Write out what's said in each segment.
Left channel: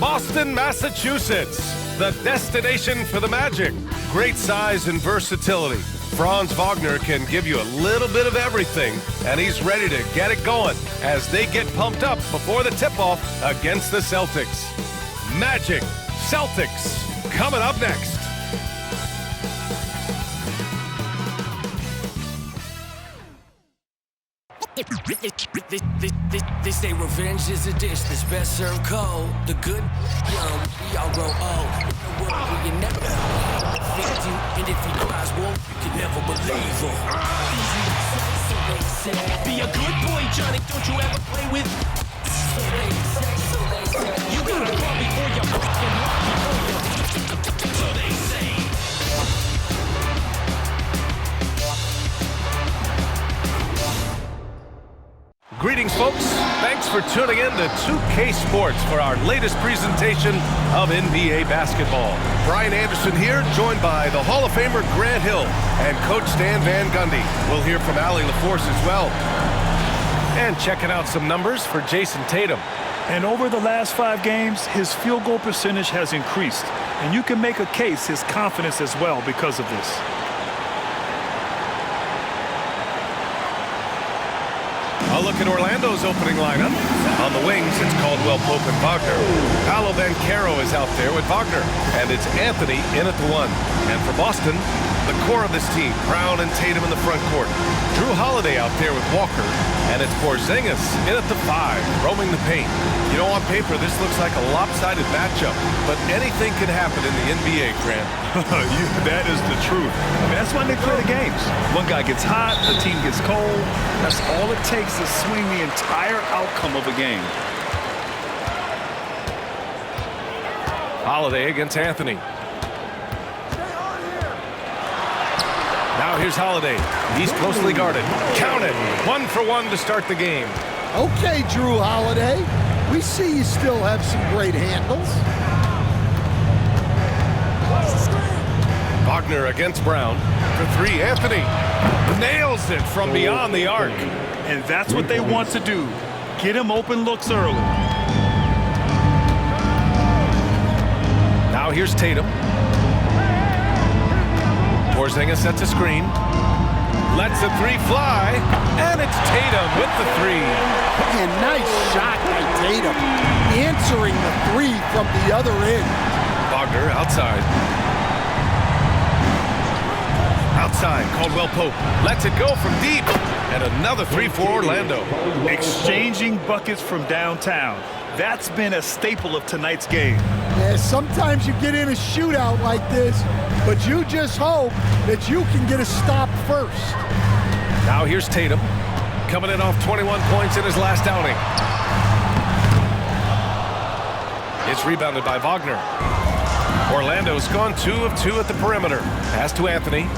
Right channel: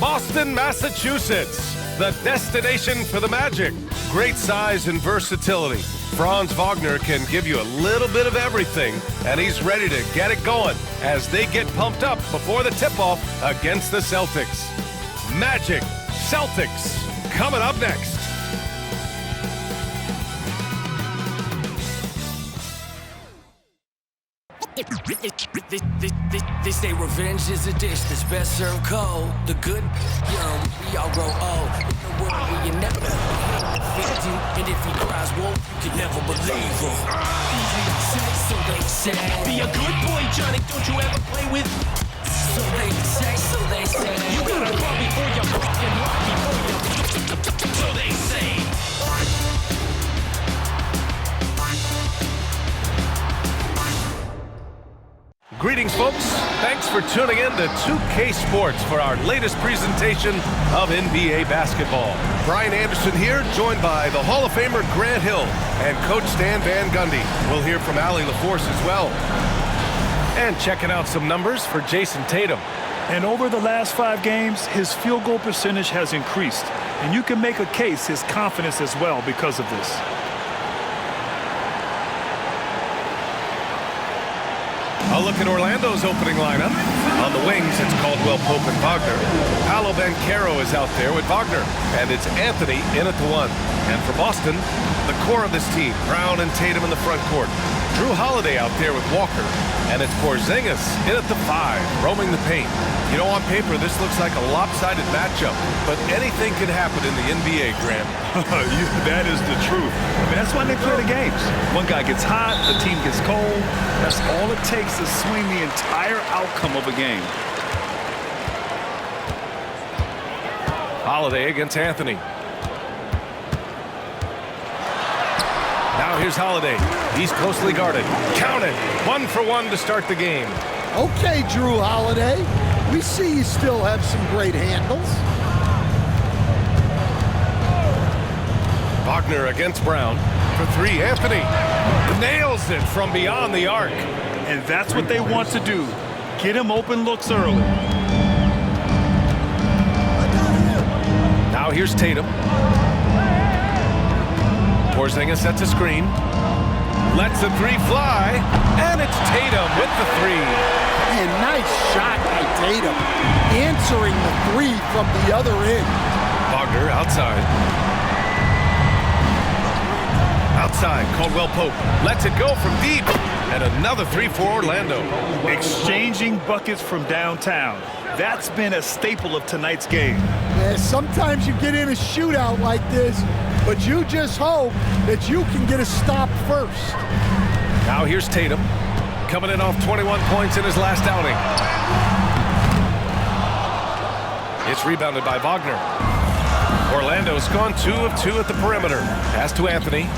Boston, Massachusetts, the destination for the Magic. Great size and versatility. Franz Wagner can give you a little bit of everything, and he's ready to get it going as they get pumped up before the tip-off against the Celtics. Magic Celtics coming up next. They say revenge is a dish that's best served cold. The good, young, we all grow old. In the world where you never defeat you, and if he cries wolf, you can never believe him. So they say, be a good boy, Johnny. Don't you ever play with? So they say, you gotta crawl before you fucking walk before you. So they say. Greetings, folks. Thanks for tuning in to 2K Sports for our latest presentation of NBA basketball. Brian Anderson here, joined by the Hall of Famer Grant Hill and Coach Stan Van Gundy. We'll hear from Allie LaForce as well. And checking out some numbers for Jason Tatum. And over the last 5 games, his field goal percentage has increased. And you can make a case his confidence as well because of this. A look at Orlando's opening lineup. On the wings, it's Caldwell Pope and Wagner. Paolo Banchero is out there with Wagner. And it's Anthony in at the 1. And for Boston, the core of this team, Brown and Tatum in the front court. Drew Holiday out there with Walker. And it's Porzingis in at the 5, roaming the paint. You know, on paper, this looks like a lopsided matchup. But anything can happen in the NBA, Grant. That is the truth. I mean, that's why they play the games. One guy gets hot, the team gets cold. That's all it takes to swing the entire outcome of a game. Holiday against Anthony. Now here's Holiday. He's closely guarded. Counted. 1 for 1 to start the game. Okay, Drew Holiday. We see you still have some great handles. Wagner against Brown. For 3, Anthony nails it from beyond the arc. And that's what they want to do. Get him open looks early. Now here's Tatum. Porzingis sets a screen. Lets the 3 fly. And it's Tatum with the 3. And nice shot by Tatum. Answering the 3 from the other end. Wagner outside. Outside, Caldwell Pope lets it go from deep. And another 3 for Orlando. Exchanging buckets from downtown. That's been a staple of tonight's game. Yeah, sometimes you get in a shootout like this, but you just hope that you can get a stop first. Now here's Tatum, coming in off 21 points in his last outing. It's rebounded by Wagner. Orlando's gone 2 of 2 at the perimeter. Pass to Anthony.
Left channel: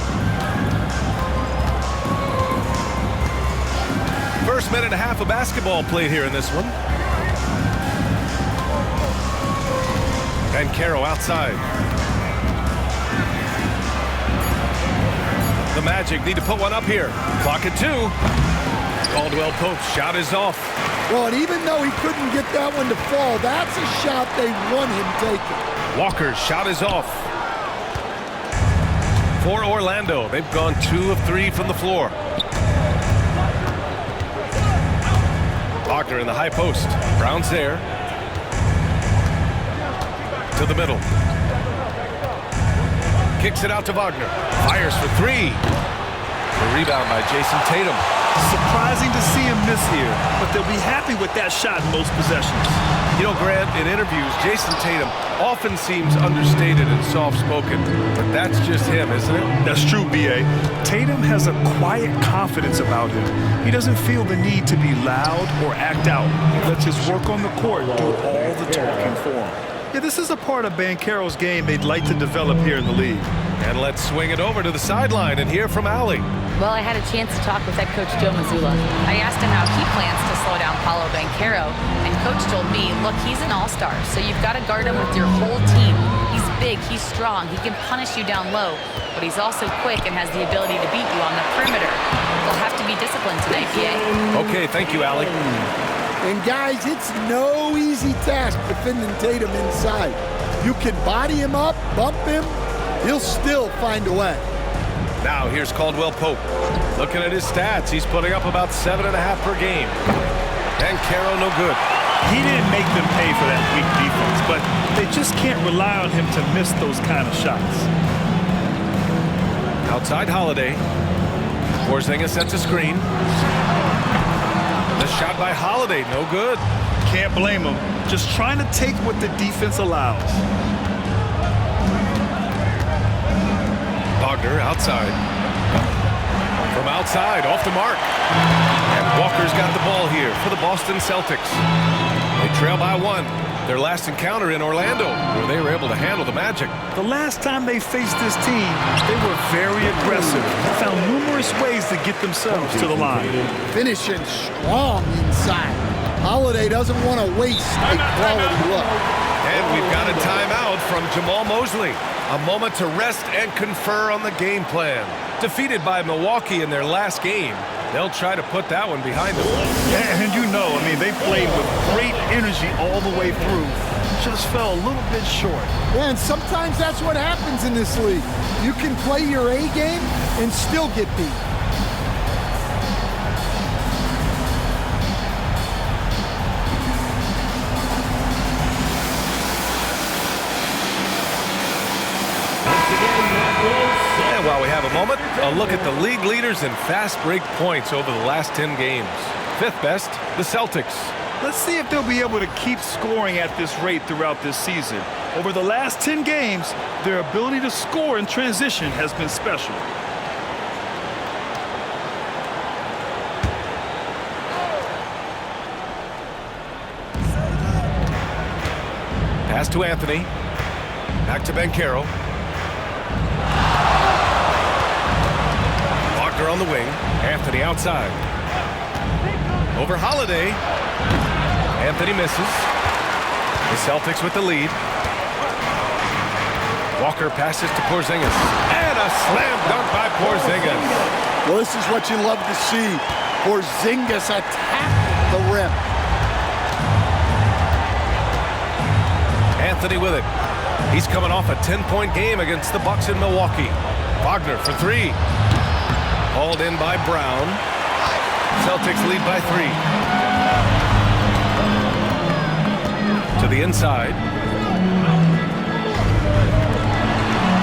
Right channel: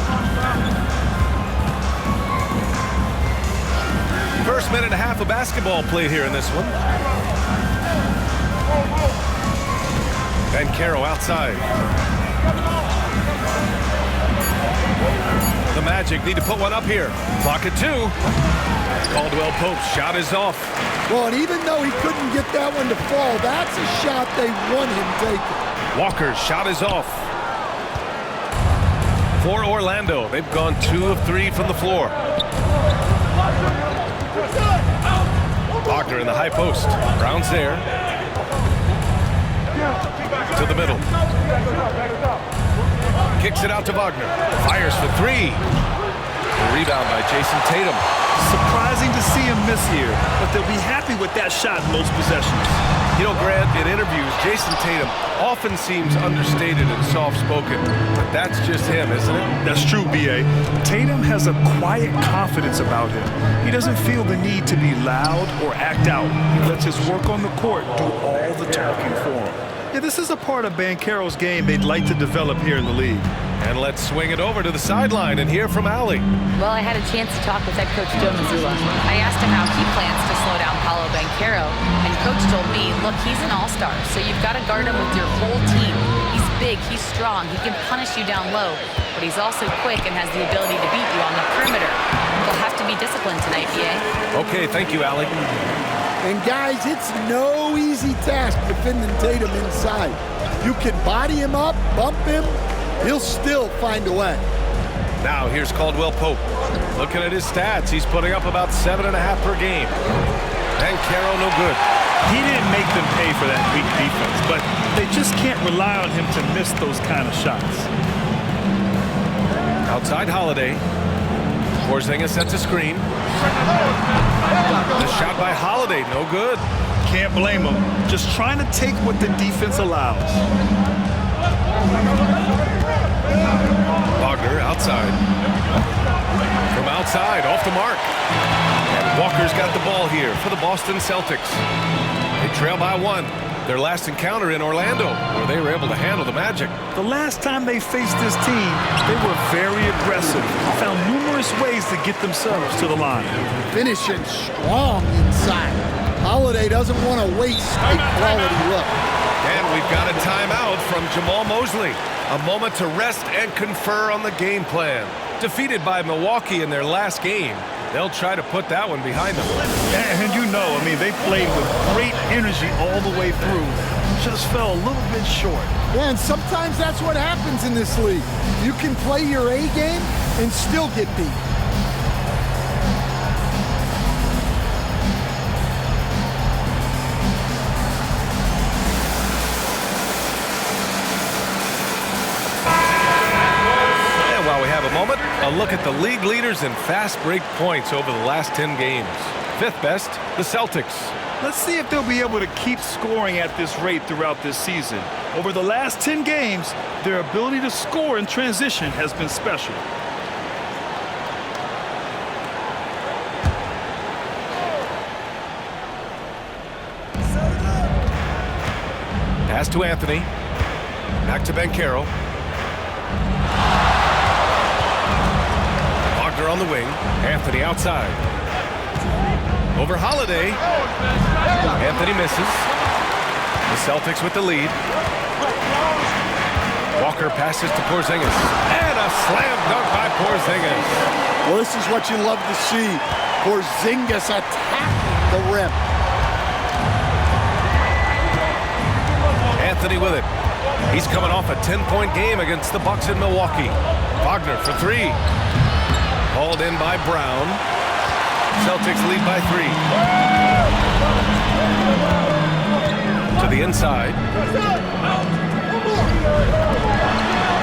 First minute and a half of basketball played here in this one. Banchero outside. The Magic need to put one up here. Clock at 2. Caldwell Pope's shot is off. Well, and even though he couldn't get that one to fall, that's a shot they want him taking. Walker's shot is off. For Orlando, they've gone 2 of 3 from the floor. Wagner in the high post. Brown's there. To the middle. Kicks it out to Wagner. Fires for 3. The rebound by Jason Tatum. Surprising to see him miss here, but they'll be happy with that shot in most possessions. You know, Grant, in interviews, Jason Tatum often seems understated and soft-spoken, but that's just him, isn't it? That's true, B.A. Tatum has a quiet confidence about him. He doesn't feel the need to be loud or act out. He lets his work on the court do all the talking for him. Yeah, this is a part of Banchero's game they'd like to develop here in the league. And let's swing it over to the sideline and hear from Allie. Well, I had a chance to talk with head coach Joe Mazzulla. I asked him how he plans to slow down Paolo Banchero, and coach told me, look, he's an all-star, so you've got to guard him with your whole team. He's big, he's strong, he can punish you down low, but he's also quick and has the ability to beat you on the perimeter. They'll have to be disciplined tonight, BA. Okay, thank you, Allie. And guys, it's no easy task defending Tatum inside. You can body him up, bump him, he'll still find a way. Now here's Caldwell Pope. Looking at his stats, he's putting up about 7.5 per game. And Caro no good. He didn't make them pay for that weak defense, but they just can't rely on him to miss those kind of shots. Outside Holiday. Porzingis sets a screen. The shot by Holiday, no good. Can't blame him. Just trying to take what the defense allows. Wagner outside. From outside, off the mark. And Walker's got the ball here for the Boston Celtics. They trail by 1. Their last encounter in Orlando, where they were able to handle the Magic. The last time they faced this team, they were very aggressive, found numerous ways to get themselves to the line. Finishing strong inside. Holiday doesn't want to waste a quality look. And we've got a timeout from Jamal Mosley. A moment to rest and confer on the game plan. Defeated by Milwaukee in their last game, they'll try to put that one behind them. And you know, I mean, they played with great energy all the way through. Just fell a little bit short. Yeah, and sometimes that's what happens in this league. You can play your A game and still get beat. While we have a moment, a look at the league leaders in fast break points over the last 10 games. 5th best, the Celtics. Let's see if they'll be able to keep scoring at this rate throughout this season. Over the last 10 games, their ability to score in transition has been special. Pass to Anthony. Back to Caro. Wagner on the wing. Anthony outside. Over Holiday. Anthony misses. The Celtics with the lead. Walker passes to Porzingis. And a slam dunk by Porzingis. Well, this is what you love to see. Porzingis attacking the rim. Anthony with it. He's coming off a 10-point game against the Bucks in Milwaukee. Wagner for 3. Hauled in by Brown. Celtics lead by 3. To the inside.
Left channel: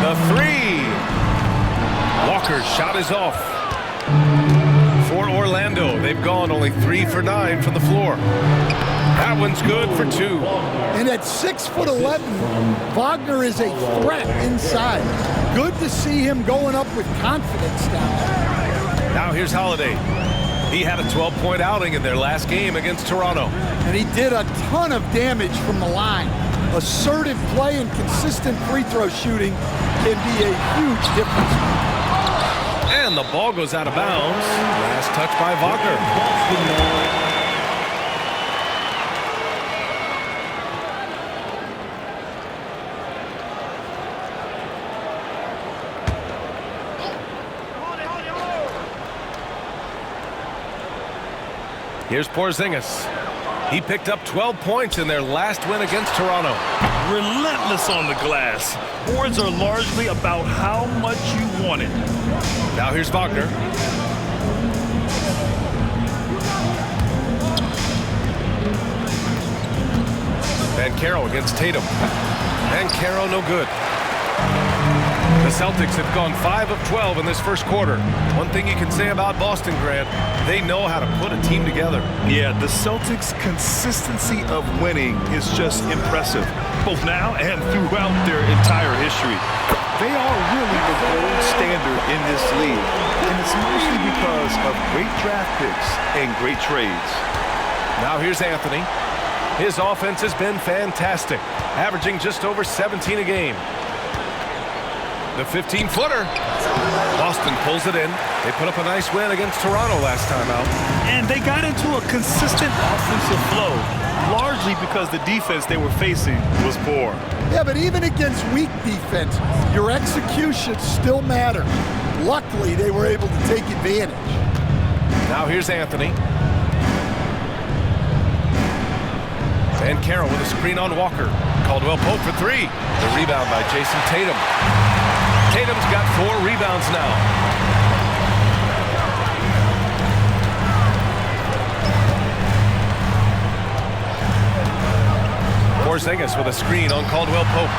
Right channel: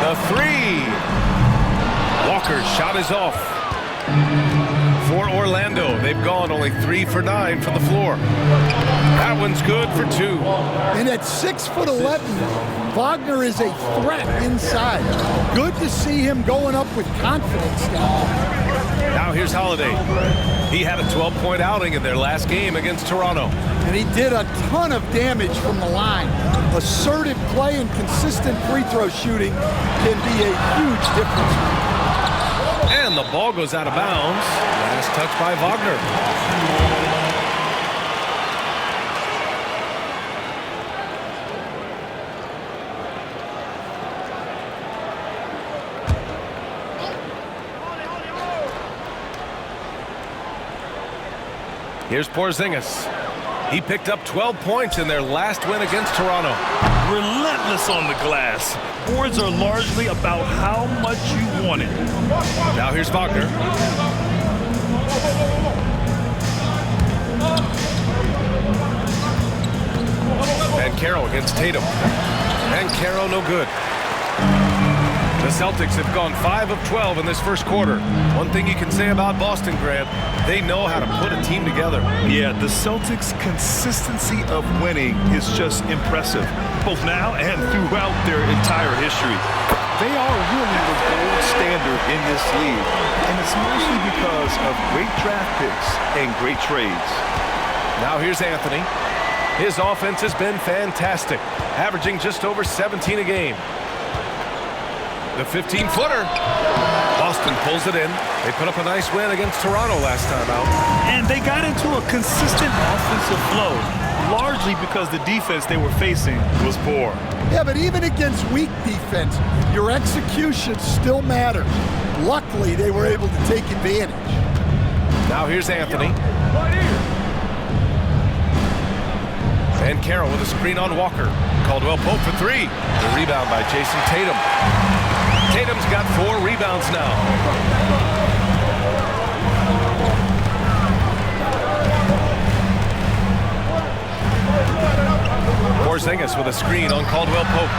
The 3. Walker's shot is off. For Orlando, they've gone only 3 for 9 from the floor. That one's good for 2. And at 6'11", Wagner is a threat inside. Good to see him going up with confidence now. Now here's Holiday. He had a 12-point outing in their last game against Toronto. And he did a ton of damage from the line. Assertive play and consistent free throw shooting can be a huge difference maker. And the ball goes out of bounds. Last touch by Wagner. Here's Porzingis. He picked up 12 points in their last win against Toronto. Relentless on the glass. Boards are largely about how much you want it. Now here's Wagner. Caro against Tatum. Caro no good. The Celtics have gone 5 of 12 in this first quarter. One thing you can say about Boston, Grant, they know how to put a team together. Yeah, the Celtics' consistency of winning is just impressive, both now and throughout their entire history. They are really the gold standard in this league, and it's mostly because of great draft picks and great trades. Now here's Anthony. His offense has been fantastic, averaging just over 17 a game. The 15-footer. Boston pulls it in. They put up a nice win against Toronto last time out. And they got into a consistent offensive flow, largely because the defense they were facing was poor. Yeah, but even against weak defense, your execution still matters. Luckily, they were able to take advantage. Now here's Anthony. Bancaro with a screen on Walker. Caldwell Pope for three. The rebound by Jason Tatum. Tatum's got 4 rebounds now. Porzingis with a screen on Caldwell Pope.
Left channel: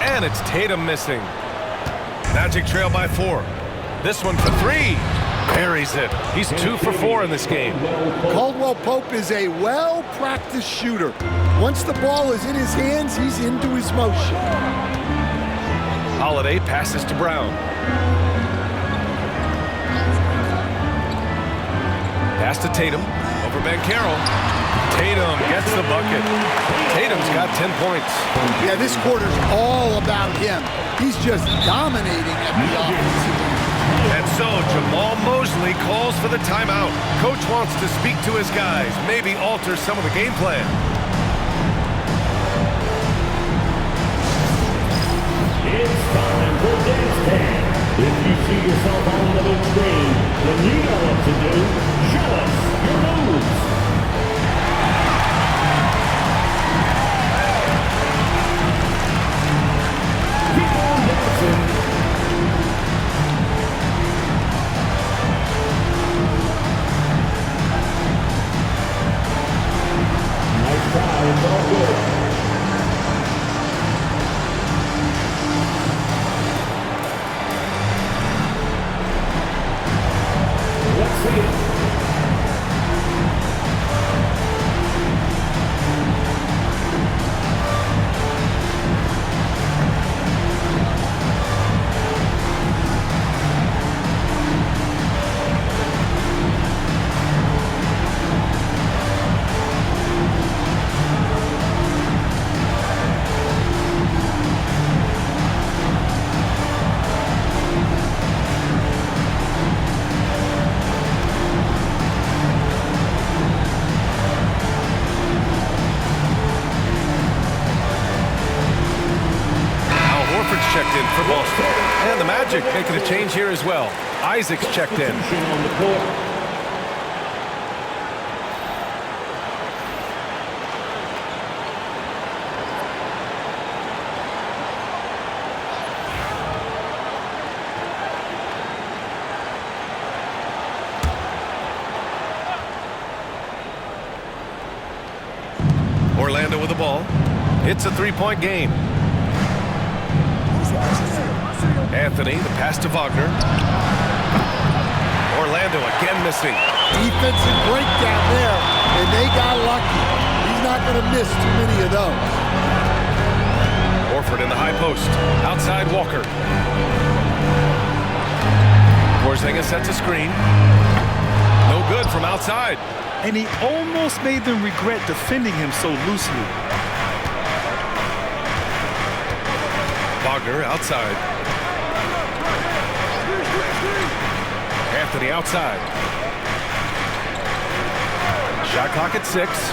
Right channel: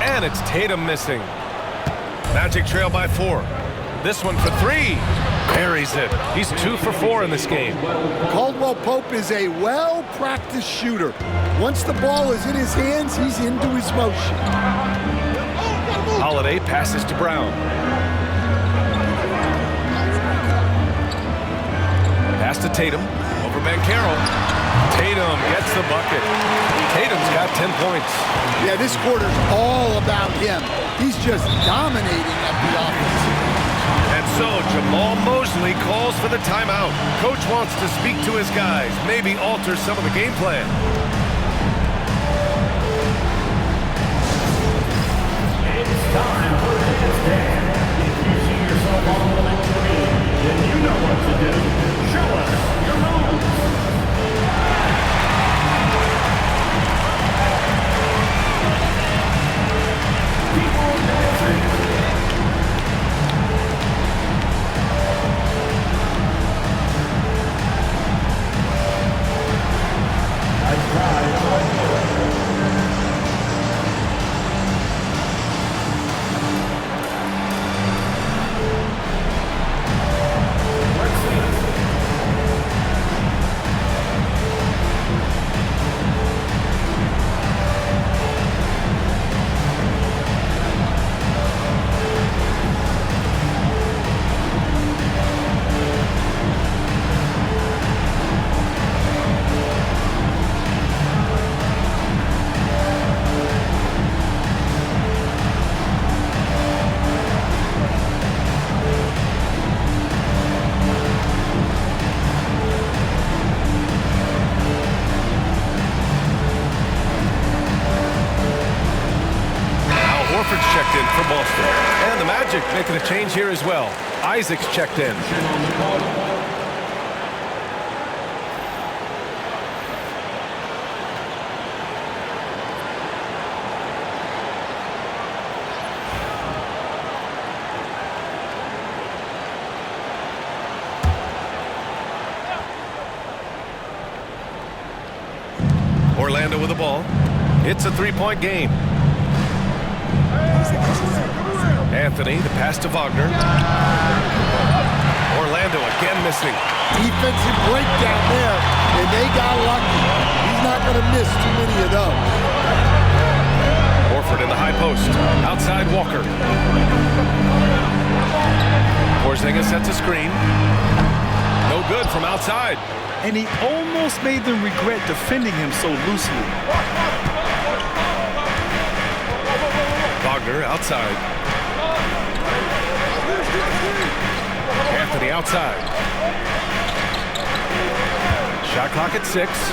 And it's Tatum missing. Magic trail by 4. This one for 3. Buries it. He's 2 for 4 in this game. Caldwell Pope is a well-practiced shooter. Once the ball is in his hands, he's into his motion. Holiday passes to Brown. Pass to Tatum. Over Bancaro. Tatum gets the bucket. Tatum's got 10 points. Yeah, this quarter's all about him. He's just dominating at the offensive end. And so Jamal Mosley calls for the timeout. Coach wants to speak to his guys, maybe alter some of the game plan. It's time for Dance Dance. If you see yourself on the big screen, then you know what to do. Show us your moves. Keep on dancing. Nice try, it's all good. Let's see it. Horford's checked in for Boston. And the Magic making a change here as well. Isaac's checked in. On the court. Orlando with the ball. It's a 3-point game. Anthony, the pass to Wagner. Orlando again missing. Defensive breakdown there, and they got lucky. He's not going to miss too many of those. Horford in the high post. Outside Walker. Porzingis sets a screen. No good from outside. And he almost made them regret defending him so loosely. Wagner outside. Anthony outside. Shot clock at 6.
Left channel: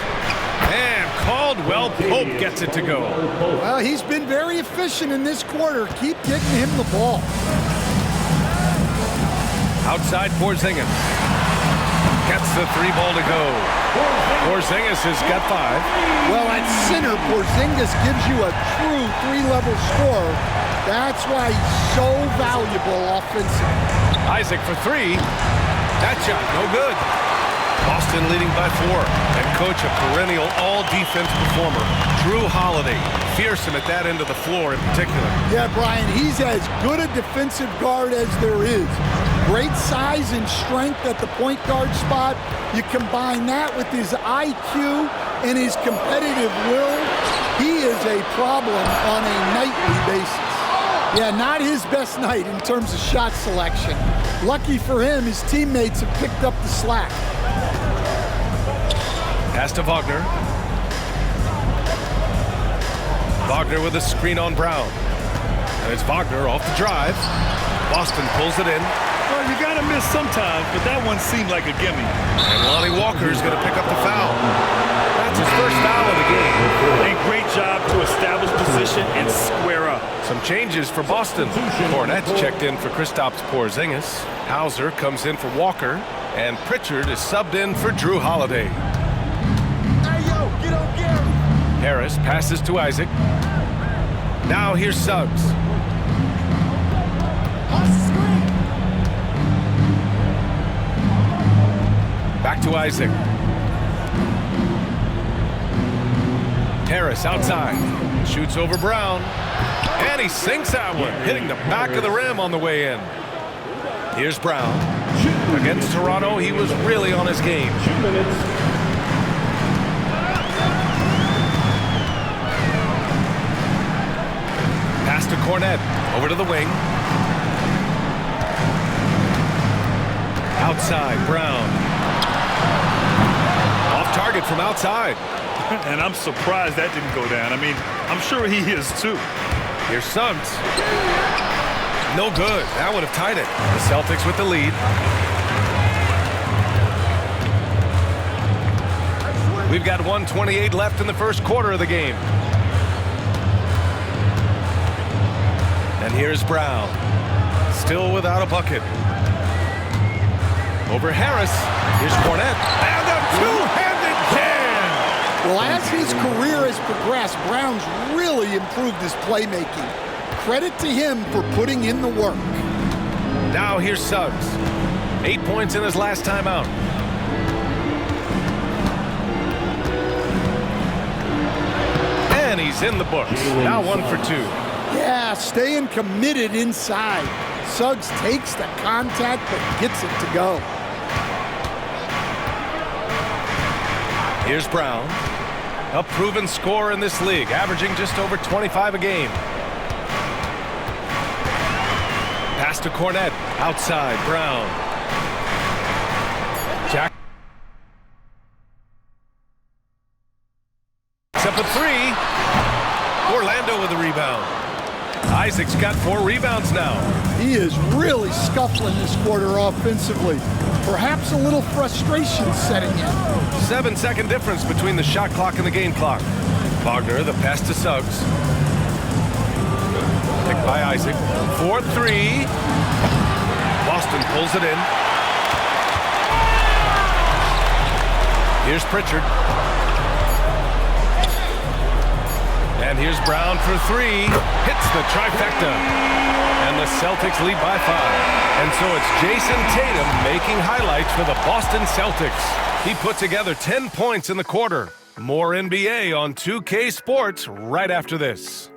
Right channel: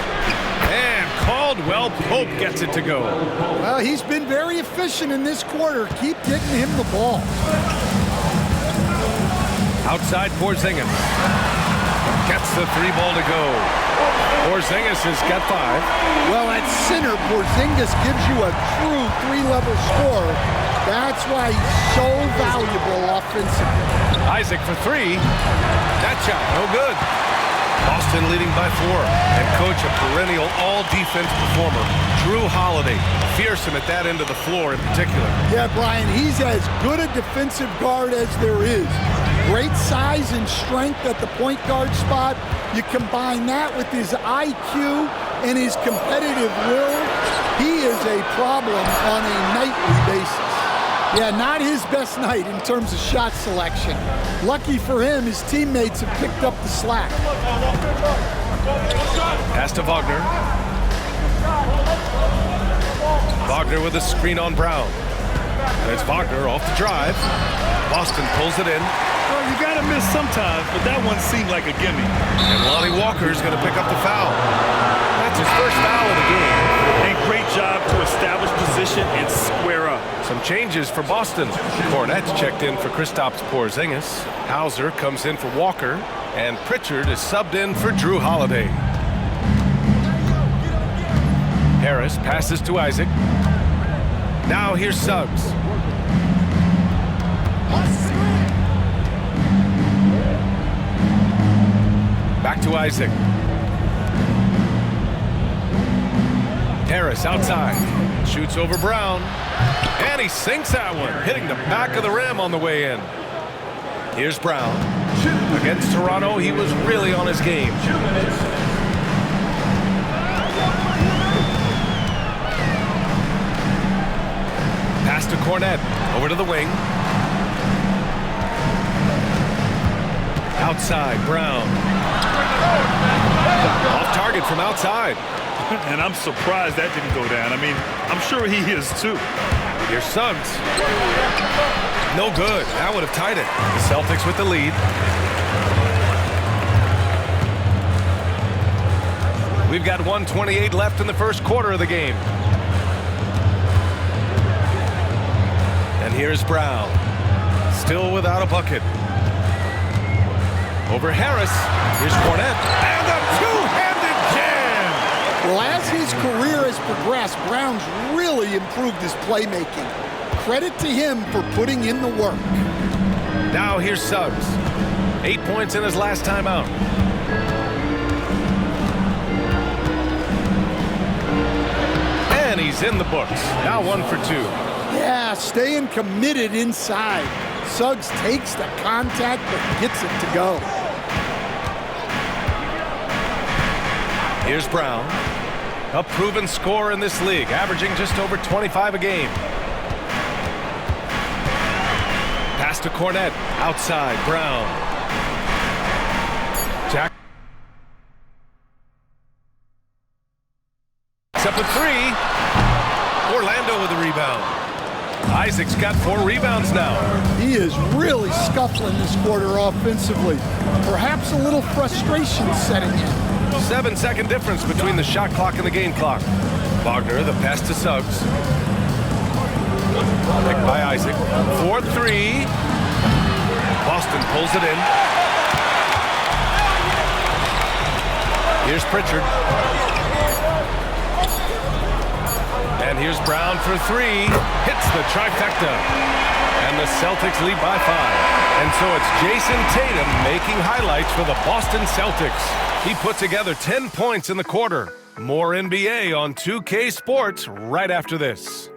And Caldwell Pope gets it to go. Well, he's been very efficient in this quarter. Keep getting him the ball. Outside Porzingis. Gets the 3 ball to go. Porzingis has got 5. Well, at center, Porzingis gives you a true 3-level scorer. That's why he's so valuable offensively. Isaac for 3. That shot, no good. Boston leading by 4. And coach, a perennial all-defense performer, Drew Holiday. Fearsome at that end of the floor in particular. Yeah, Brian, he's as good a defensive guard as there is. Great size and strength at the point guard spot. You combine that with his IQ and his competitive will, he is a problem on a nightly basis. Yeah, not his best night in terms of shot selection. Lucky for him, his teammates have picked up the slack. Pass to Wagner. Wagner with a screen on Brown. And it's Wagner off the drive. Boston pulls it in. Well, you got to miss sometimes, but that one seemed like a gimme. And Lonnie Walker's going to pick up the foul. That's his first foul of the game. And great job to establish position and square up. Some changes for Boston. Cornette's checked in for Kristaps Porzingis. Hauser comes in for Walker. And Pritchard is subbed in for Drew Holiday. Hey, yo, get on Gary. Harris passes to Isaac. Now here's Suggs. Back to Isaac. Harris outside. Shoots over Brown. And he sinks that one, hitting the back of the rim on the way in. Here's Brown. Against Toronto, he was really on his game. 2 minutes. Pass to Cornette. Over to the wing. Outside, Brown. Off target from outside. And I'm surprised that didn't go down. I mean, I'm sure he is too. Here's Suggs. No good. That would have tied it. The Celtics with the lead. We've got 1:28 left in the first quarter of the game. And here's Brown. Still without a bucket. Over Harris. Here's Cornette. And a two-handed jam! Well, as his career has progressed, Brown's really improved his playmaking. Credit to him for putting in the work. Now here's Suggs. 8 points in his last time out. And he's in the books. Now 1 for 2. Yeah, staying committed inside. Suggs takes the contact but gets it to go. Here's Brown. A proven scorer in this league, averaging just over 25 a game. Pass to Cornette. Outside, Brown. Jack. Up a three. Orlando with the rebound. Isaac's got 4 rebounds now. He is really scuffling this quarter offensively. Perhaps a little frustration setting in. 7-second difference between the shot clock and the game clock. Wagner, the pass to Suggs. Picked by Isaac. 4-3. Boston pulls it in. Here's Pritchard. And here's Brown for 3. Hits the trifecta. And the Celtics lead by 5. And so it's Jason Tatum making highlights for the Boston Celtics. He put together 10 points in the quarter. More NBA on 2K Sports right after this.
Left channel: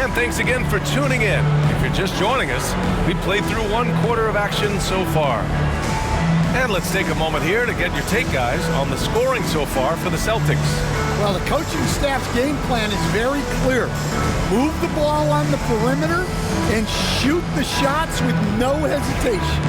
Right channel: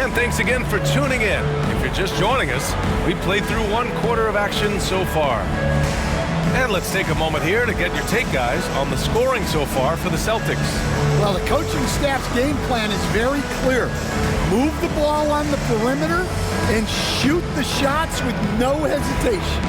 And thanks again for tuning in. If you're just joining us, we played through 1/4 of action so far. And let's take a moment here to get your take, guys, on the scoring so far for the Celtics. Well, the coaching staff's game plan is very clear. Move the ball on the perimeter and shoot the shots with no hesitation.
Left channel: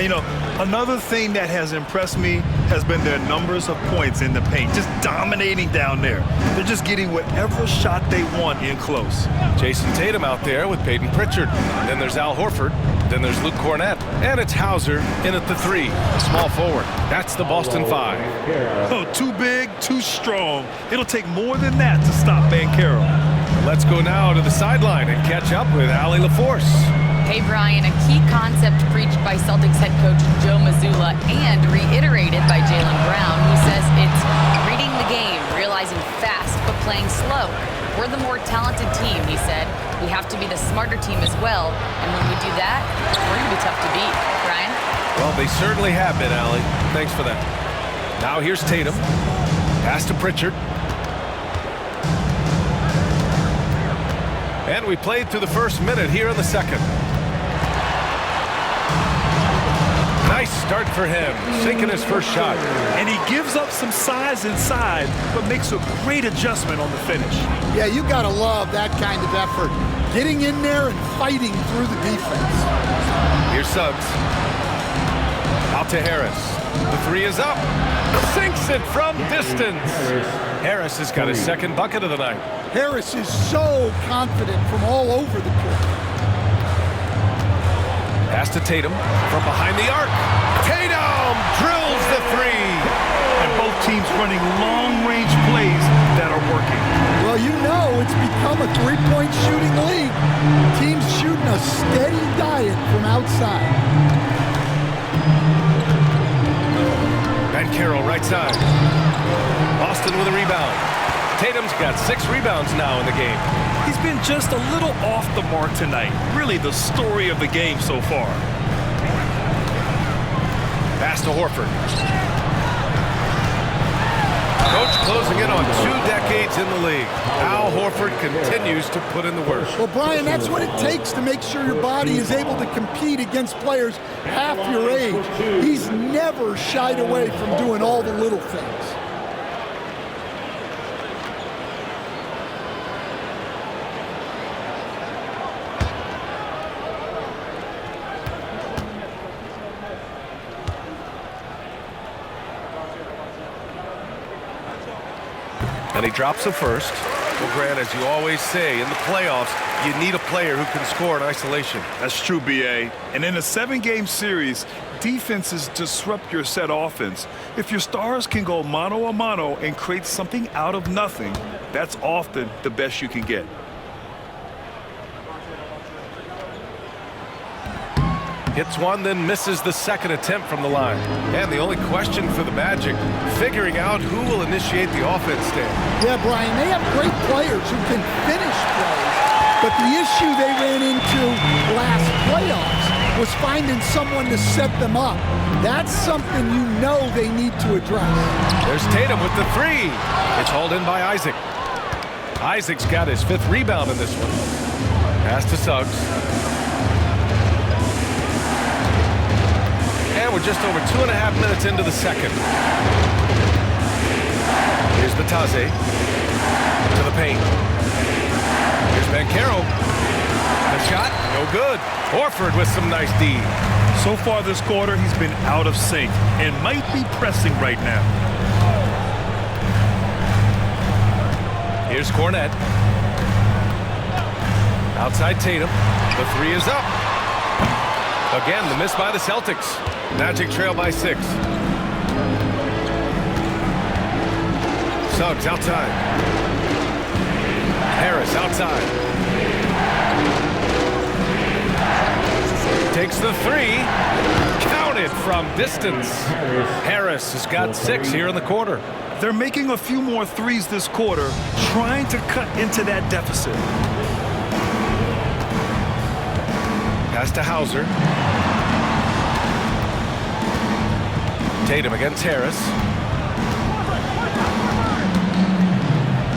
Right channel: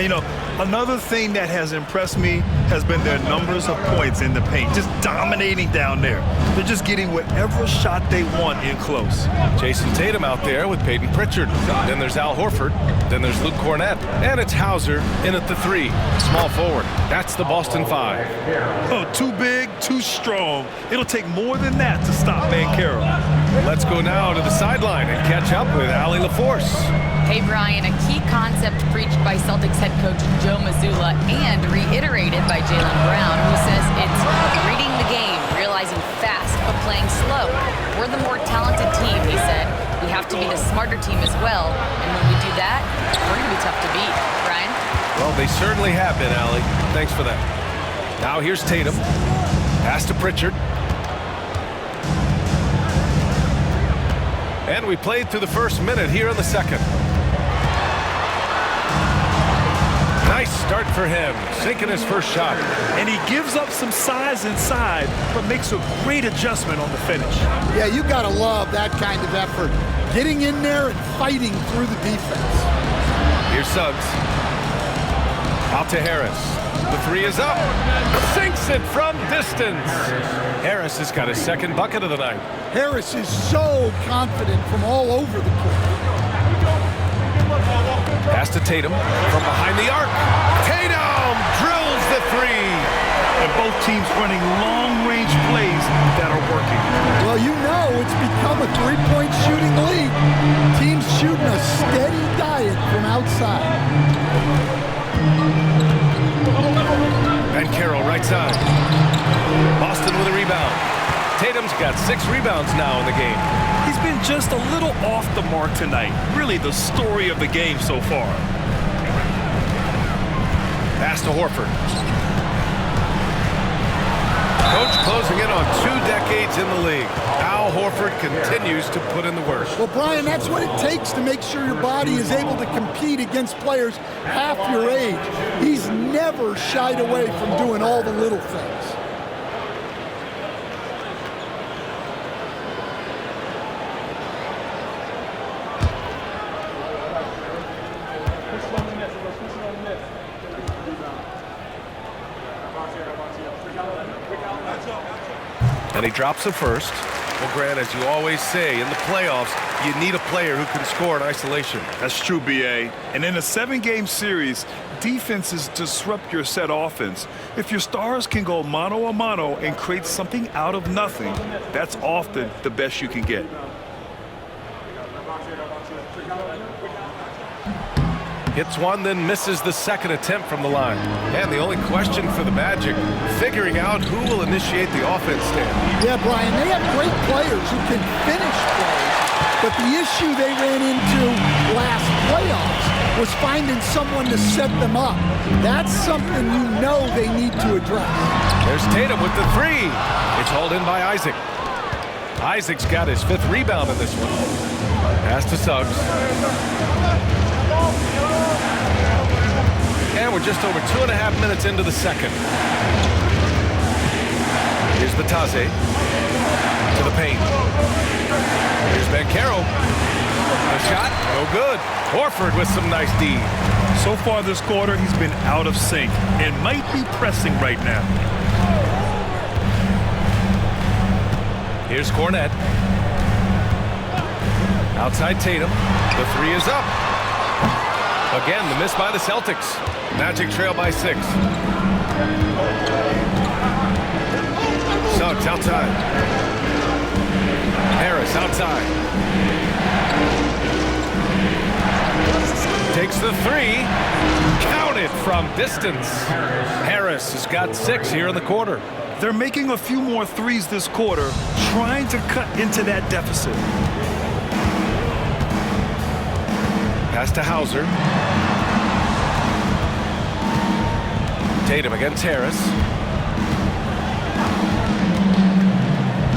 You know, another thing that has impressed me has been their numbers of points in the paint, just dominating down there. They're just getting whatever shot they want in close. Jason Tatum out there with Peyton Pritchard. Then there's Al Horford. Then there's Luke Cornett. And it's Hauser in at the 3, small forward. That's the Boston 5. Oh, too big, too strong. It'll take more than that to stop Banchero. Let's go now to the sideline and catch up with Allie LaForce. Hey, Brian, a key concept preached by Celtics head coach Joe Mazzulla and reiterated by Jaylen Brown, who says it's reading the game, realizing fast, but playing slow. We're the more talented team, he said. We have to be the smarter team as well, and when we do that, we're going to be tough to beat. Brian? Well, they certainly have been, Allie. Thanks for that. Now here's Tatum. Pass to Pritchard. And we played through the first minute here in the second. Nice start for him, sinking his first shot. And he gives up some size inside, but makes a great adjustment on the finish. Yeah, you gotta love that kind of effort. Getting in there and fighting through the defense. Here's Suggs. Out to Harris. The 3 is up. Sinks it from distance. Harris has got his second bucket of the night. Harris is so confident from all over the court. Pass to Tatum from behind the arc. Tatum drills the 3. And both teams running long-range plays that are working. Well, you know it's become a three-point shooting league. Teams shooting a steady diet from outside. Banchero right side. Boston with a rebound. Tatum's got 6 rebounds now in the game. He's been just a little off the mark tonight. Really the story of the game so far. Pass to Horford. Coach closing in on 2 decades in the league. Al Horford continues to put in the work. Well, Brian, that's what it takes to make sure your body is able to compete against players half your age. He's never shied away from doing all the little things. And he drops the first. Well, Grant, as you always say, in the playoffs, you need a player who can score in isolation. That's true, B.A. And in a 7-game series, defenses disrupt your set offense. If your stars can go mano-a-mano and create something out of nothing, that's often the best you can get. Hits one, then misses the second attempt from the line. And the only question for the Magic, figuring out who will initiate the offense stand. Yeah, Brian, they have great players who can finish plays, but the issue they ran into last playoffs was finding someone to set them up. That's something you know they need to address. There's Tatum with the 3. It's hauled in by Isaac. Isaac's got his 5th rebound in this one. Pass to Suggs. And we're just over 2.5 minutes into the second. Here's Batase to the paint. Here's Banchero. The shot, no good. Horford with some nice D. So far this quarter, he's been out of sync and might be pressing right now. Here's Cornett. Outside Tatum. The 3 is up. Again, the miss by the Celtics. Magic trail by 6. Suggs outside. Harris outside. Takes the 3. Counted from distance. Harris has got 6 here in the quarter. They're making a few more threes this quarter, trying to cut into that deficit. Pass to Hauser. Tatum against Harris.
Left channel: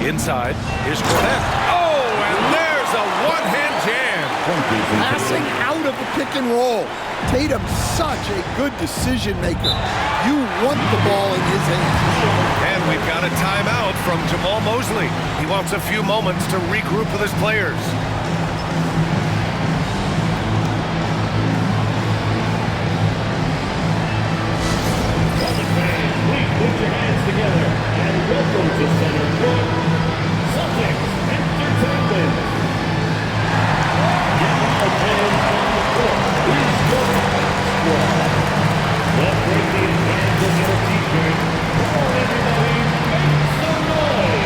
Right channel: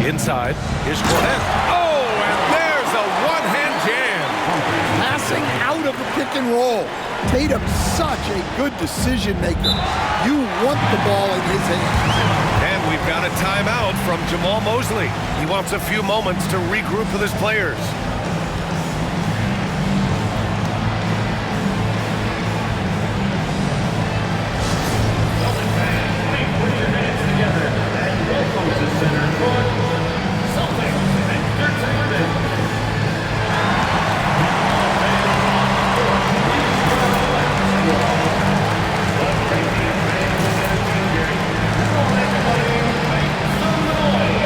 Inside. Here's Cornett. Oh, and there's is a one-hand jam. Passing out of a pick and roll. Tatum's such a good decision maker. You want the ball in his hands. And we've got a timeout from Jamal Mosley. He wants a few moments to regroup with his players. Please put your hands together and welcome to Center Court, Celtics Entertainment. Get your hands on the court. Please join basketball. The Breaking Hands of Entertainment. Come on, everybody, make some noise.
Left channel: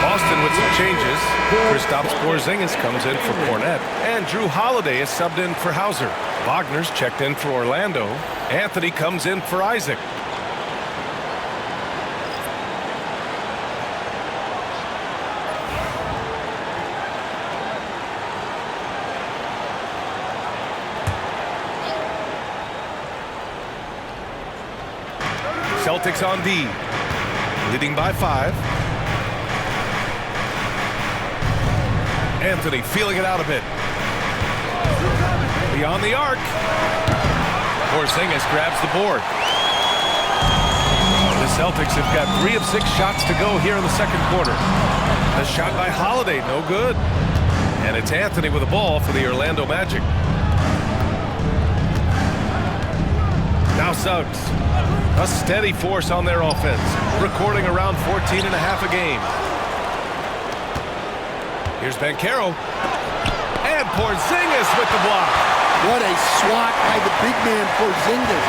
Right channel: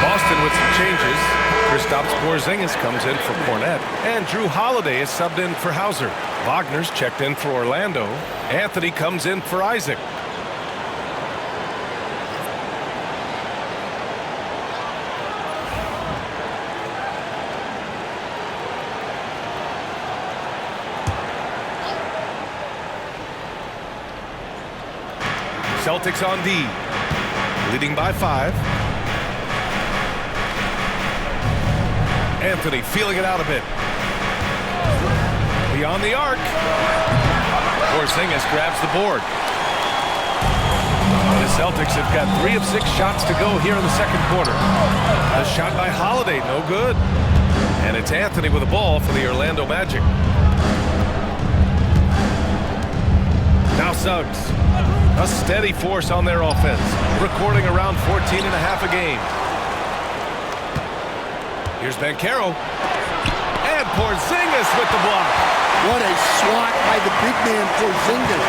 Boston with some changes. Kristaps Porzingis comes in for Cornette, and Drew Holiday is subbed in for Hauser. Wagner's checked in for Orlando. Anthony comes in for Isaac. Celtics on D, leading by 5. Anthony feeling it out a bit. Beyond the arc. Porzingis grabs the board. The Celtics have got 3 of 6 shots to go here in the second quarter. The shot by Holiday, no good. And it's Anthony with the ball for the Orlando Magic. Now Suggs. A steady force on their offense, recording around 14.5 a game. Here's Banchero. And Porzingis with the block. What a swat by the big man Porzingis.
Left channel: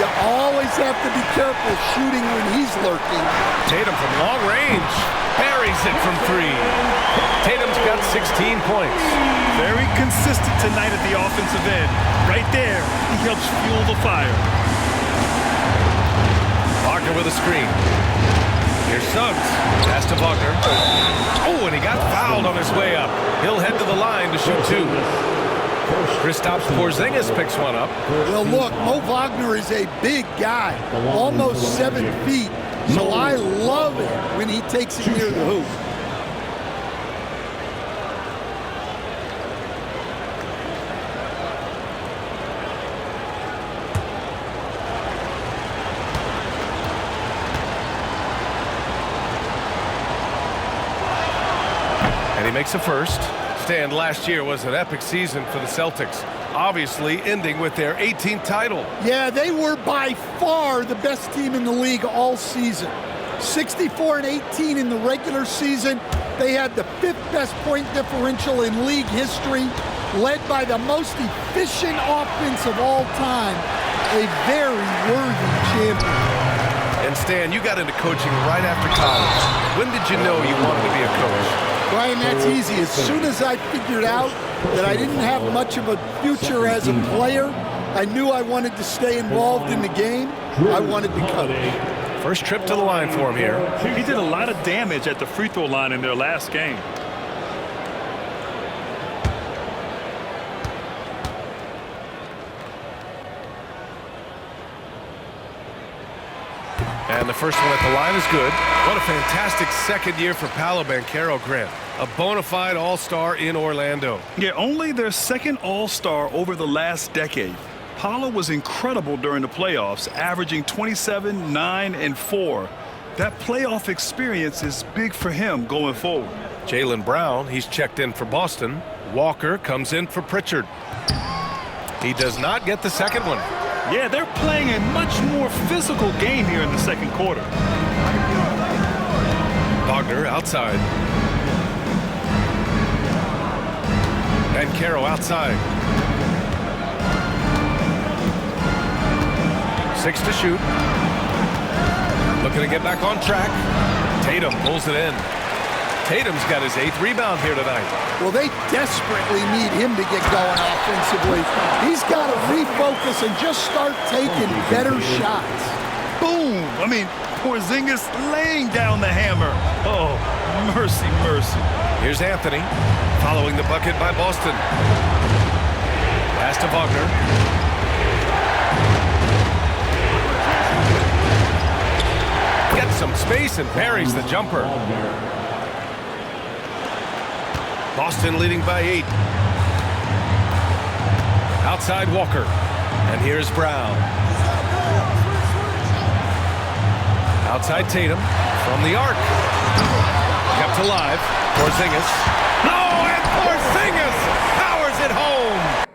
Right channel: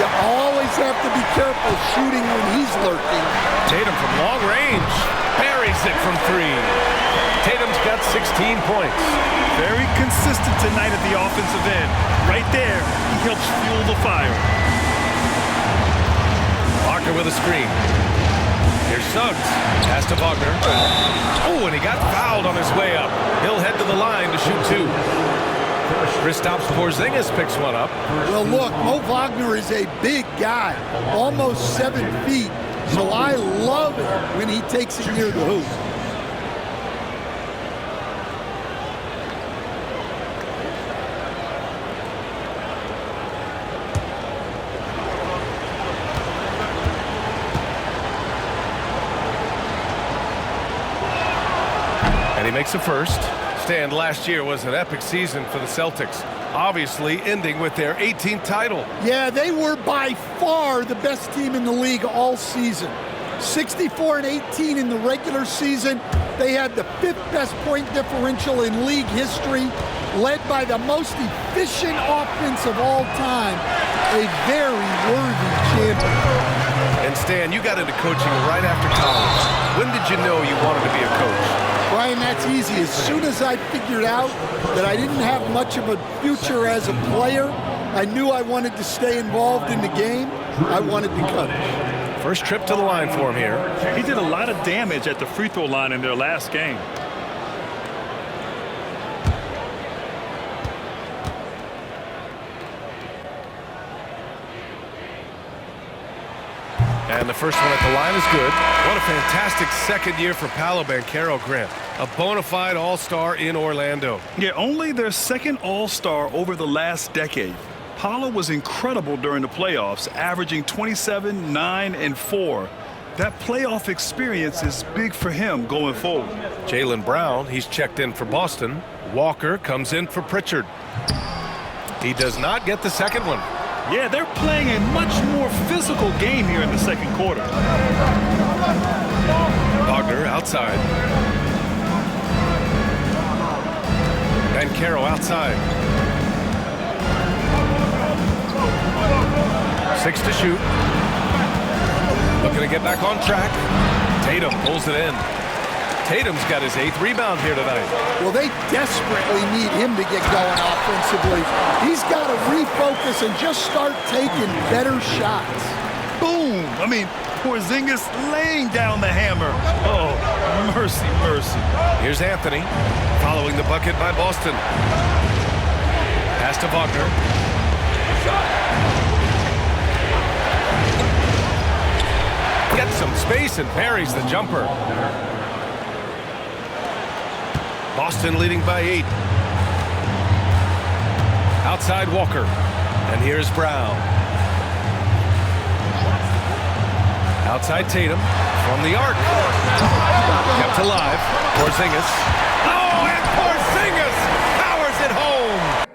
You always have to be careful shooting when he's lurking. Tatum from long range. Buries it from 3. Tatum's got 16 points. Very consistent tonight at the offensive end. Right there, he helps fuel the fire. Wagner with a screen. Here's Suggs. Pass to Wagner. Oh, and he got fouled on his way up. He'll head to the line to shoot 2. Kristaps Porzingis picks one up. Well, look, Mo Wagner is a big guy, almost 7 feet. So I love it when he takes it near the hoop. And he makes a first. Stan, last year was an epic season for the Celtics, obviously ending with their 18th title. Yeah, they were by far the best team in the league all season. 64-18 in the regular season. They had the 5th best point differential in league history, led by the most efficient offense of all time. A very worthy champion. And Stan, you got into coaching right after college. When did you know you wanted to be a coach? Brian, that's easy. As soon as I figured out that I didn't have much of a future as a player, I knew I wanted to stay involved in the game. I wanted to coach. First trip to the line for him here. He did a lot of damage at the free throw line in their last game. And the first one at the line is good. What a fantastic second year for Paolo Banchero, Grant. A bona fide all-star in Orlando. Yeah, only their second all-star over the last decade. Paolo was incredible during the playoffs, averaging 27, 9, and 4. That playoff experience is big for him going forward. Jaylen Brown, he's checked in for Boston. Walker comes in for Pritchard. He does not get the second one. Yeah, they're playing a much more physical game here in the second quarter. Wagner outside. Banchero outside. 6 to shoot. Looking to get back on track. Tatum pulls it in. Tatum's got his 8th rebound here tonight. Well, they desperately need him to get going offensively. He's got to refocus and just start taking better shots. Boom! I mean, Porzingis laying down the hammer. Oh, mercy, mercy. Here's Anthony following the bucket by Boston. Pass to Wagner. Gets some space and parries the jumper. Boston leading by 8. Outside Walker. And here's Brown. Outside Tatum from the arc. Kept alive. Porzingis. Oh, and Porzingis powers it home.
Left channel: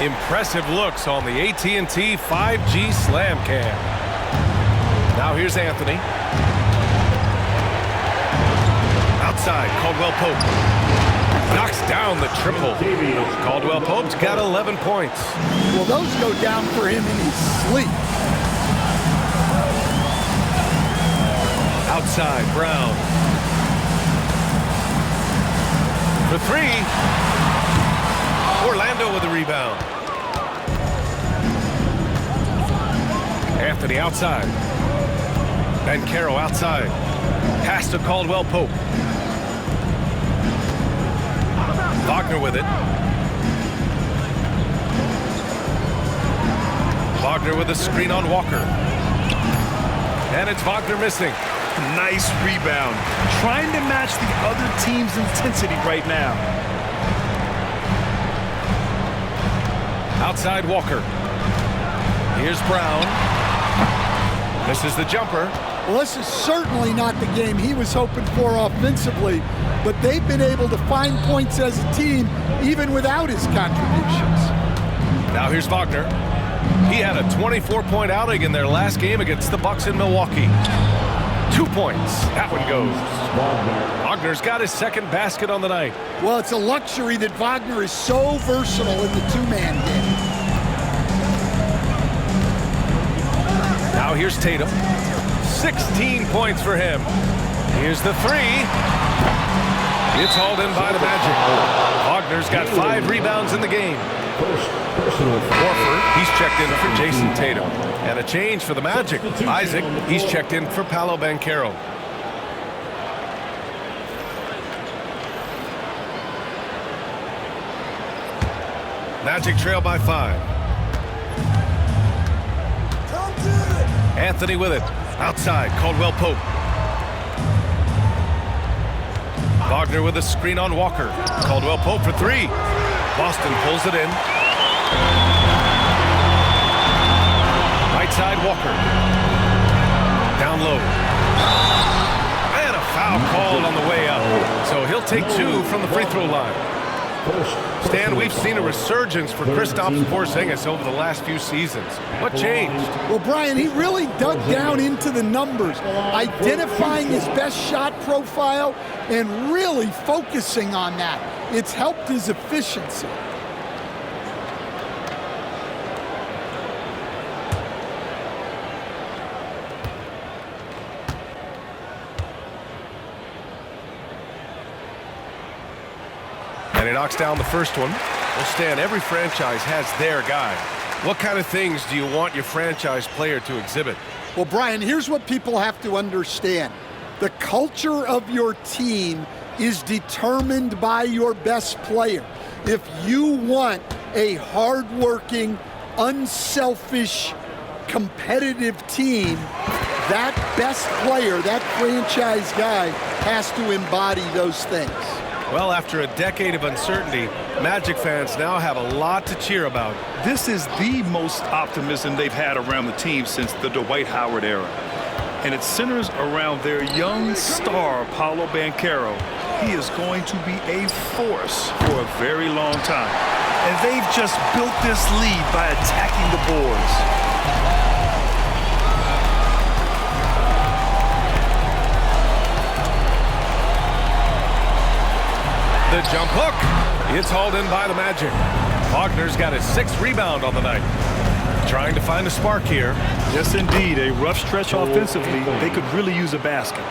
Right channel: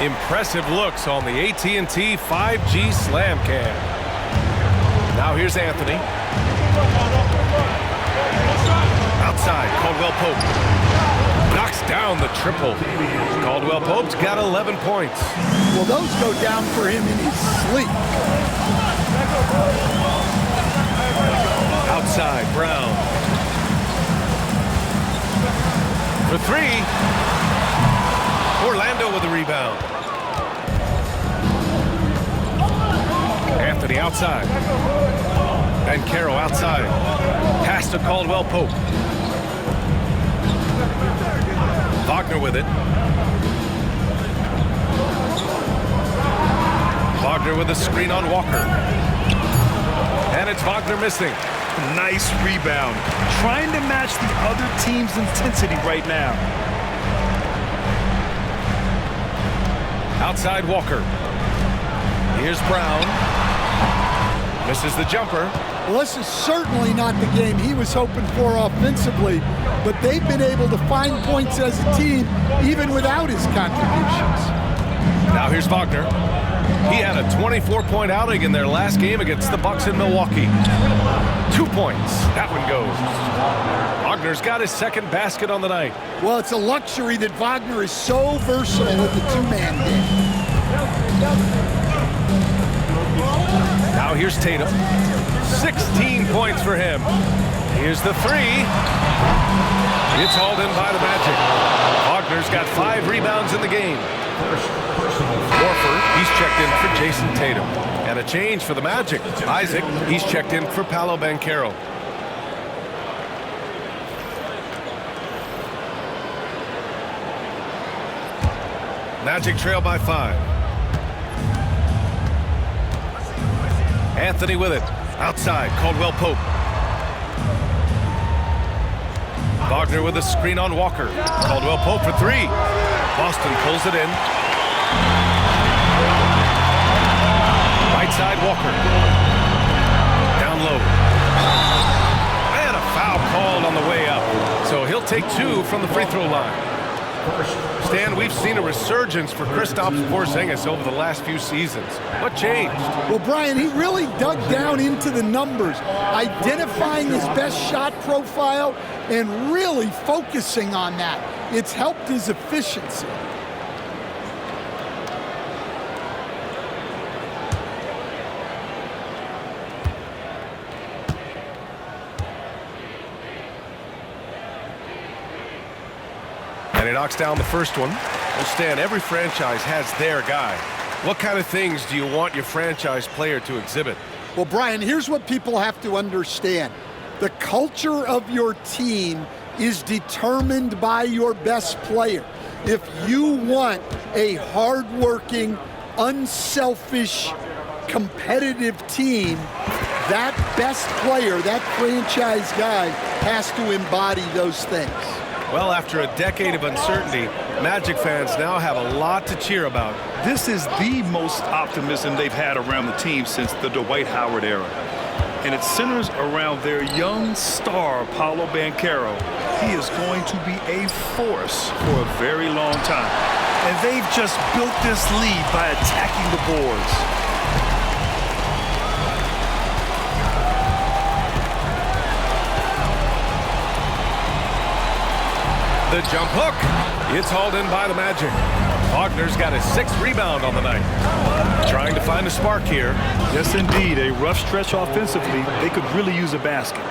Impressive looks on the AT&T 5G Slam Cam. Now here's Anthony. Outside, Caldwell Pope. Knocks down the triple. Caldwell Pope's got 11 points. Well, those go down for him in his sleep. Outside, Brown. For three. Orlando with the rebound. Anthony outside. Banchero outside. Pass to Caldwell Pope. Wagner with it. Wagner with a screen on Walker. And it's Wagner missing. Nice rebound. Trying to match the other team's intensity right now. Outside Walker. Here's Brown. Misses the jumper. Well, this is certainly not the game he was hoping for offensively, but they've been able to find points as a team even without his contributions. Now here's Wagner. He had a 24-point outing in their last game against the Bucks in Milwaukee. 2 points. That one goes. Wagner's got his second basket on the night. Well, it's a luxury that Wagner is so versatile in the two-man game. Now here's Tatum. 16 points for him. Here's the three. It's hauled in by the Magic. Wagner's got 5 rebounds in the game. Horford, he's checked in for Jason Tatum. And a change for the Magic. Isaac, he's checked in for Paolo Banchero. Magic trail by 5. Anthony with it. Outside, Caldwell Pope. Wagner with a screen on Walker. Caldwell Pope for 3. Boston pulls it in. Right side, Walker. Down low. And a foul called on the way up. So he'll take 2 from the free throw line. Stan, we've seen a resurgence for Kristaps Porzingis over the last few seasons. What changed? Well, Brian, he really dug down into the numbers, identifying his best shot profile and really focusing on that. It's helped his efficiency. And he knocks down the first one. Well, Stan, every franchise has their guy. What kind of things do you want your franchise player to exhibit? Well, Brian, here's what people have to understand. The culture of your team is determined by your best player. If you want a hardworking, unselfish, competitive team, that best player, that franchise guy, has to embody those things. Well, after a decade of uncertainty, Magic fans now have a lot to cheer about. This is the most optimism they've had around the team since the Dwight Howard era. And it centers around their young star, Paolo Banchero. He is going to be a force for a very long time. And they've just built this lead by attacking the boards. The jump hook. It's hauled in by the Magic. Wagner's got his 6th rebound on the night. Trying to find a spark here. Yes, indeed. A rough stretch offensively. They could really use a basket.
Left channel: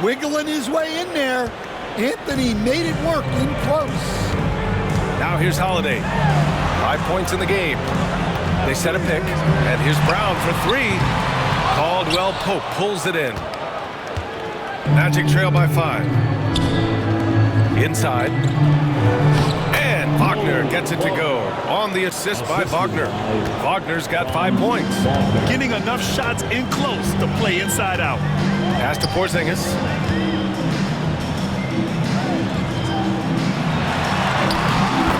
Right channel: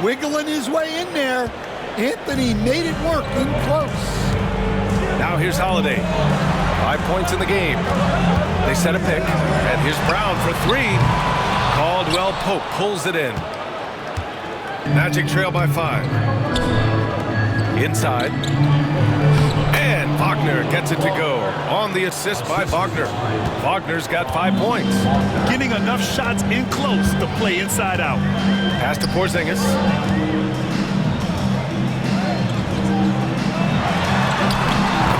Wiggling his way in there. Anthony made it work in close. Now here's Holiday. 5 points in the game. They set a pick. And here's Brown for 3. Caldwell Pope pulls it in. Magic trail by 5. Inside. And Wagner gets it to go. On the assist by Wagner. Wagner's got 5 points. Getting enough shots in close to play inside out. Pass to Porzingis.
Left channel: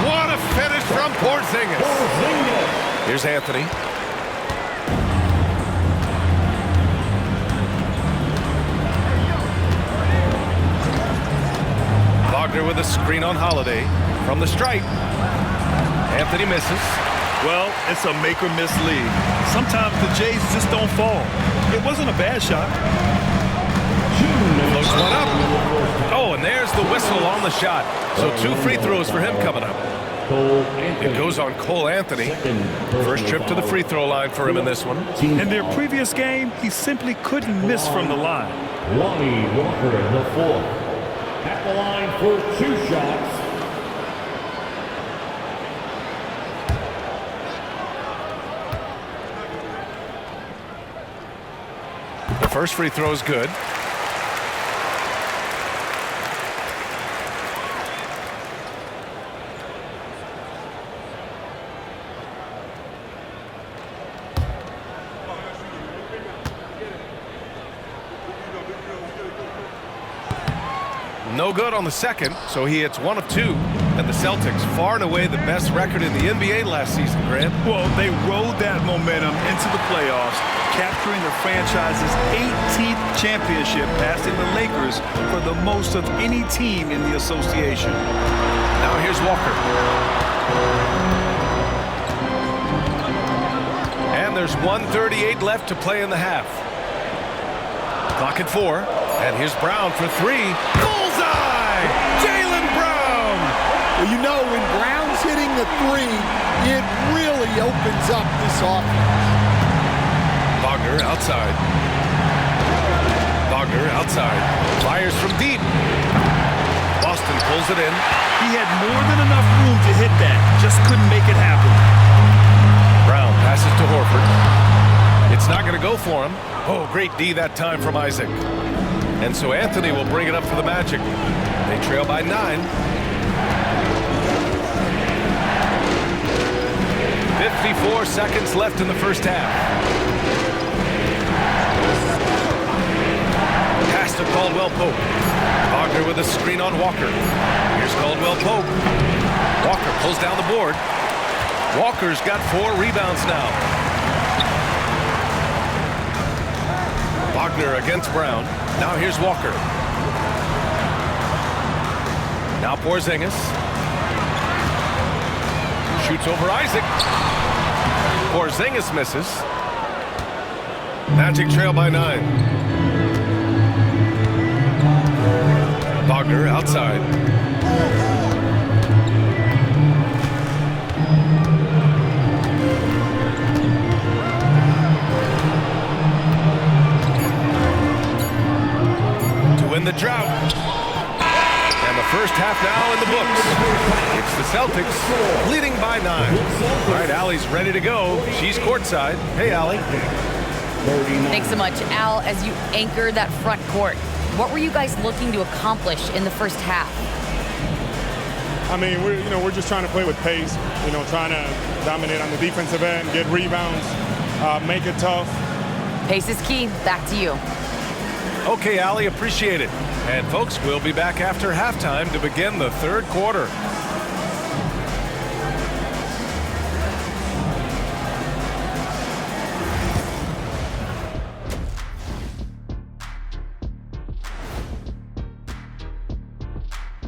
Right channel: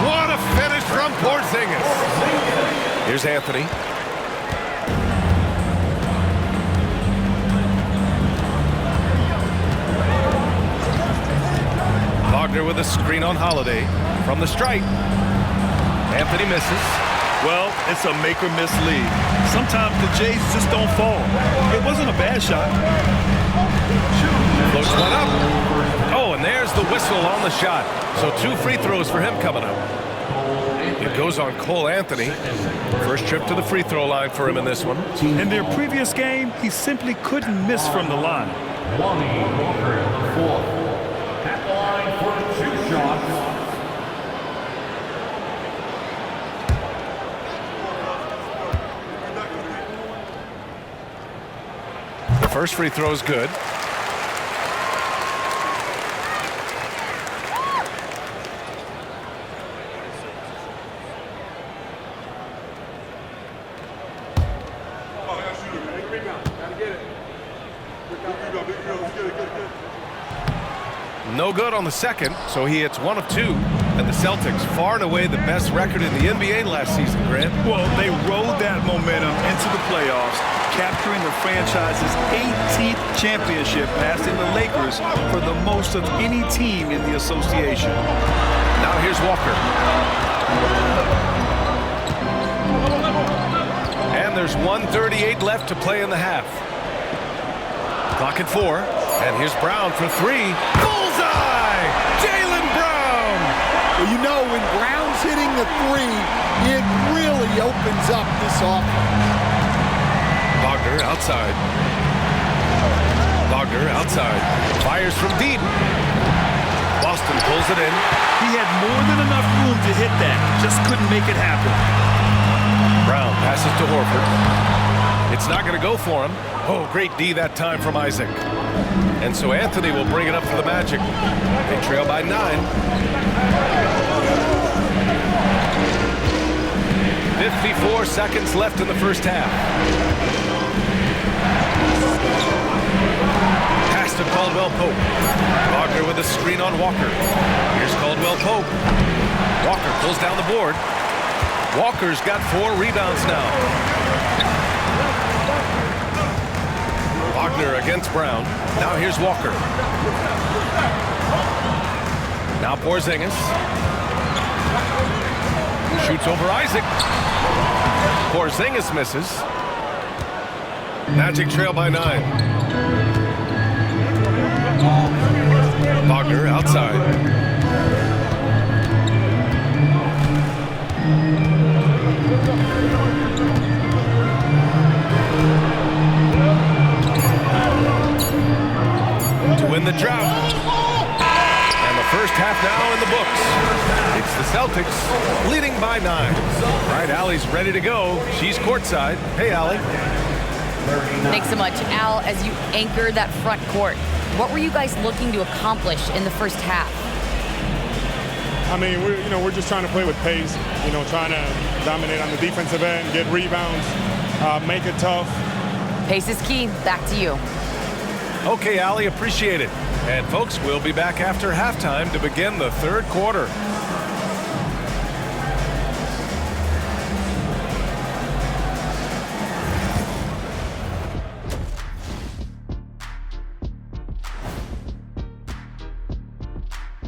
What a finish from Porzingis. Here's Anthony. Wagner with a screen on Holiday from the stripe. Anthony misses. Well, it's a make-or-miss league. Sometimes the Jays just don't fall. It wasn't a bad shot. Floats one up. Oh, and there's the whistle on the shot. So 2 free throws for him coming up. It goes on Cole Anthony. First trip to the free throw line for him in this one. In their previous game, he simply couldn't miss from the line. Lonnie Walker, the fourth. At the line for 2 shots. The first free throw is good. No good on the second, so he hits 1 of 2. And the Celtics, far and away the best record in the NBA last season, Grant. Well, they rode that momentum into the playoffs, capturing the franchise's 18th championship, passing the Lakers for the most of any team in the association. Now here's Walker. And there's 1:38 left to play in the half. Clock at 4. And here's Brown for 3. Bullseye! Jaylen Brown! Well, you know, when Brown's hitting the 3, it really opens up this offense. Wagner outside. Wagner outside. Fires from deep. Boston pulls it in. He had more than enough room to hit that, just couldn't make it happen. Brown passes to Horford. It's not going to go for him. Oh, great D that time from Isaac. And so Anthony will bring it up for the Magic. They trail by 9. 54 seconds left in the first half. Pass to Caldwell Pope. Wagner with a screen on Walker. Here's Caldwell Pope. Walker pulls down the board. Walker's got 4 rebounds now. Wagner against Brown. Now here's Walker. Now Porzingis. Shoots over Isaac. Porzingis misses. Magic trail by 9. Wagner outside. To win the drought. And the first half now in the books. It's the Celtics leading by 9. All right, Allie's ready to go. She's courtside. Hey, Allie. Thanks so much, Al. As you anchor that front court, what were you guys looking to accomplish in the first half? I mean, we're just trying to play with pace. Trying to dominate on the defensive end, get rebounds, make it tough. Pace is key. Back to you. Okay, Allie, appreciate it. And folks, we'll be back after halftime to begin the third quarter.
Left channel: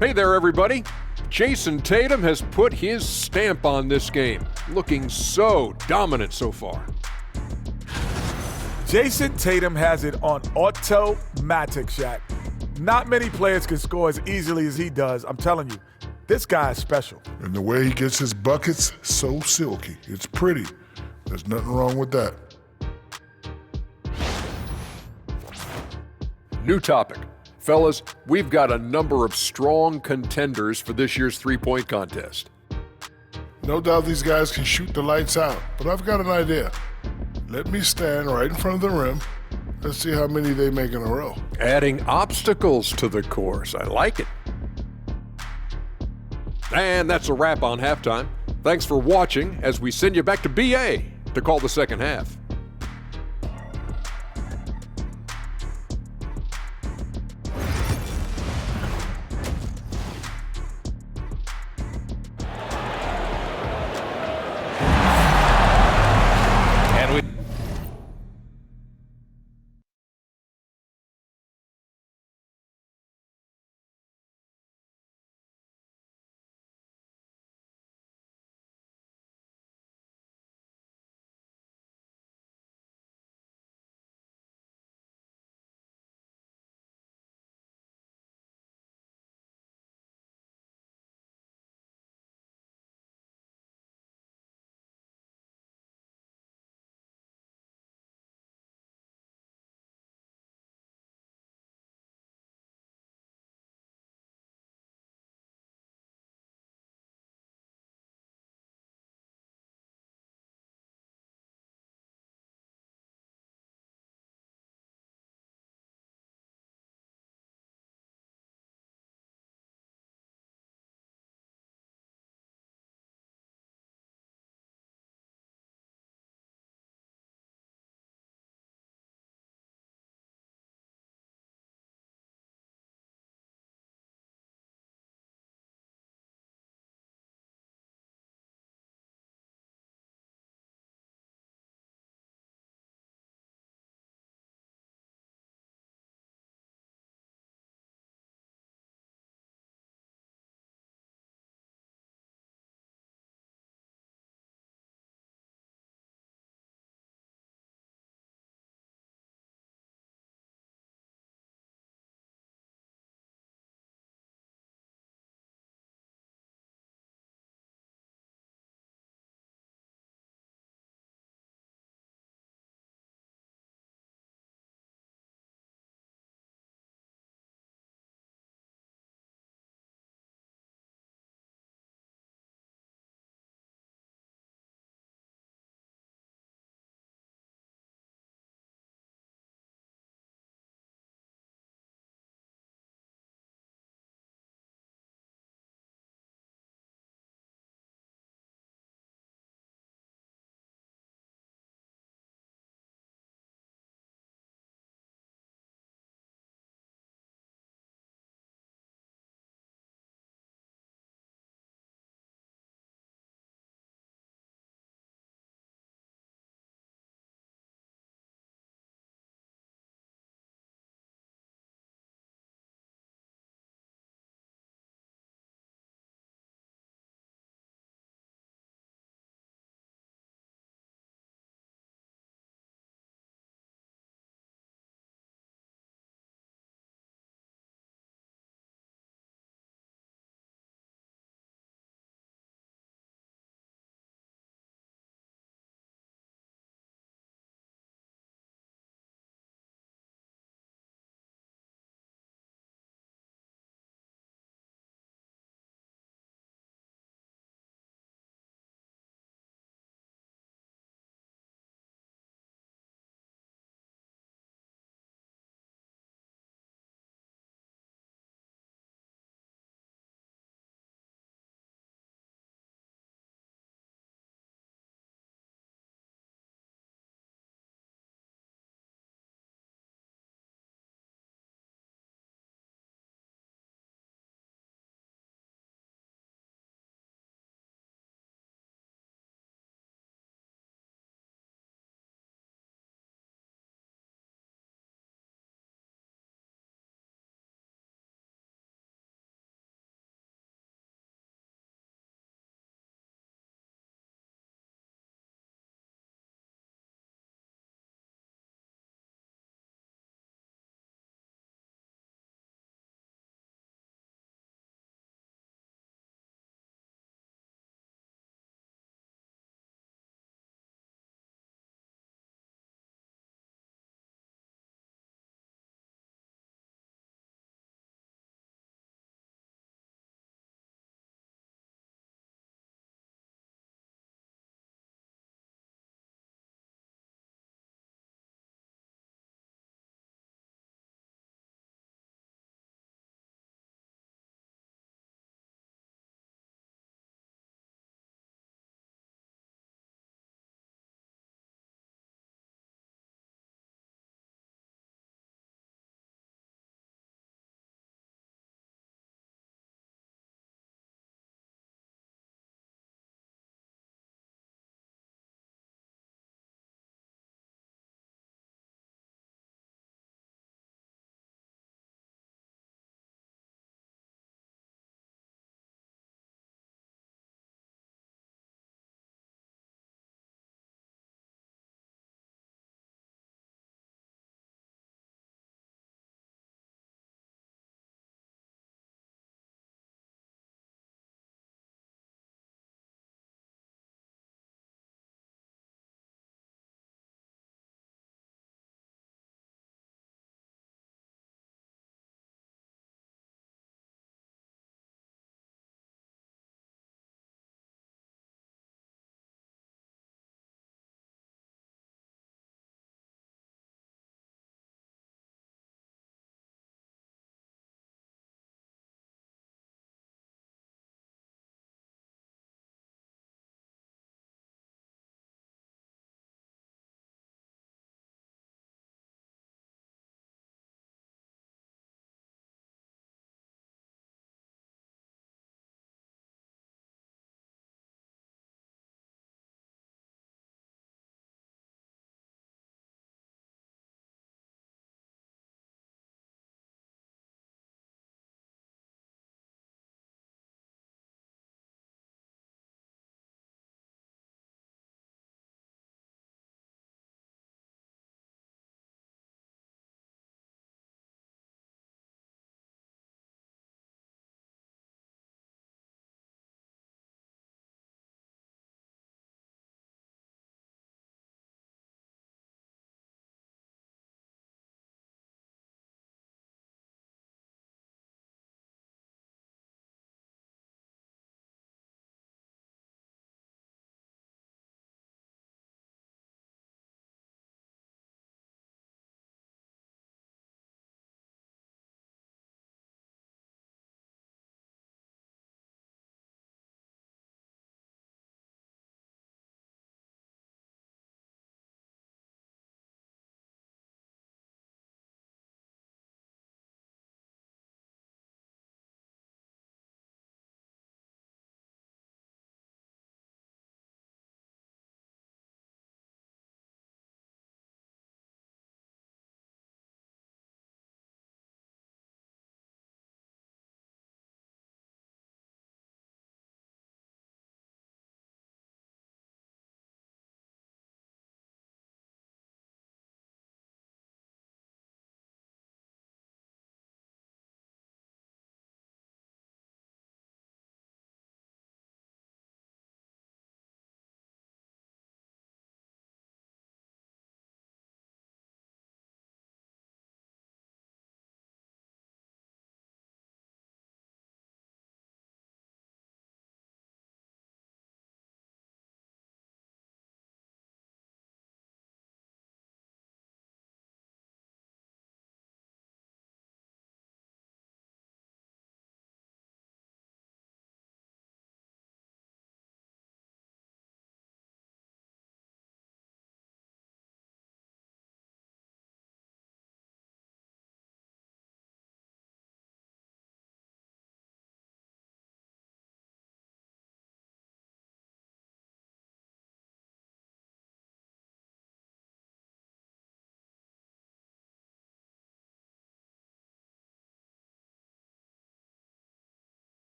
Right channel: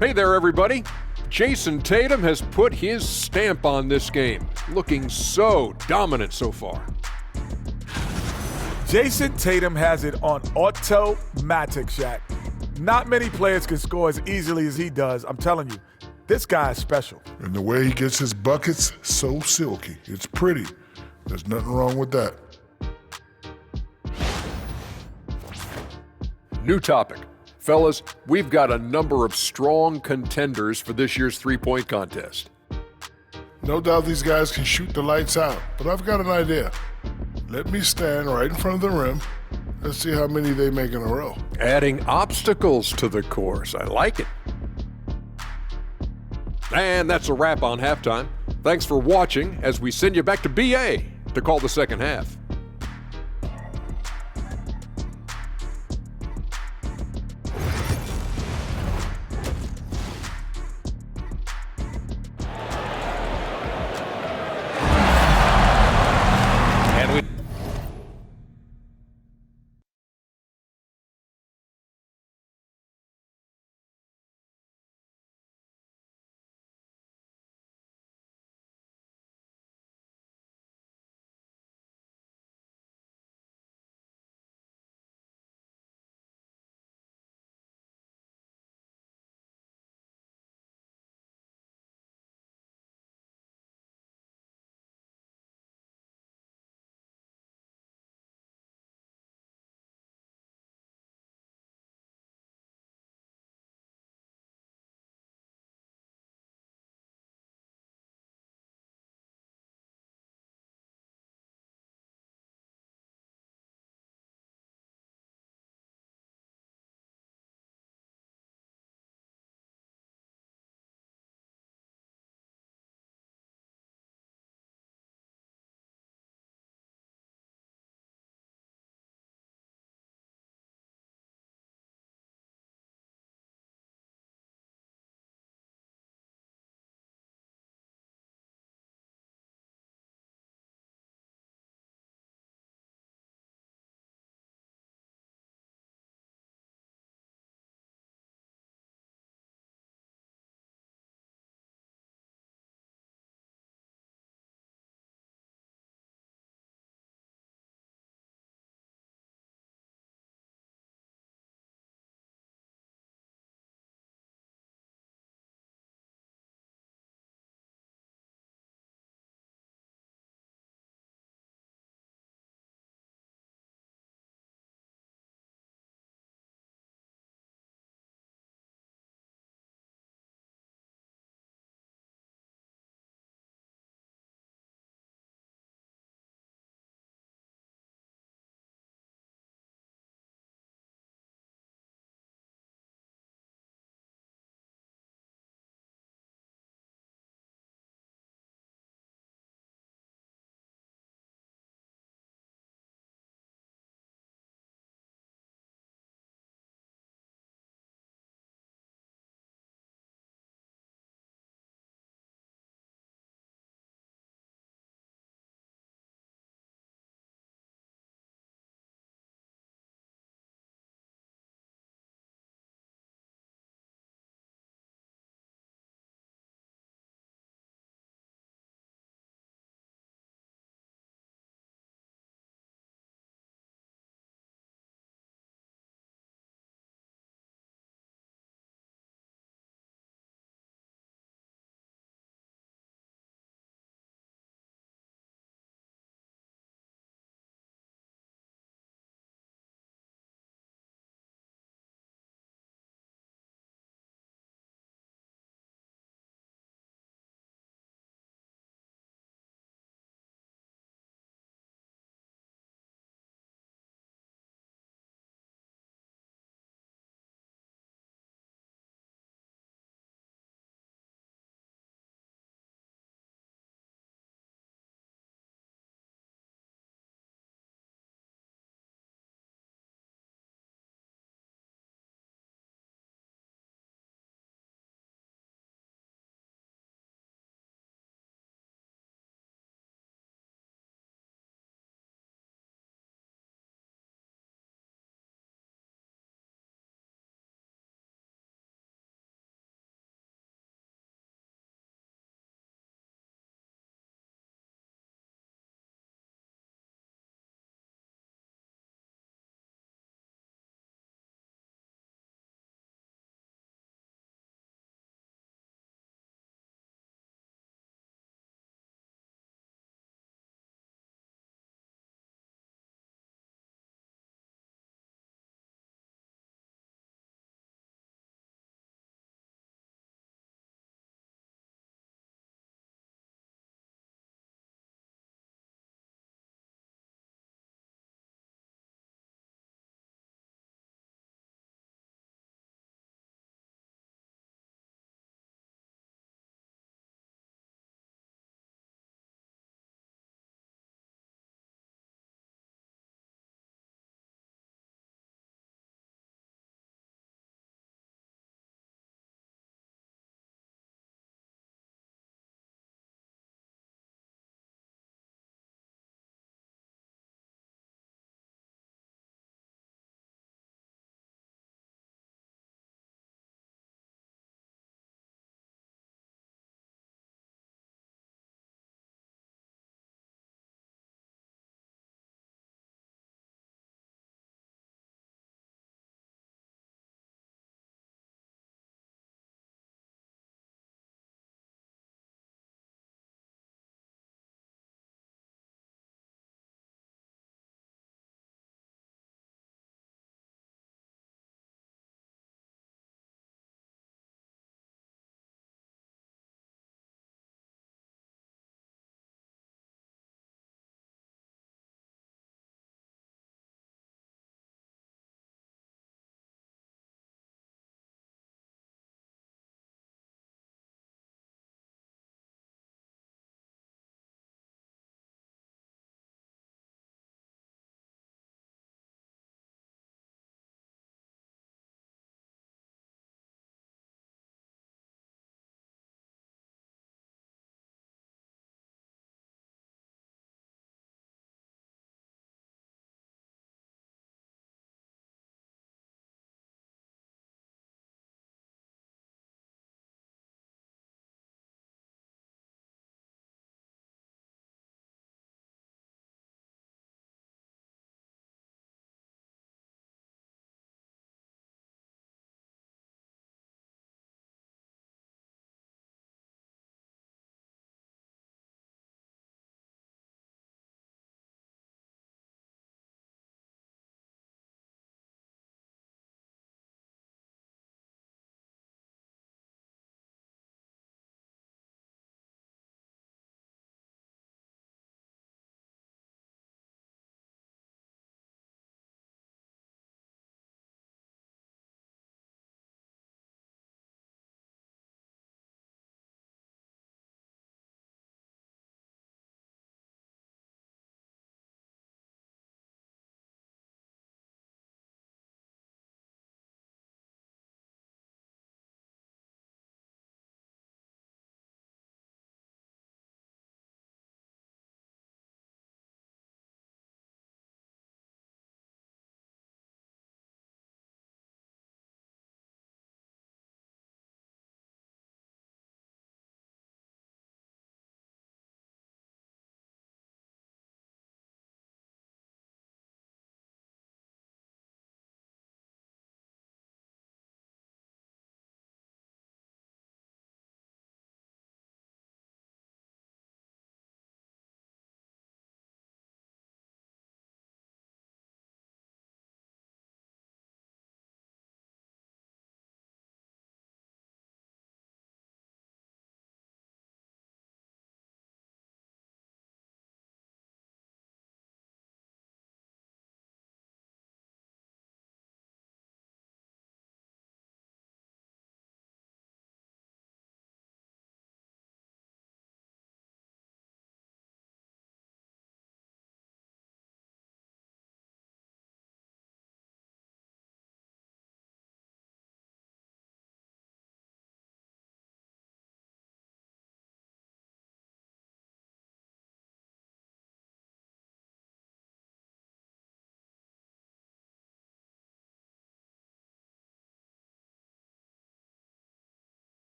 Hey there, everybody. Jason Tatum has put his stamp on this game, looking so dominant so far. Jason Tatum has it on automatic, Shaq. Not many players can score as easily as he does. I'm telling you, this guy is special. And the way he gets his buckets, so silky. It's pretty. There's nothing wrong with that. New topic. Fellas, we've got a number of strong contenders for this year's three-point contest. No doubt these guys can shoot the lights out, but I've got an idea. Let me stand right in front of the rim. Let's see how many they make in a row. Adding obstacles to the course. I like it. And that's a wrap on halftime. Thanks for watching as we send you back to BA to call the second half.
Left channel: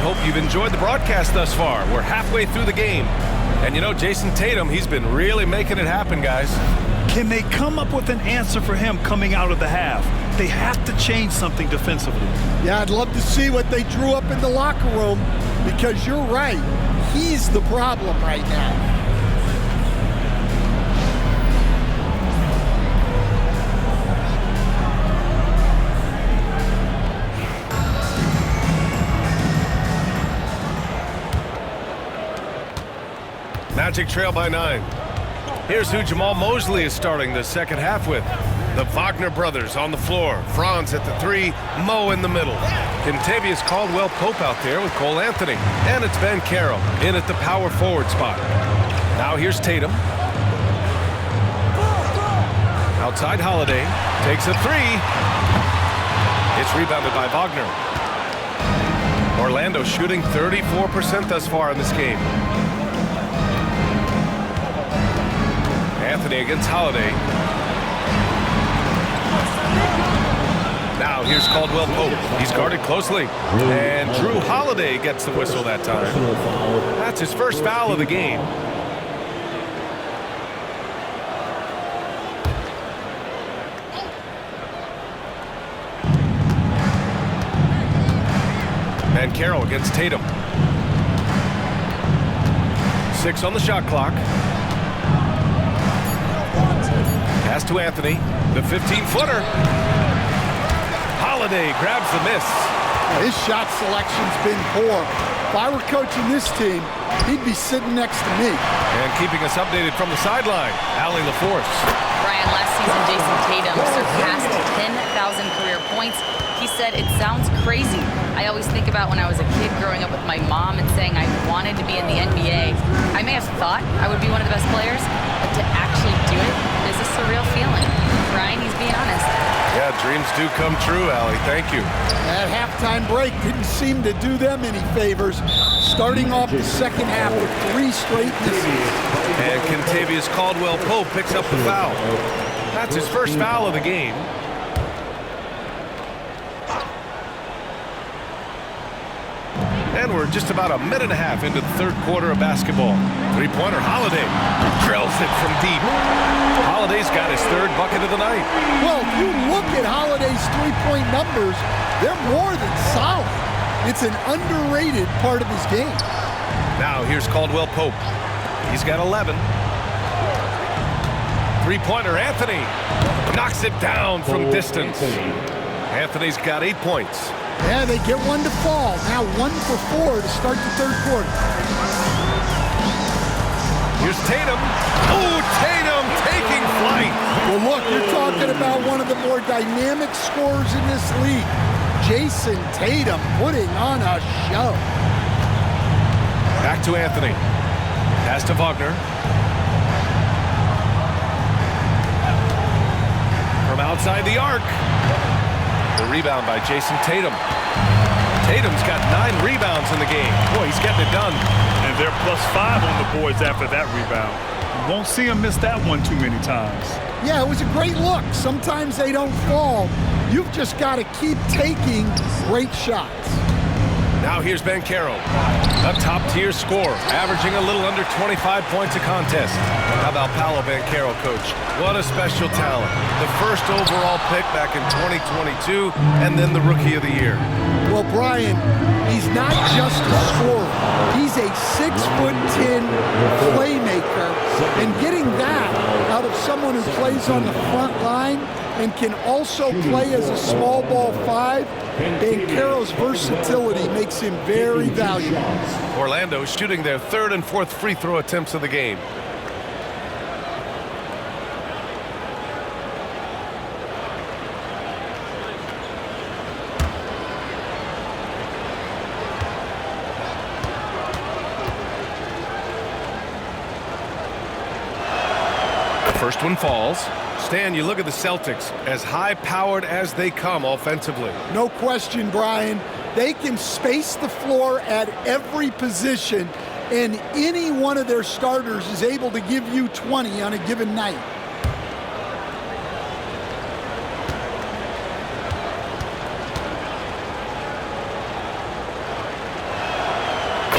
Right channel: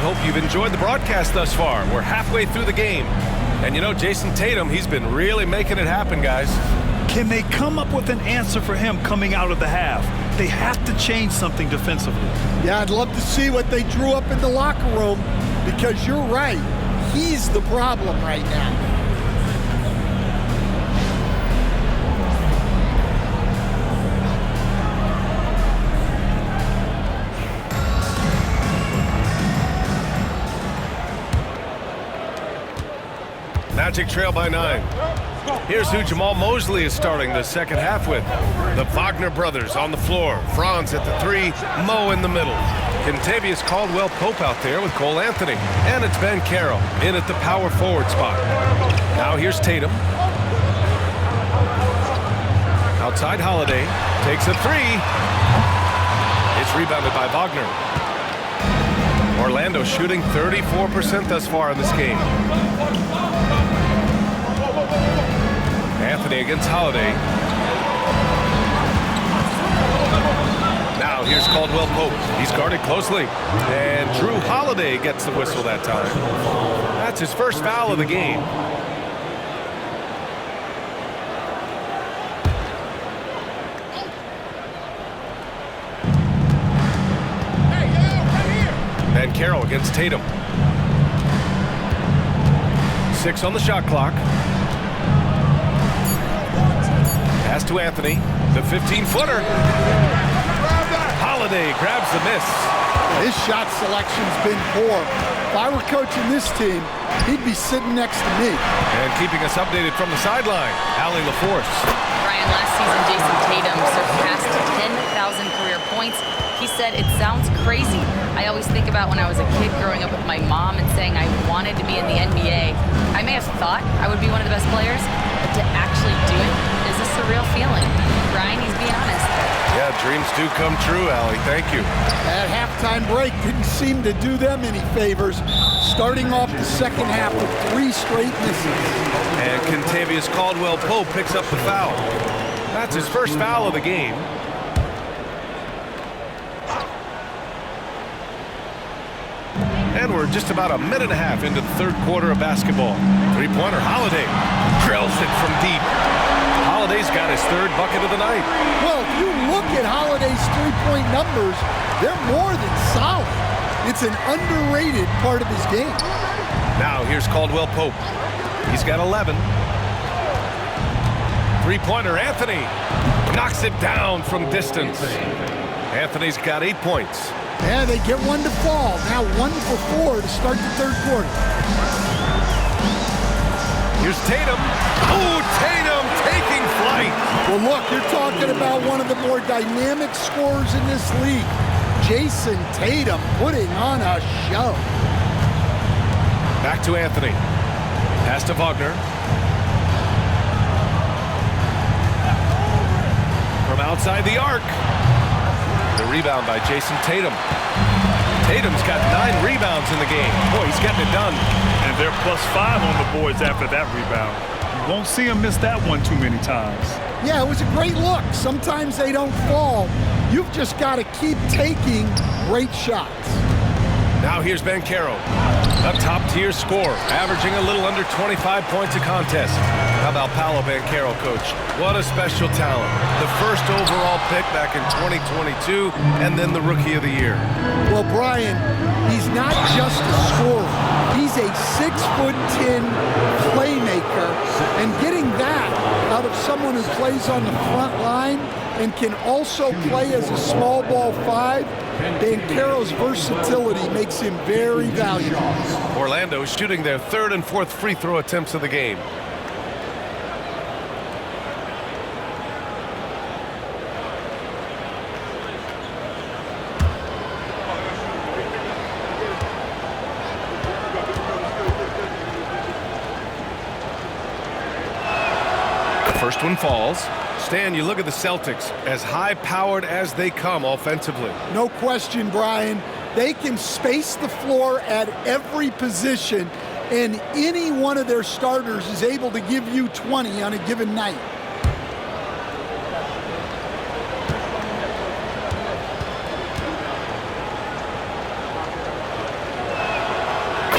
Hope you've enjoyed the broadcast thus far. We're halfway through the game. And you know, Jason Tatum, he's been really making it happen, guys. Can they come up with an answer for him coming out of the half? They have to change something defensively. Yeah, I'd love to see what they drew up in the locker room, because you're right. He's the problem right now. Magic trail by 9. Here's who Jamal Mosley is starting the second half with. The Wagner brothers on the floor. Franz at the 3, Mo in the middle. Kentavious Caldwell-Pope out there with Cole Anthony. And it's Ben Caro in at the power forward spot. Now here's Tatum. Outside Holiday. Takes a 3. It's rebounded by Wagner. Orlando shooting 34% thus far in this game. Anthony against Holiday. Now here's Caldwell-Pope. He's guarded closely. And Drew Holiday gets the whistle that time. That's his first foul of the game. Ben Caro against Tatum. 6 on the shot clock. Pass to Anthony, the 15-footer. Holiday grabs the miss. His shot selection's been poor. If I were coaching this team, he'd be sitting next to me. And keeping us updated from the sideline, Allie LaForce. Brian, last season, Jason Tatum surpassed 10,000 career points. He said, "It sounds crazy. I always think about when I was a kid growing up with my mom and saying I wanted to be in the NBA. I may have thought I would be one of the best players, but to actually do it is a surreal feeling." Brian, he's being honest. Yeah, dreams do come true, Allie. Thank you. That halftime break didn't seem to do them any favors, starting off the second half with 3 straight misses. And Kentavious Caldwell-Pope picks up the foul. That's his first foul of the game. And we're just about a minute and a half into the third quarter of basketball. Three-pointer, Holiday drills it from deep. Holiday's got his 3rd bucket of the night. Well, if you look at Holiday's three-point numbers, they're more than solid. It's an underrated part of his game. Now here's Caldwell-Pope. He's got 11. Three-pointer, Anthony knocks it down from distance. Anthony's got 8 points. Yeah, they get one to fall. Now 1 for 4 to start the third quarter. Here's Tatum. Oh, Tatum taking flight. Well, look, you're talking about one of the more dynamic scorers in this league. Jason Tatum putting on a show. Back to Anthony. Pass to Wagner. From outside the arc. The rebound by Jason Tatum. Tatum's got 9 rebounds in the game. Boy, he's getting it done. And they're +5 on the boards after that rebound. You won't see him miss that one too many times. Yeah, it was a great look. Sometimes they don't fall. You've just got to keep taking great shots. Now here's Ben Caro, a top-tier scorer, averaging a little under 25 points a contest. How about Paolo Banchero, Coach? What a special talent. The first overall pick back in 2022, and then the Rookie of the Year. Well, Brian, he's not just a scorer. He's a 6'10" playmaker, and getting that out of someone who plays on the front line and can also play as a small ball 5, Banchero's versatility makes him very valuable. Orlando shooting their 3rd and 4th free throw attempts of the game. First one falls. Stan, you look at the Celtics, as high-powered as they come offensively. No question, Brian. They can space the floor at every position, and any one of their starters is able to give you 20 on a given night.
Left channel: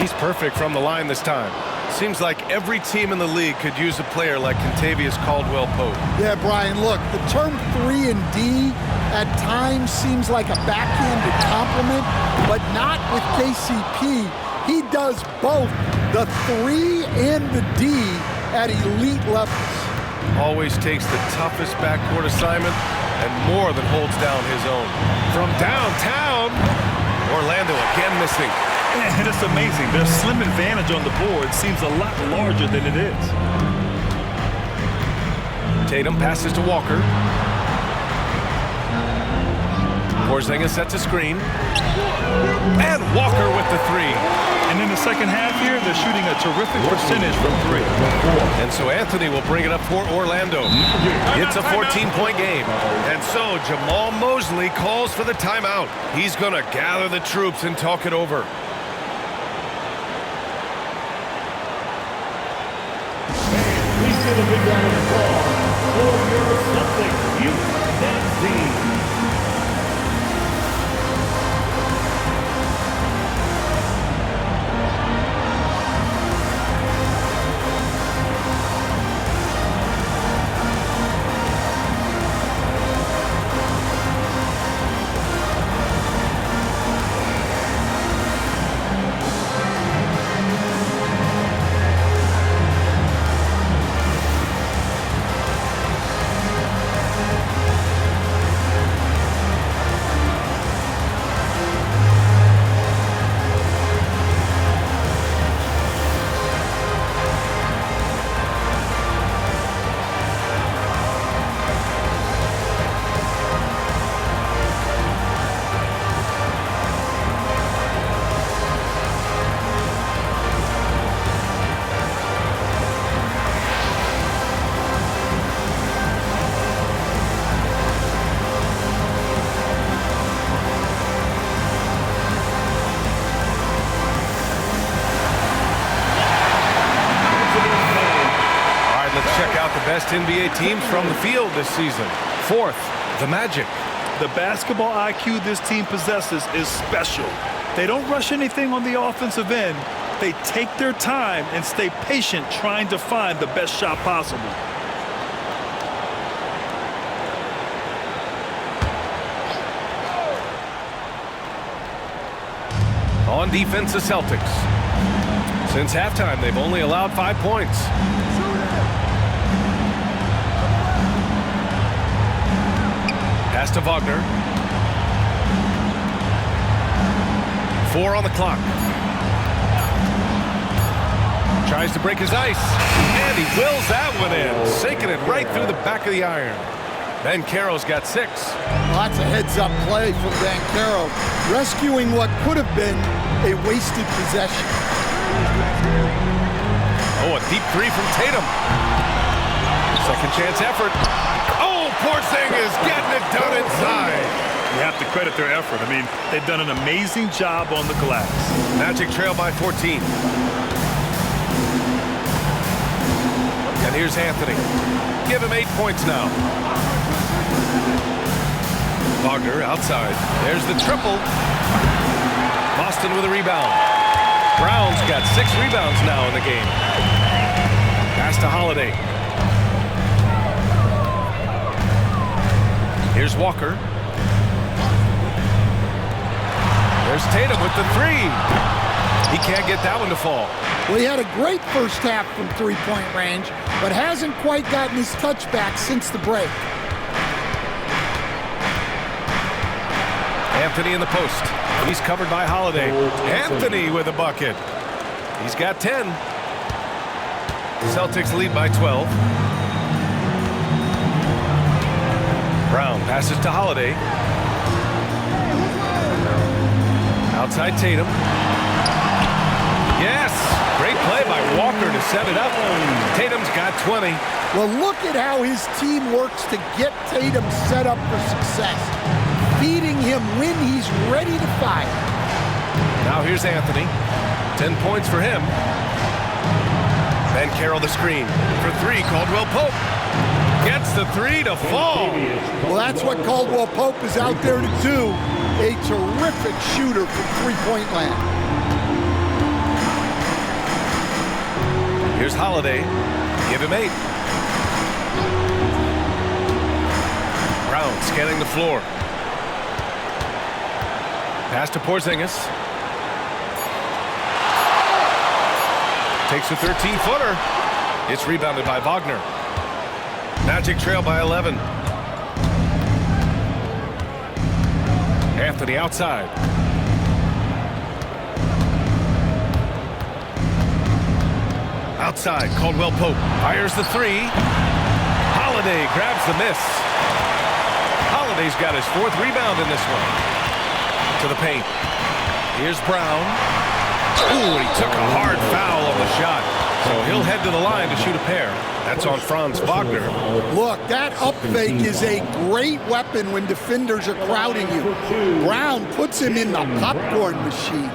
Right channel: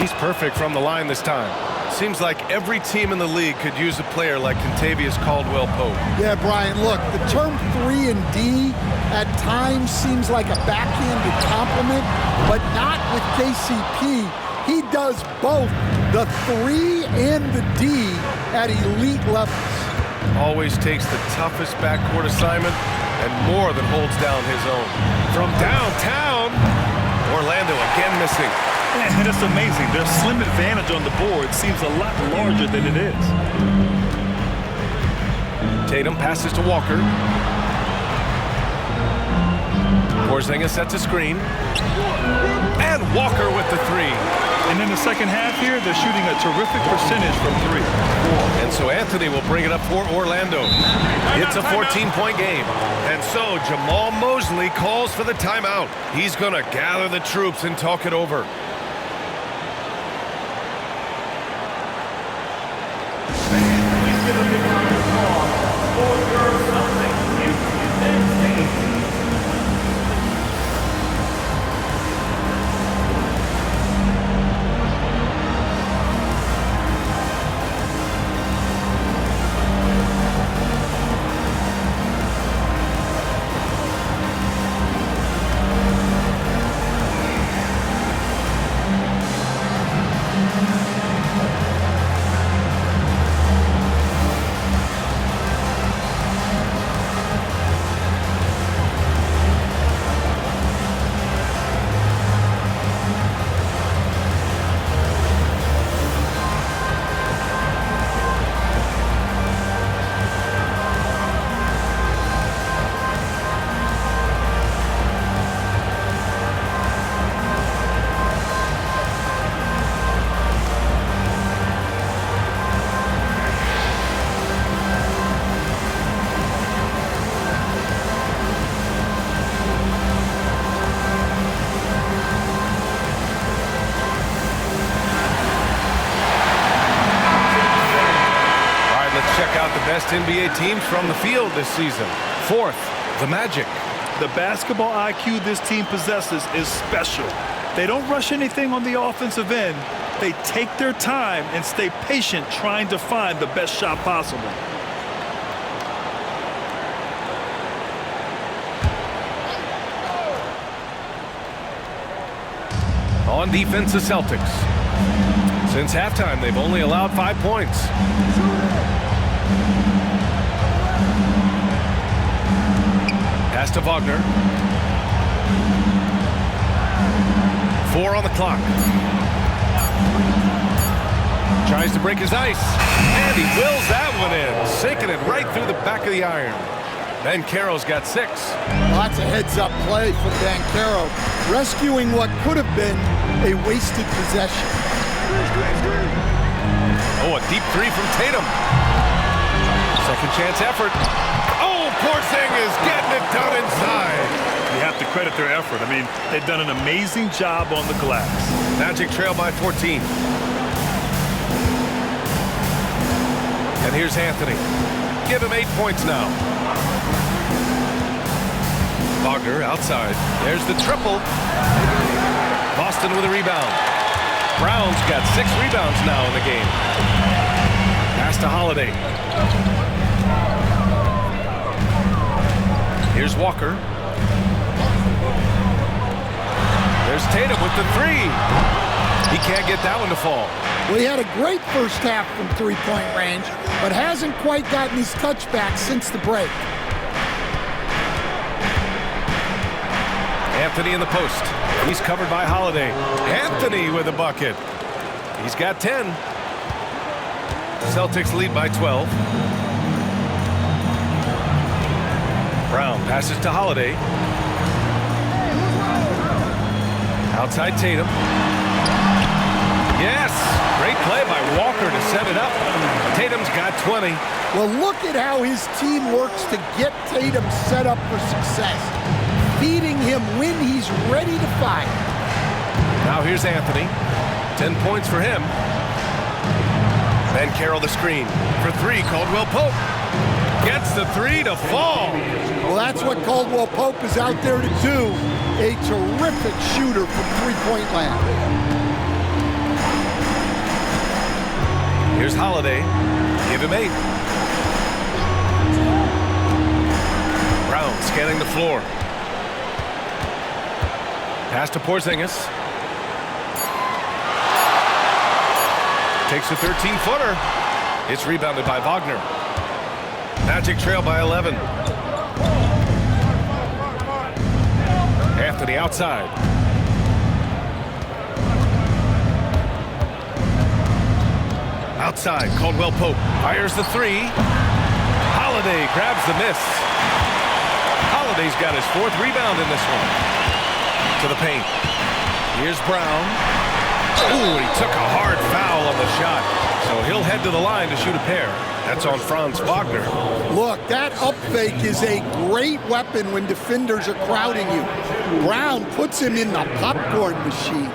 He's perfect from the line this time. Seems like every team in the league could use a player like Kentavious Caldwell-Pope. Yeah, Brian, look, the term 3 and D at times seems like a backhanded compliment, but not with KCP. He does both the 3 and the D at elite levels. Always takes the toughest backcourt assignment and more than holds down his own. From downtown, Orlando again missing. And it's amazing. Their slim advantage on the board seems a lot larger than it is. Tatum passes to Walker. Porzingis sets a screen. And Walker with the 3. And in the second half here, they're shooting a terrific percentage from 3. And so Anthony will bring it up for Orlando. It's a 14-point game. And so Jamal Mosley calls for the timeout. He's going to gather the troops and talk it over. Let's check out the best NBA teams from the field this season. Fourth, the Magic. The basketball IQ this team possesses is special. They don't rush anything on the offensive end. They take their time and stay patient trying to find the best shot possible. On defense, the Celtics. Since halftime, they've only allowed 5 points. Pass to Wagner. 4 on the clock. Tries to break his ice. And he wills that one in. Sinking it right through the back of the iron. Banchero's got 6. Well, that's a heads-up play from Banchero, rescuing what could have been a wasted possession. Oh, a deep 3 from Tatum. Second chance effort. Oh, Porzingis getting it done inside. You have to credit their effort. I mean, they've done an amazing job on the glass. Magic trail by 14. And here's Anthony. Give him 8 points now. Wagner outside. There's the triple. Boston with a rebound. Brown's got 6 rebounds now in the game. Pass to Holiday. Here's Walker. There's Tatum with the 3. He can't get that one to fall. Well, he had a great first half from three-point range, but hasn't quite gotten his touchback since the break. Anthony in the post. He's covered by Holiday. Anthony with a bucket. He's got 10. Celtics lead by 12. Brown passes to Holiday. Outside Tatum. Yes! Great play by Walker to set it up. Tatum's got 20. Well, look at how his team works to get Tatum set up for success, feeding him when he's ready to fire. Now here's Anthony. 10 points for him. Banchero the screen. For 3, Caldwell-Pope. Gets the 3 to fall. Well, that's what Caldwell-Pope is out there to do. A terrific shooter from three-point land. Here's Holiday. Give him 8. Brown scanning the floor. Pass to Porzingis. Takes a 13-footer. It's rebounded by Wagner. Magic trail by 11. Anthony outside. Outside, Caldwell Pope fires the 3. Holiday grabs the miss. Holiday's got his 4th rebound in this one. To the paint. Here's Brown. Ooh, he took a hard foul on the shot. So he'll head to the line to shoot a pair. That's on Franz Wagner. Look, that up fake is a great weapon when defenders are crowding you. Brown puts him in the popcorn machine.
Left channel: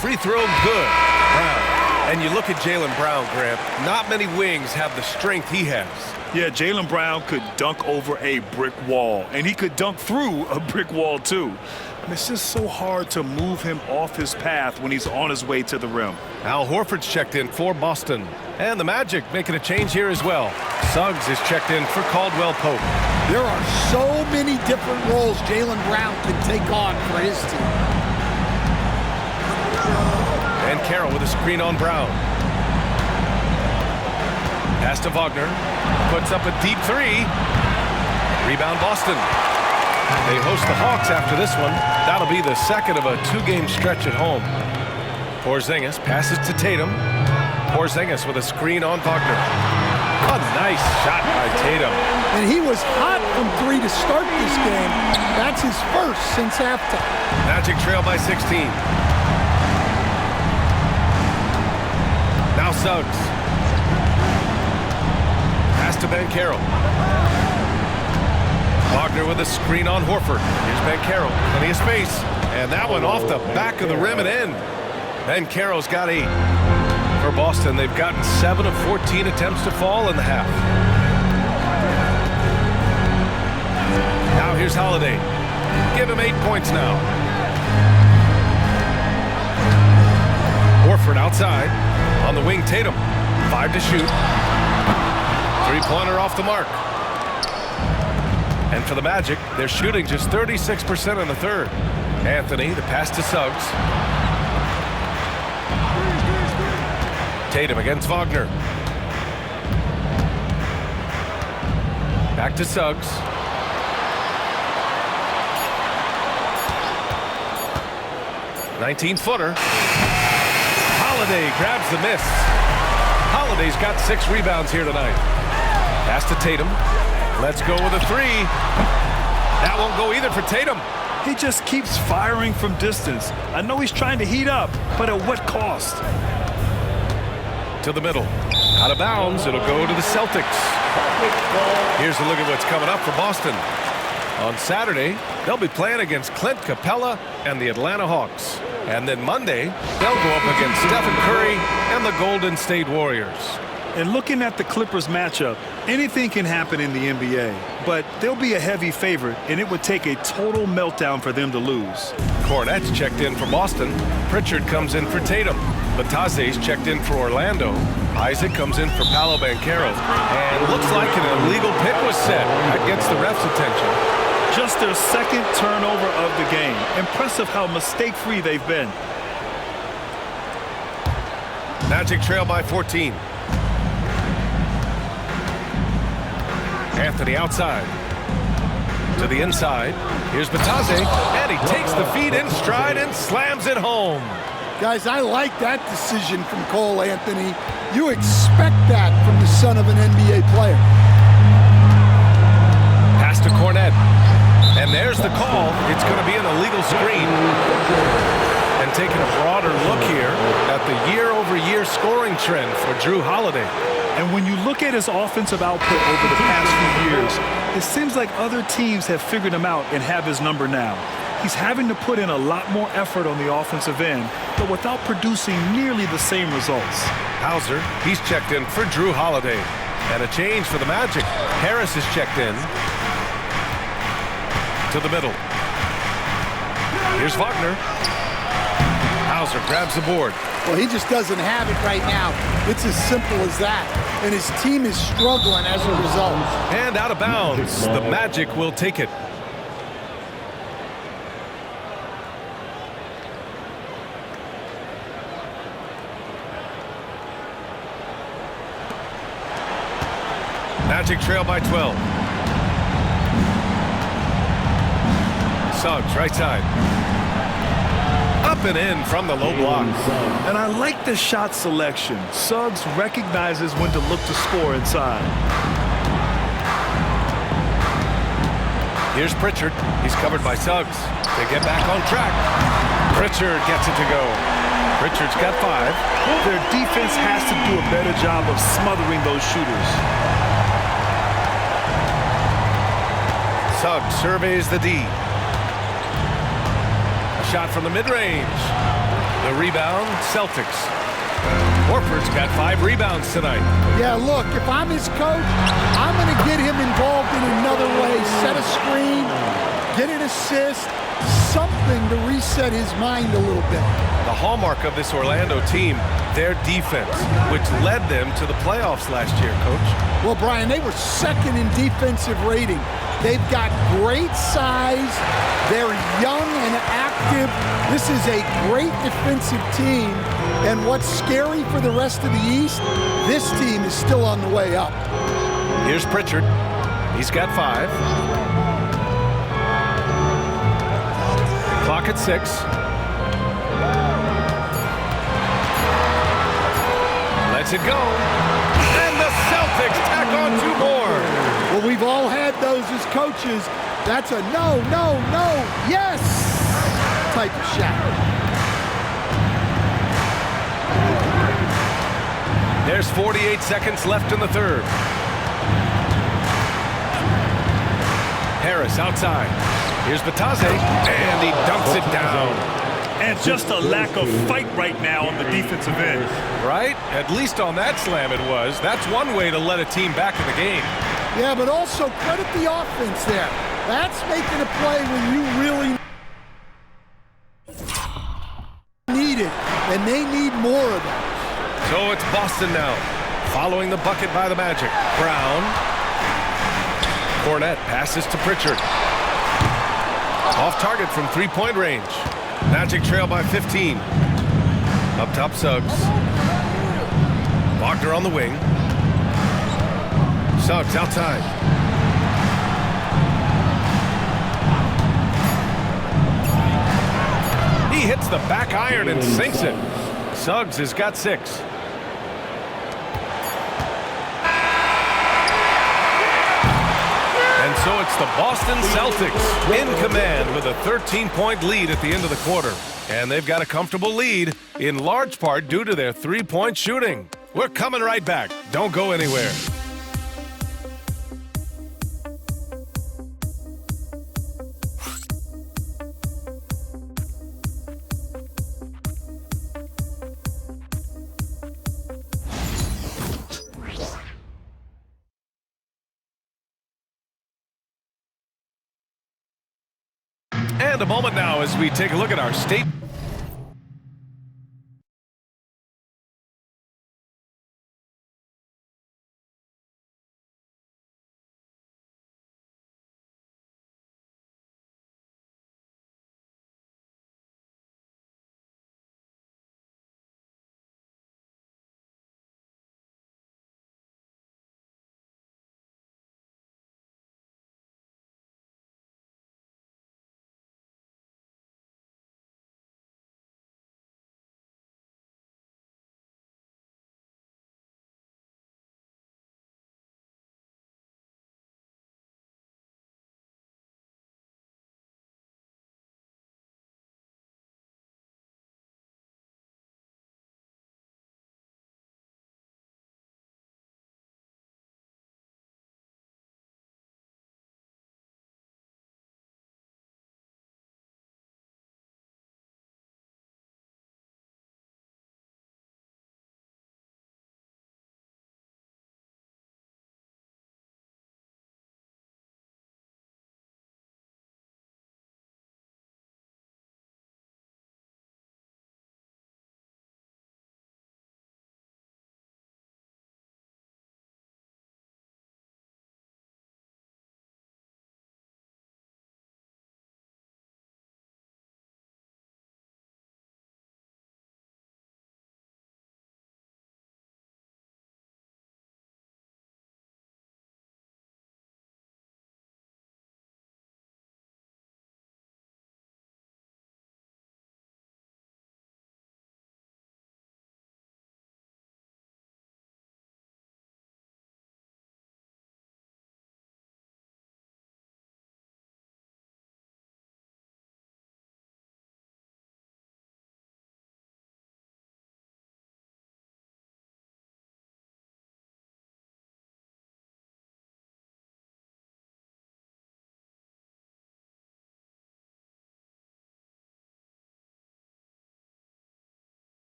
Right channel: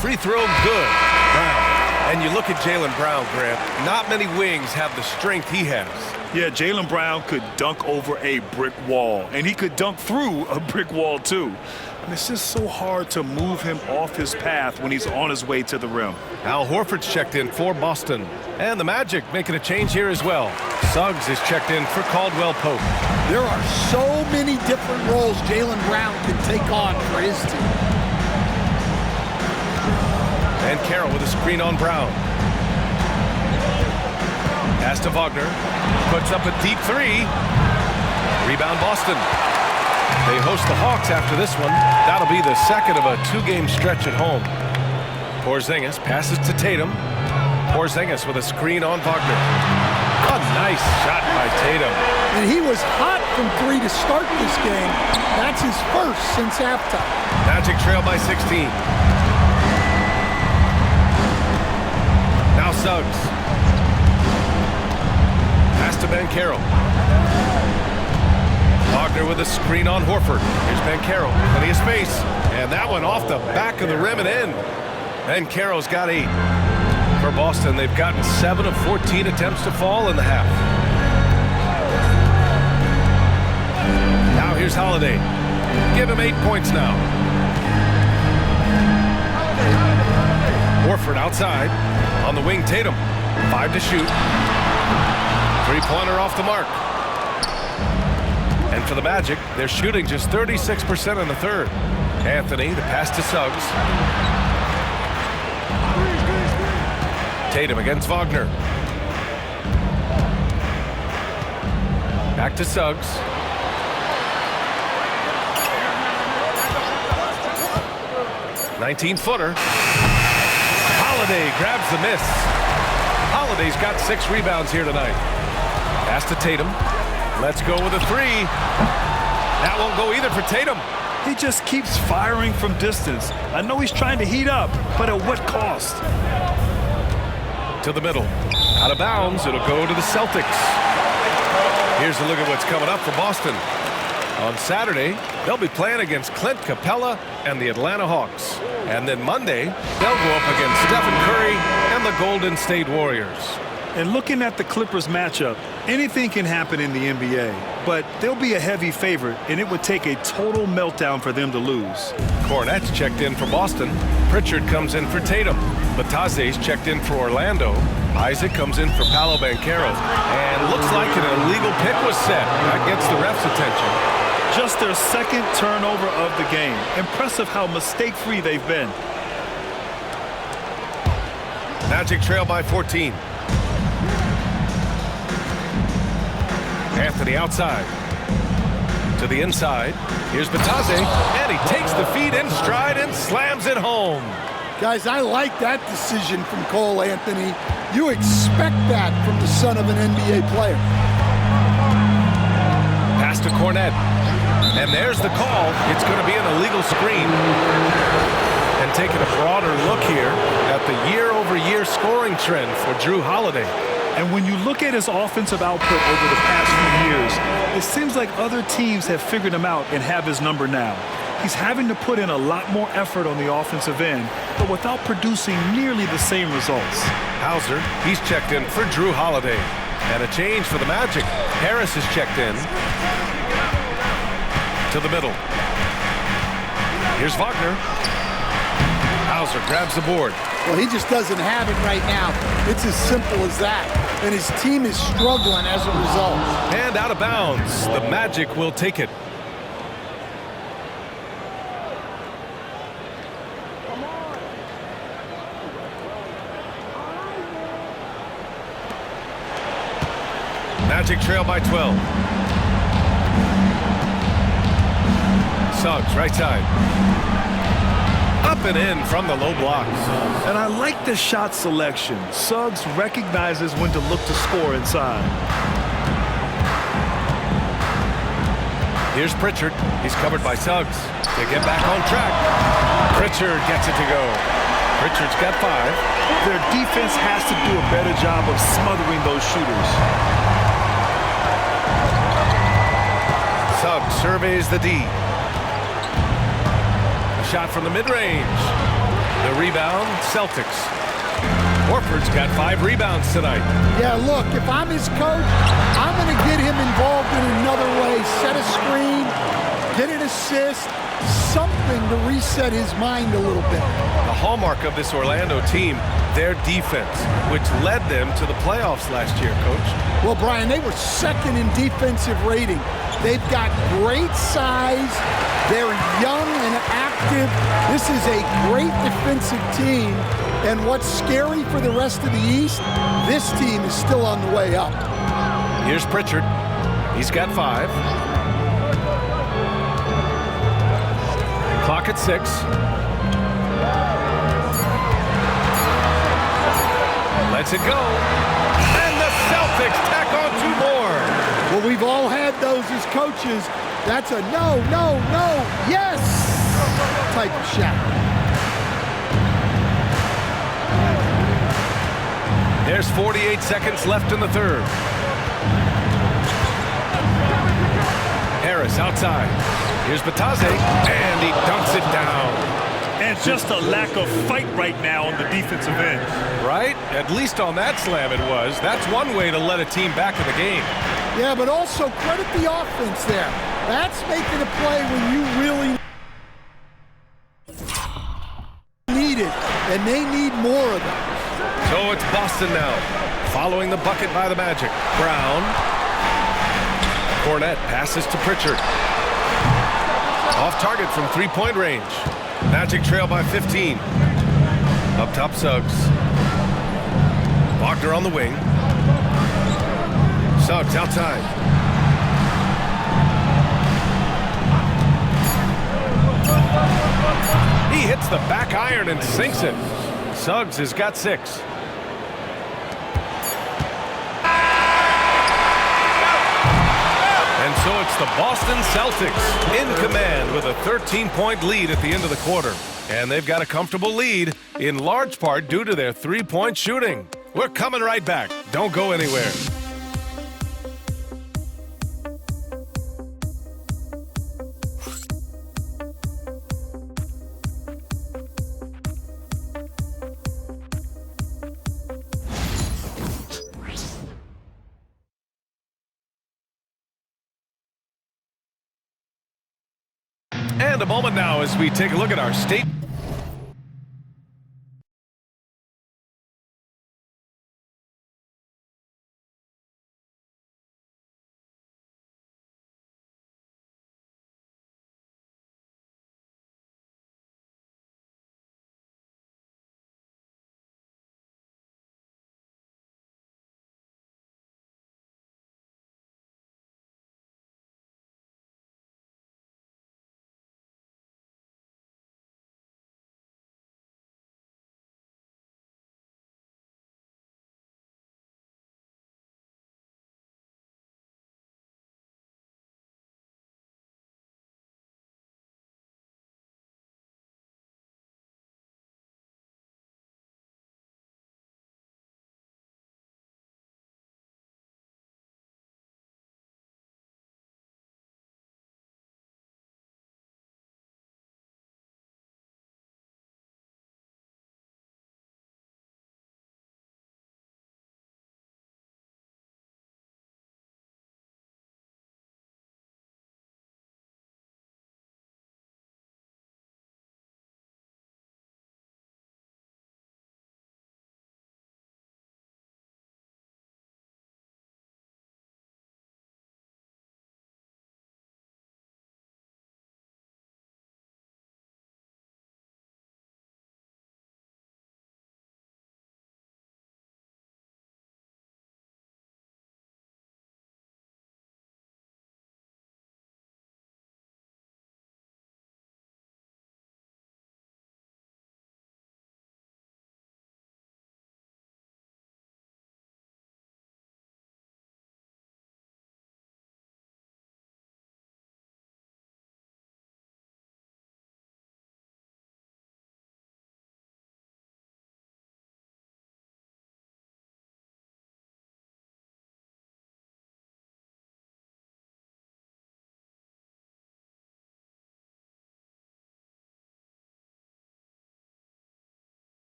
Free throw, good. Brown. And you look at Jaylen Brown, Grant. Not many wings have the strength he has. Yeah, Jaylen Brown could dunk over a brick wall, and he could dunk through a brick wall, too. And it's just so hard to move him off his path when he's on his way to the rim. Al Horford's checked in for Boston. And the Magic making a change here as well. Suggs is checked in for Caldwell Pope. There are so many different roles Jaylen Brown can take on for his team. And Carroll with a screen on Brown. Pass to Wagner. Puts up a deep 3. Rebound Boston. They host the Hawks after this one. That'll be the second of a 2-game stretch at home. Porzingis passes to Tatum. Porzingis with a screen on Wagner. A nice shot by Tatum. And he was hot from 3 to start this game. That's his first since halftime. Magic trail by 16. Now Suggs. Pass to Banchero. Wagner with a screen on Horford. Here's Banchero. Plenty of space. And that one off the back of the rim and in. Banchero's got 8. For Boston, they've gotten 7 of 14 attempts to fall in the half. Now here's Holiday. Give him 8 points now. Horford outside. On the wing, Tatum. 5 to shoot. 3-pointer off the mark. And for the Magic, they're shooting just 36% in the third. Anthony, the pass to Suggs. Tatum against Wagner. Back to Suggs. "19-footer. Holiday grabs the miss. Holiday's got 6 rebounds here tonight. Pass to Tatum. Let's go with a 3. That won't go either for Tatum. He just keeps firing from distance. I know he's trying to heat up, but at what cost? To the middle. Out of bounds. It'll go to the Celtics. Here's a look at what's coming up for Boston. On Saturday, they'll be playing against Clint Capella and the Atlanta Hawks. And then Monday, they'll go up against Stephen Curry and the Golden State Warriors. And looking at the Clippers matchup, anything can happen in the NBA, but they'll be a heavy favorite, and it would take a total meltdown for them to lose. Cornette's checked in for Boston. Pritchard comes in for Tatum. Batase's checked in for Orlando. Isaac comes in for Paolo Banchero. And looks like an illegal pick was set. That gets the ref's attention. Just their second turnover of the game. Impressive how mistake-free they've been. Magic trail by 14. Anthony outside. To the inside. Here's Batase. And he takes the feed in stride and slams it home. Guys, I like that decision from Cole Anthony. You expect that from the son of an NBA player. Pass to Cornette. And there's the call. It's going to be an illegal screen. And taking a broader look here at the year-over-year scoring trend for Jrue Holiday. And when you look at his offensive output over the past few years, it seems like other teams have figured him out and have his number now. He's having to put in a lot more effort on the offensive end, but without producing nearly the same results. Hauser, he's checked in for Jrue Holiday. And a change for the Magic. Harris is checked in. To the middle. Here's Wagner. Hauser grabs the board. Well, he just doesn't have it right now. It's as simple as that. And his team is struggling as a result. And out of bounds. The Magic will take it. Magic trail by 12. Suggs, right side. Up and in from the low block. And I like the shot selection. Suggs recognizes when to look to score inside. Here's Pritchard. He's covered by Suggs. They get back on track. Pritchard gets it to go. Pritchard's got 5. Their defense has to do a better job of smothering those shooters. Suggs surveys the D. A shot from the mid-range. The rebound, Celtics. Horford's got 5 rebounds tonight. Yeah, look, if I'm his coach, I'm going to get him involved in another way. Set a screen, get an assist, something to reset his mind a little bit. The hallmark of this Orlando team, their defense, which led them to the playoffs last year, Coach. Well, Brian, they were second in defensive rating. They've got great size. They're young and active. This is a great defensive team. And what's scary for the rest of the East, this team is still on the way up. Here's Pritchard. He's got 5. Clock at 6. Lets it go. And the Celtics tack on 2 more. Well, we've all had those as coaches. That's a no, no, no, yes type of shot. There's 48 seconds left in the third. Harris outside. Here's Batase, and he dunks it down. And just a lack of fight right now on the defensive end. Right? At least on that slam it was. That's one way to let a team back in the game. Yeah, but also credit the offense there. That's making a play when you really need it, and they need more of that. So it's Boston now, following the bucket by the Magic. Brown. Cornette passes to Pritchard. Off target from 3-point range. Magic trail by 15. Up top, Suggs. Wagner on the wing. Suggs outside. He hits the back iron and sinks it. Suggs has got 6. And so it's the Boston Celtics in command with a 13-point lead at the end of the quarter. And they've got a comfortable lead, in large part due to their 3-point shooting. We're coming right back. Don't go anywhere. And a moment now as we take a look at our state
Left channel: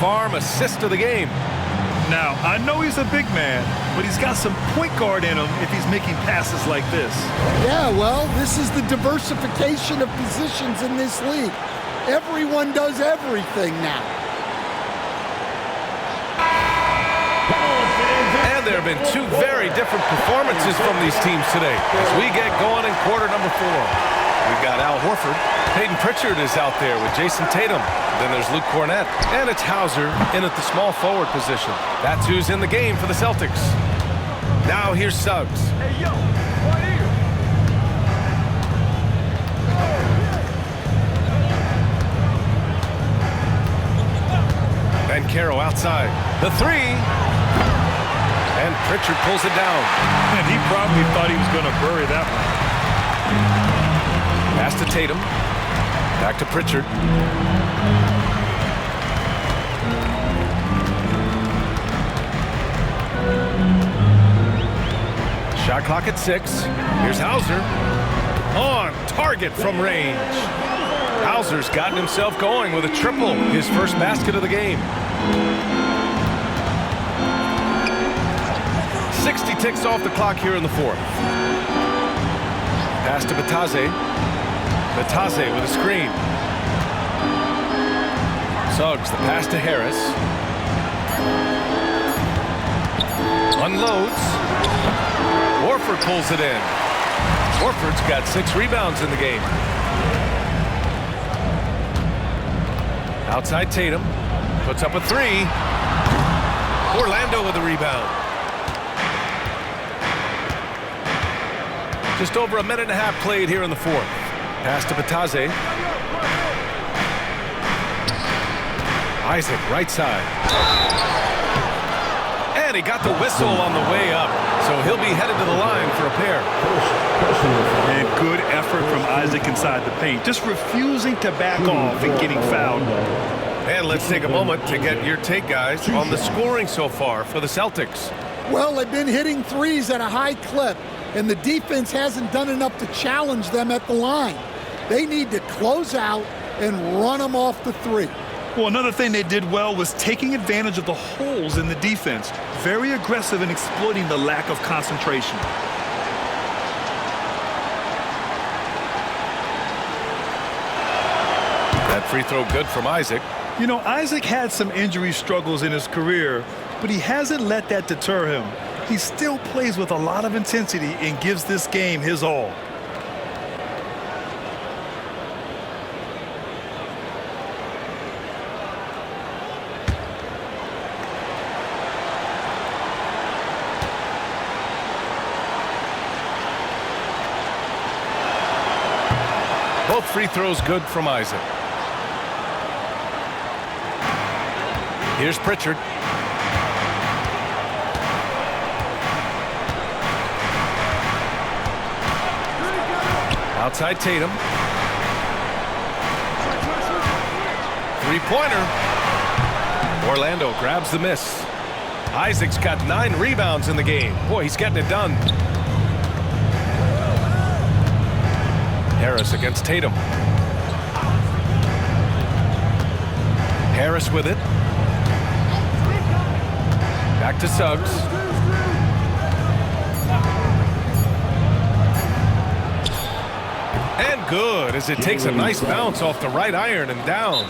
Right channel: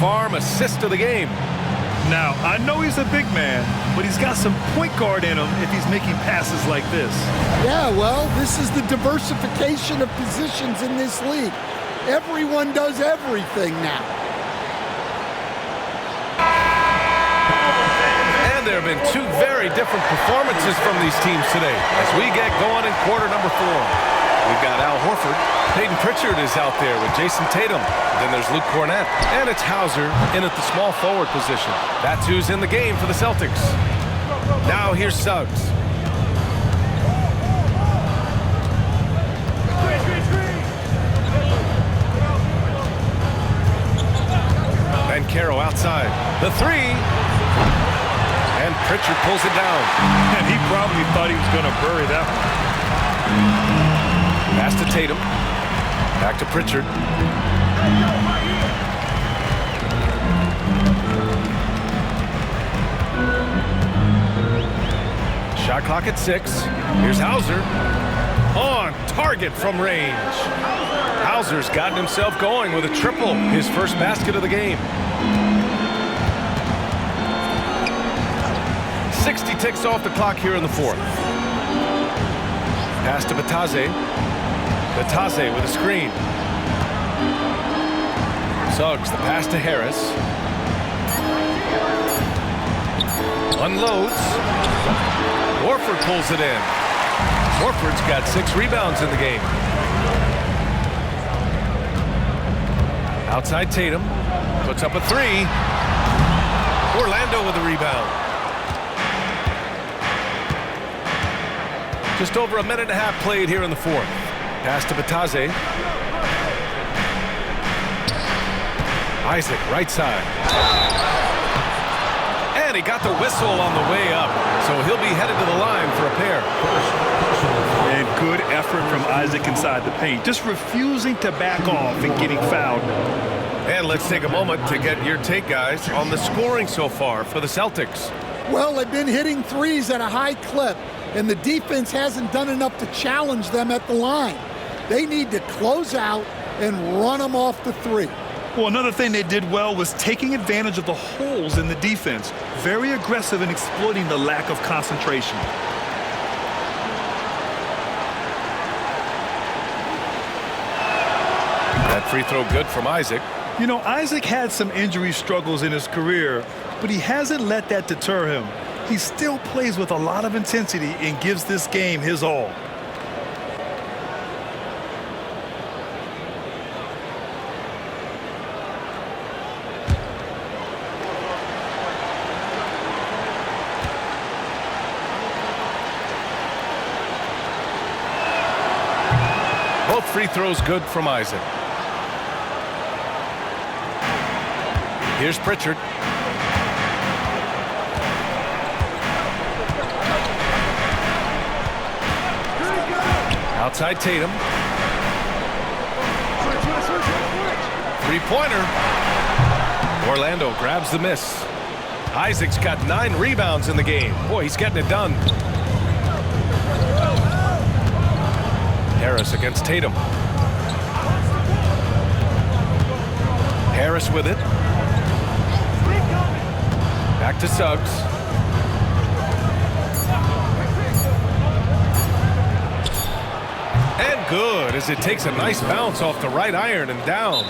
Farm assist of the game. Now, I know he's a big man, but he's got some point guard in him if he's making passes like this. Yeah, well, this is the diversification of positions in this league. Everyone does everything now. And there have been two very different performances from these teams today as we get going in quarter number 4. We've got Al Horford. Peyton Pritchard is out there with Jason Tatum. Then there's Luke Cornett. And it's Hauser in at the small forward position. That's who's in the game for the Celtics. Now here's Suggs. Banchero outside. The three. And Pritchard pulls it down. And he probably thought he was going to bury that one. Pass to Tatum. Back to Pritchard. Shot clock at 6. Here's Hauser. On target from range. Hauser's gotten himself going with a triple. His first basket of the game. 60 ticks off the clock here in the 4th. Pass to Batase. Batase with a screen. Suggs the pass to Harris. Unloads. Horford pulls it in. Horford's got 6 rebounds in the game. Outside Tatum. Puts up a 3. Orlando with a rebound. Just over a minute and a half played here in the 4th. Pass to Batase. Isaac, right side. And he got the whistle on the way up, so he'll be headed to the line for a pair. And good effort from Isaac inside the paint, just refusing to back off and getting fouled. And let's take a moment to get your take, guys, on the scoring so far for the Celtics. Well, they've been hitting threes at a high clip, and the defense hasn't done enough to challenge them at the line. They need to close out and run them off the 3. Well, another thing they did well was taking advantage of the holes in the defense. Very aggressive in exploiting the lack of concentration. That free throw good from Isaac. You know, Isaac had some injury struggles in his career, but he hasn't let that deter him. He still plays with a lot of intensity and gives this game his all. Both free throws good from Isaac. Here's Pritchard. Outside Tatum. Three-pointer. Orlando grabs the miss. Isaac's got 9 rebounds in the game. Boy, he's getting it done. Harris against Tatum. Harris with it. Back to Suggs. And good as it takes a nice bounce off the right iron and down.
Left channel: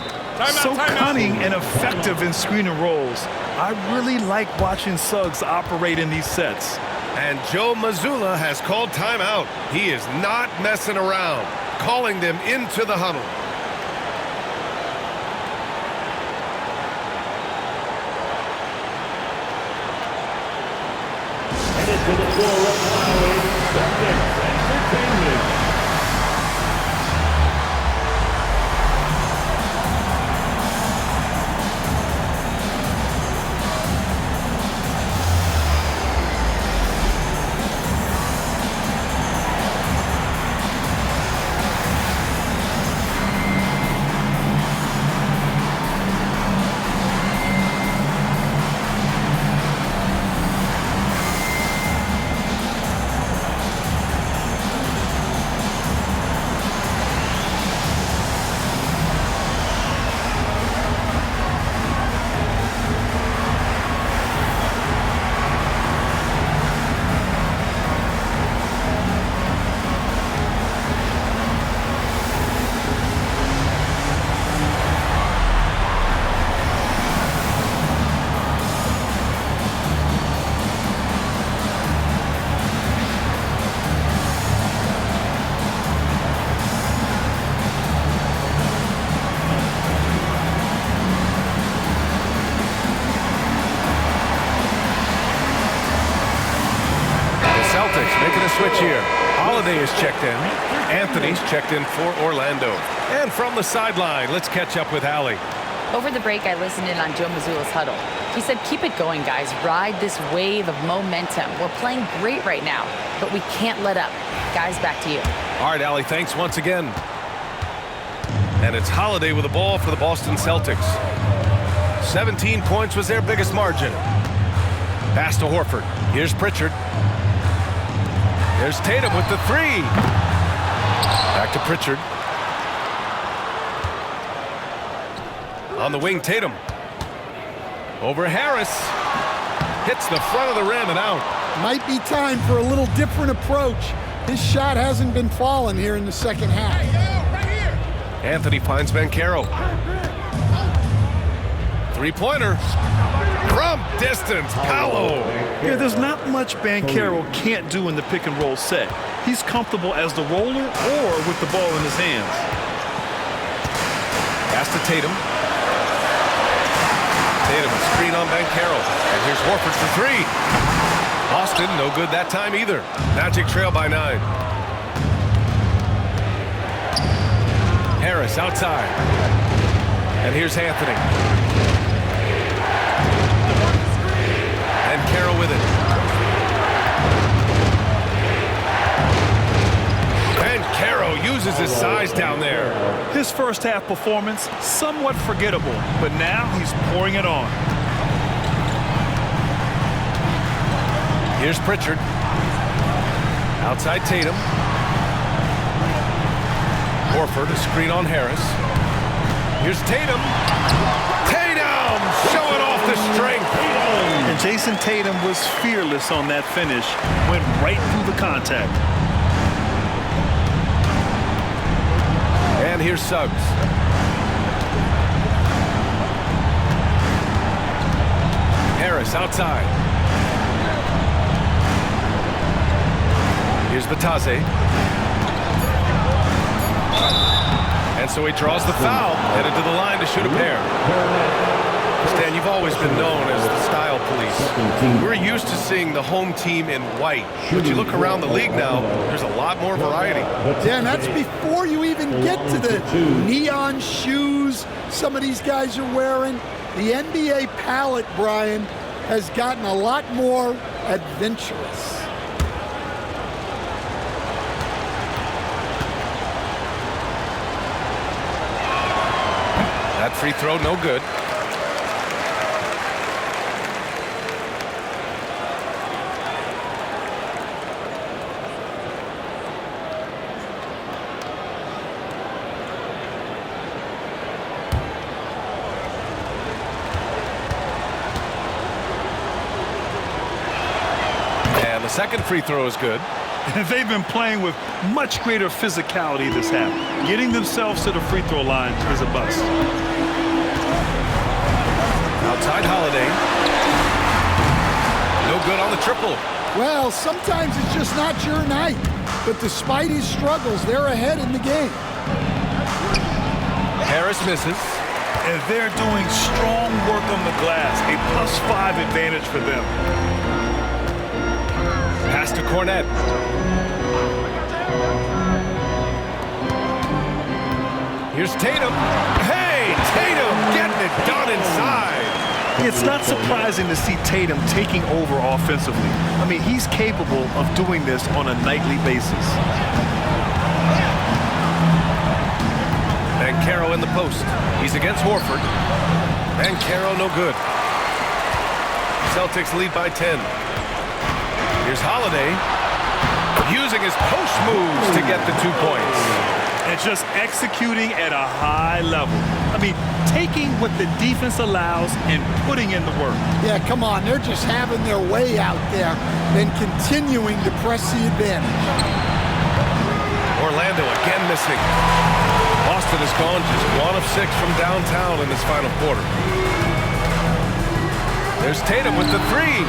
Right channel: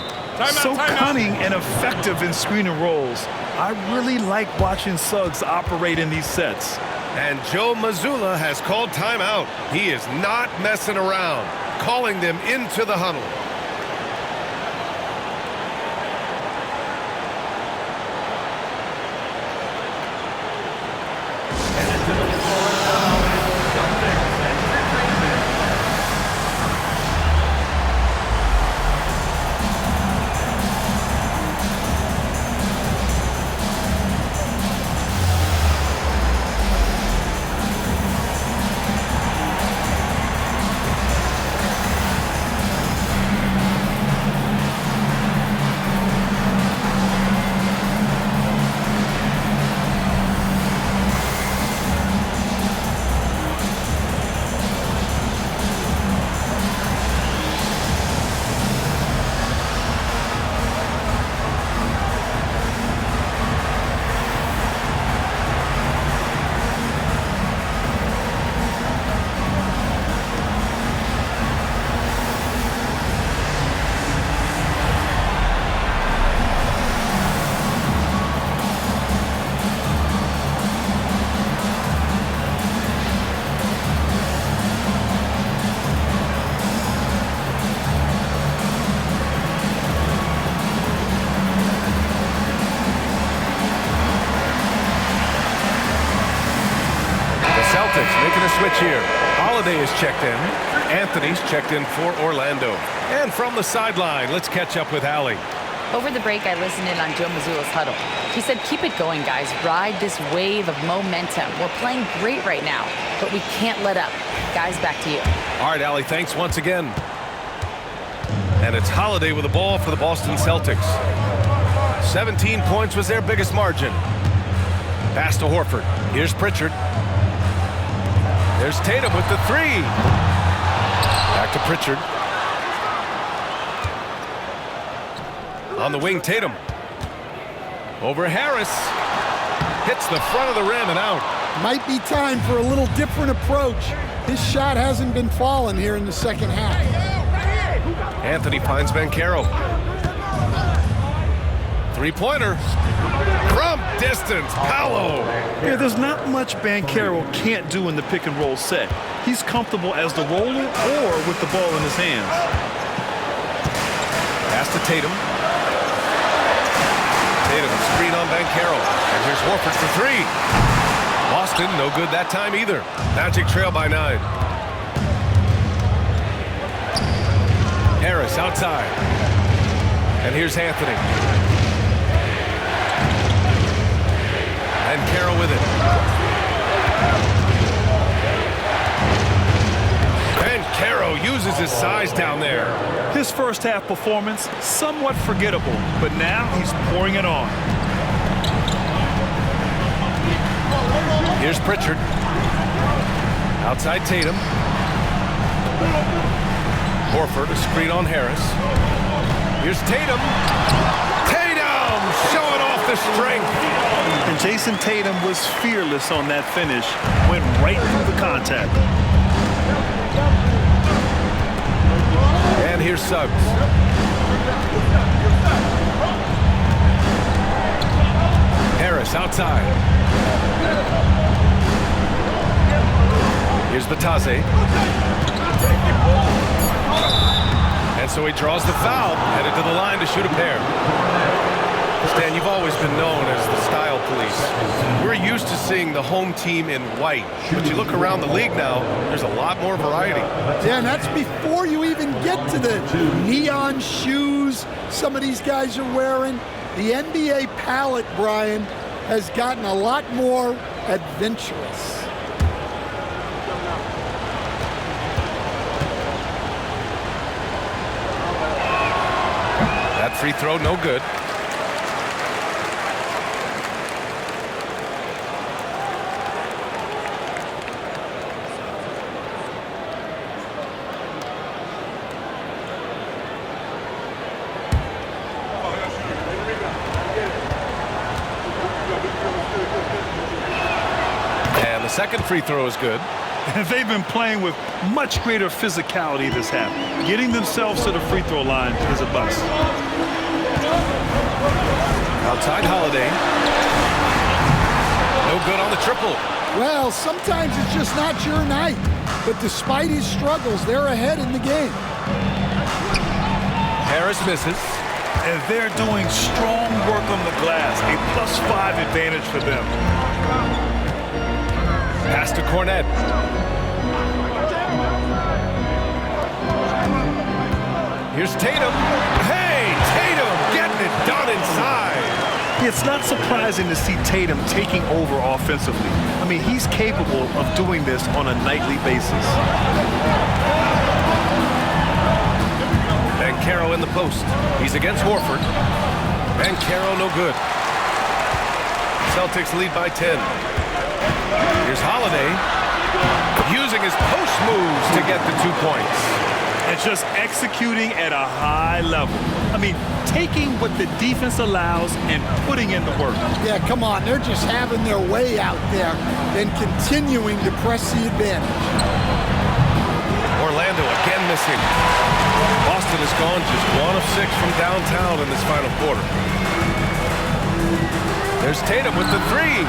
So cunning and effective in screen and rolls. I really like watching Suggs operate in these sets. And Joe Mazzulla has called timeout. He is not messing around, calling them into the huddle. Headed to the floor right now is Celtics Entertainment. Celtics making a switch here. Holiday is checked in. Anthony's checked in for Orlando. And from the sideline, let's catch up with Allie. Over the break, I listened in on Joe Mazzulla's huddle. He said, keep it going, guys. Ride this wave of momentum. We're playing great right now, but we can't let up. Guys, back to you. All right, Allie, thanks once again. And it's Holiday with the ball for the Boston Celtics. 17 points was their biggest margin. Pass to Horford. Here's Pritchard. There's Tatum with the three. Back to Pritchard. On the wing, Tatum. Over Harris. Hits the front of the rim and out. Might be time for a little different approach. His shot hasn't been falling here in the second half. Anthony finds Banchero. Three-pointer. From distance, Paolo. Yeah, there's not much Banchero can't do in the pick-and-roll set. He's comfortable as the roller or with the ball in his hands. Pass to Tatum. Tatum, screen on Banchero. And here's Horford for three. Boston, no good that time either. Magic trail by 9. Harris outside. And here's Anthony. And Banchero with it. Banchero uses his size down there. His first half performance, somewhat forgettable, but now he's pouring it on. Here's Pritchard. Outside Tatum. Horford, a screen on Harris. Here's Tatum. Tatum showing off the strength. And Jason Tatum was fearless on that finish. Went right through the contact. And here's Suggs. Harris outside. Here's Batase. And so he draws the foul, headed to the line to shoot a pair. Stan, you've always been known as the style police. We're used to seeing the home team in white, but you look around the league now, there's a lot more variety. Yeah, and that's before you even get to the neon shoes some of these guys are wearing. The NBA palette, Brian, has gotten a lot more adventurous. That free throw, no good. And the second free throw is good. They've been playing with much greater physicality this half. Getting themselves to the free throw line is a bust. Outside Holiday. No good on the triple. Well, sometimes it's just not your night. But despite his struggles, they're ahead in the game. Harris misses. And they're doing strong work on the glass. A +5 advantage for them. Pass to Cornette. Here's Tatum. Hey, Tatum getting it done inside. It's not surprising to see Tatum taking over offensively. I mean, he's capable of doing this on a nightly basis. Banchero in the post. He's against Horford. Banchero no good. Celtics lead by 10. Here's Holiday using his post moves to get the 2 points. And just executing at a high level. I mean, taking what the defense allows and putting in the work. Yeah, come on. They're just having their way out there and continuing to press the advantage. Orlando again missing. Boston has gone just 1 of 6 from downtown in this final quarter. There's Tatum with the three.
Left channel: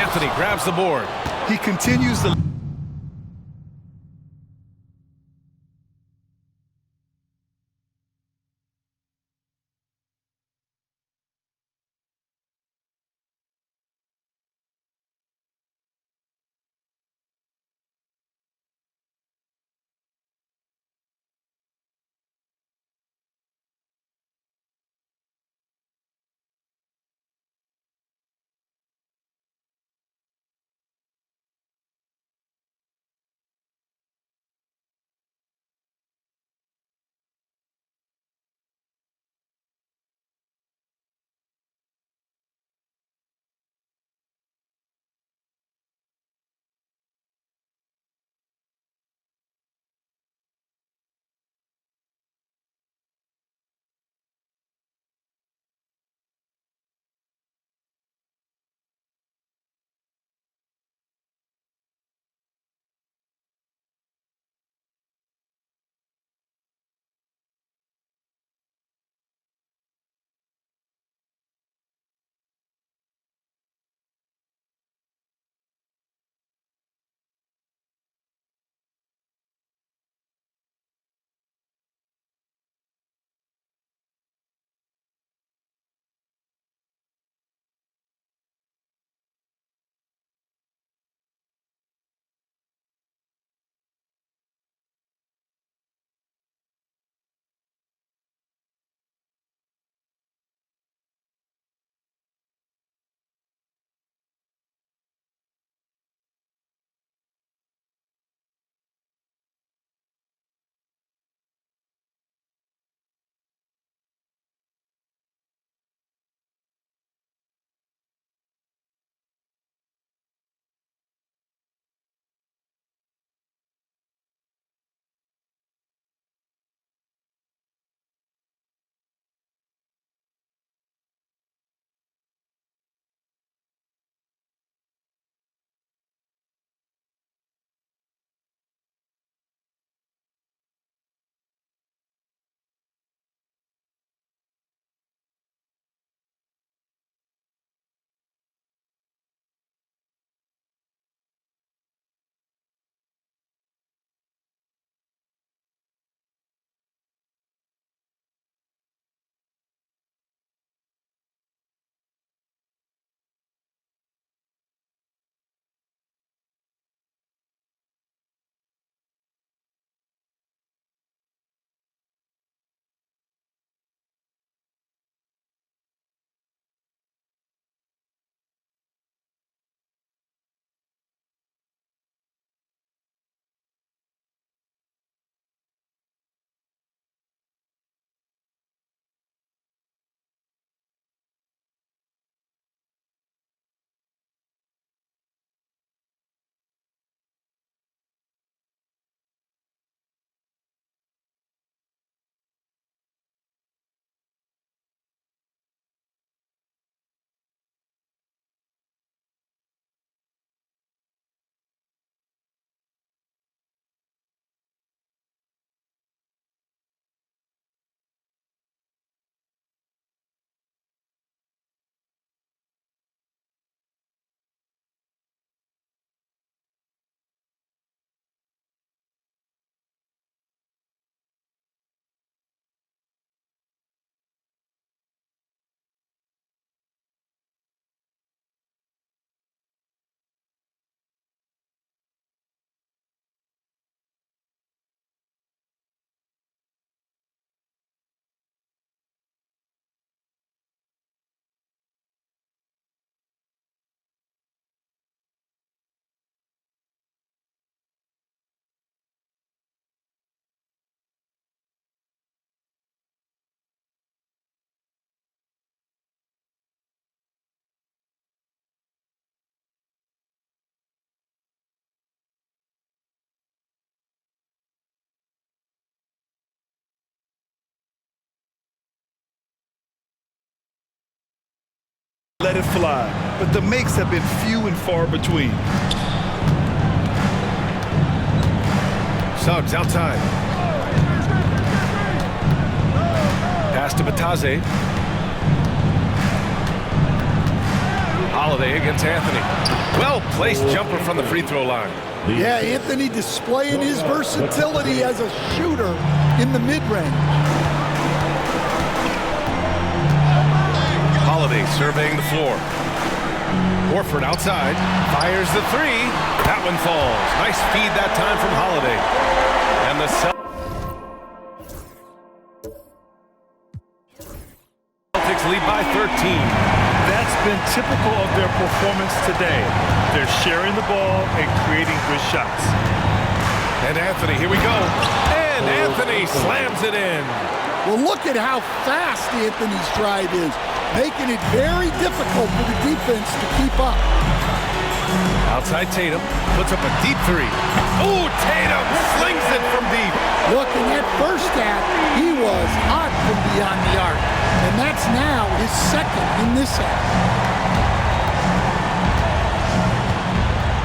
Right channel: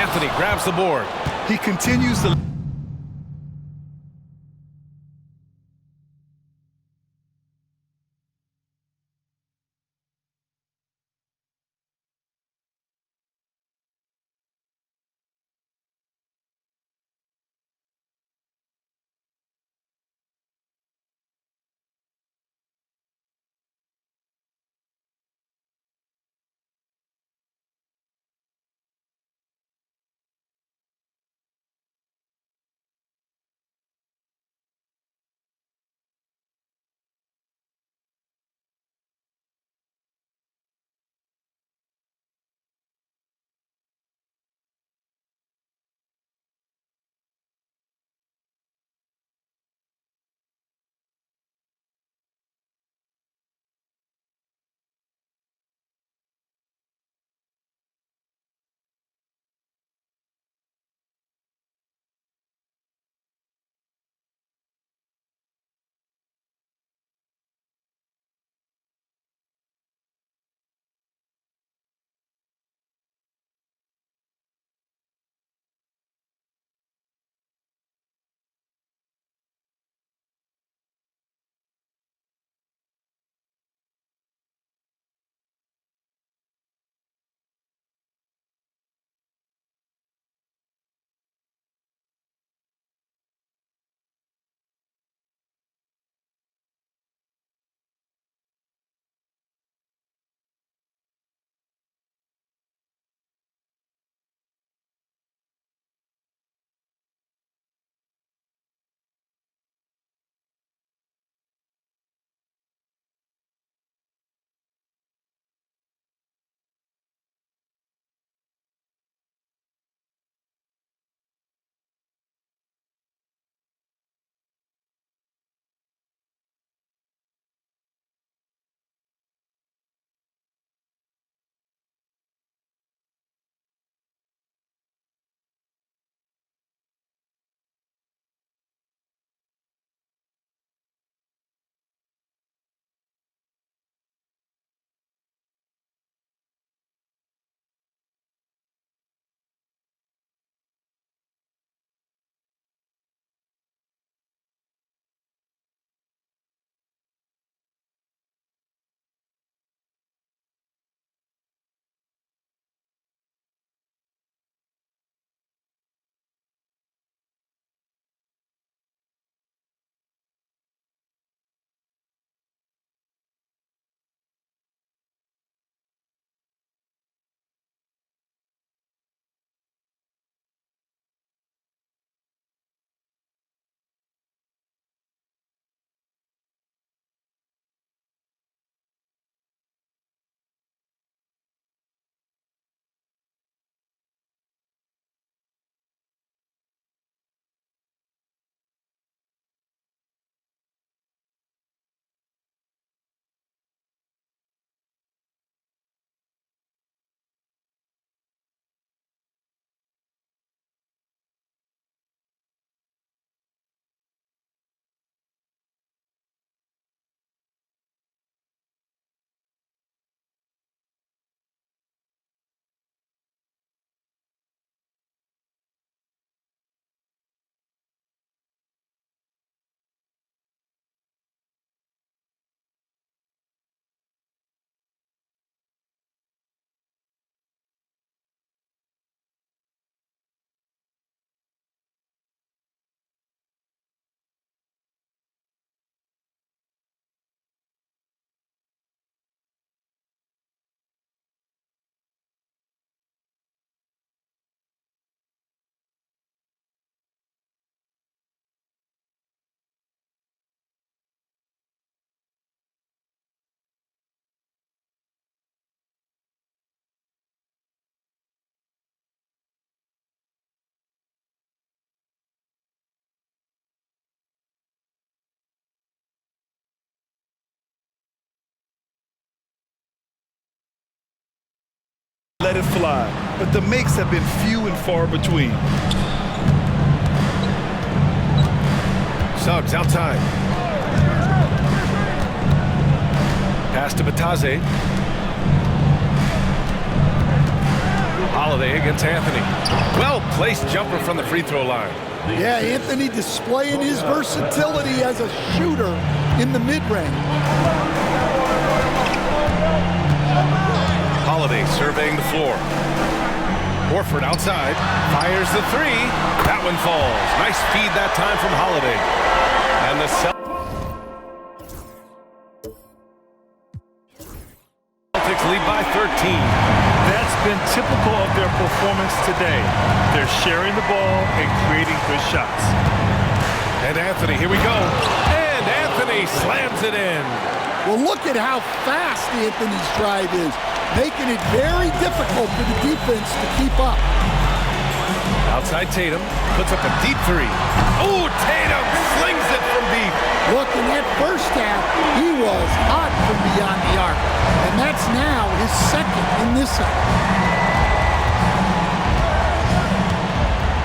Anthony grabs the board. He continues to let it fly, but the makes have been few and far between. Suggs outside. Pass to Batadze. Holiday against Anthony. Well-placed jumper from the free throw line. Yeah, Anthony displaying his versatility as a shooter in the mid-range. Holiday surveying the floor. Horford outside, fires the three. That one falls. Nice feed that time from Holiday. And the Celtics lead by 13. That's been typical of their performance today. They're sharing the ball and creating good shots. And Anthony, here we go. And Anthony slams it in. Well, look at how fast Anthony's drive is, making it very difficult for the defense to keep up. Outside Tatum, puts up a deep three. Oh, Tatum slings it from deep. Look, in that first half, he was hot from beyond the arc. And that's now his second in this half.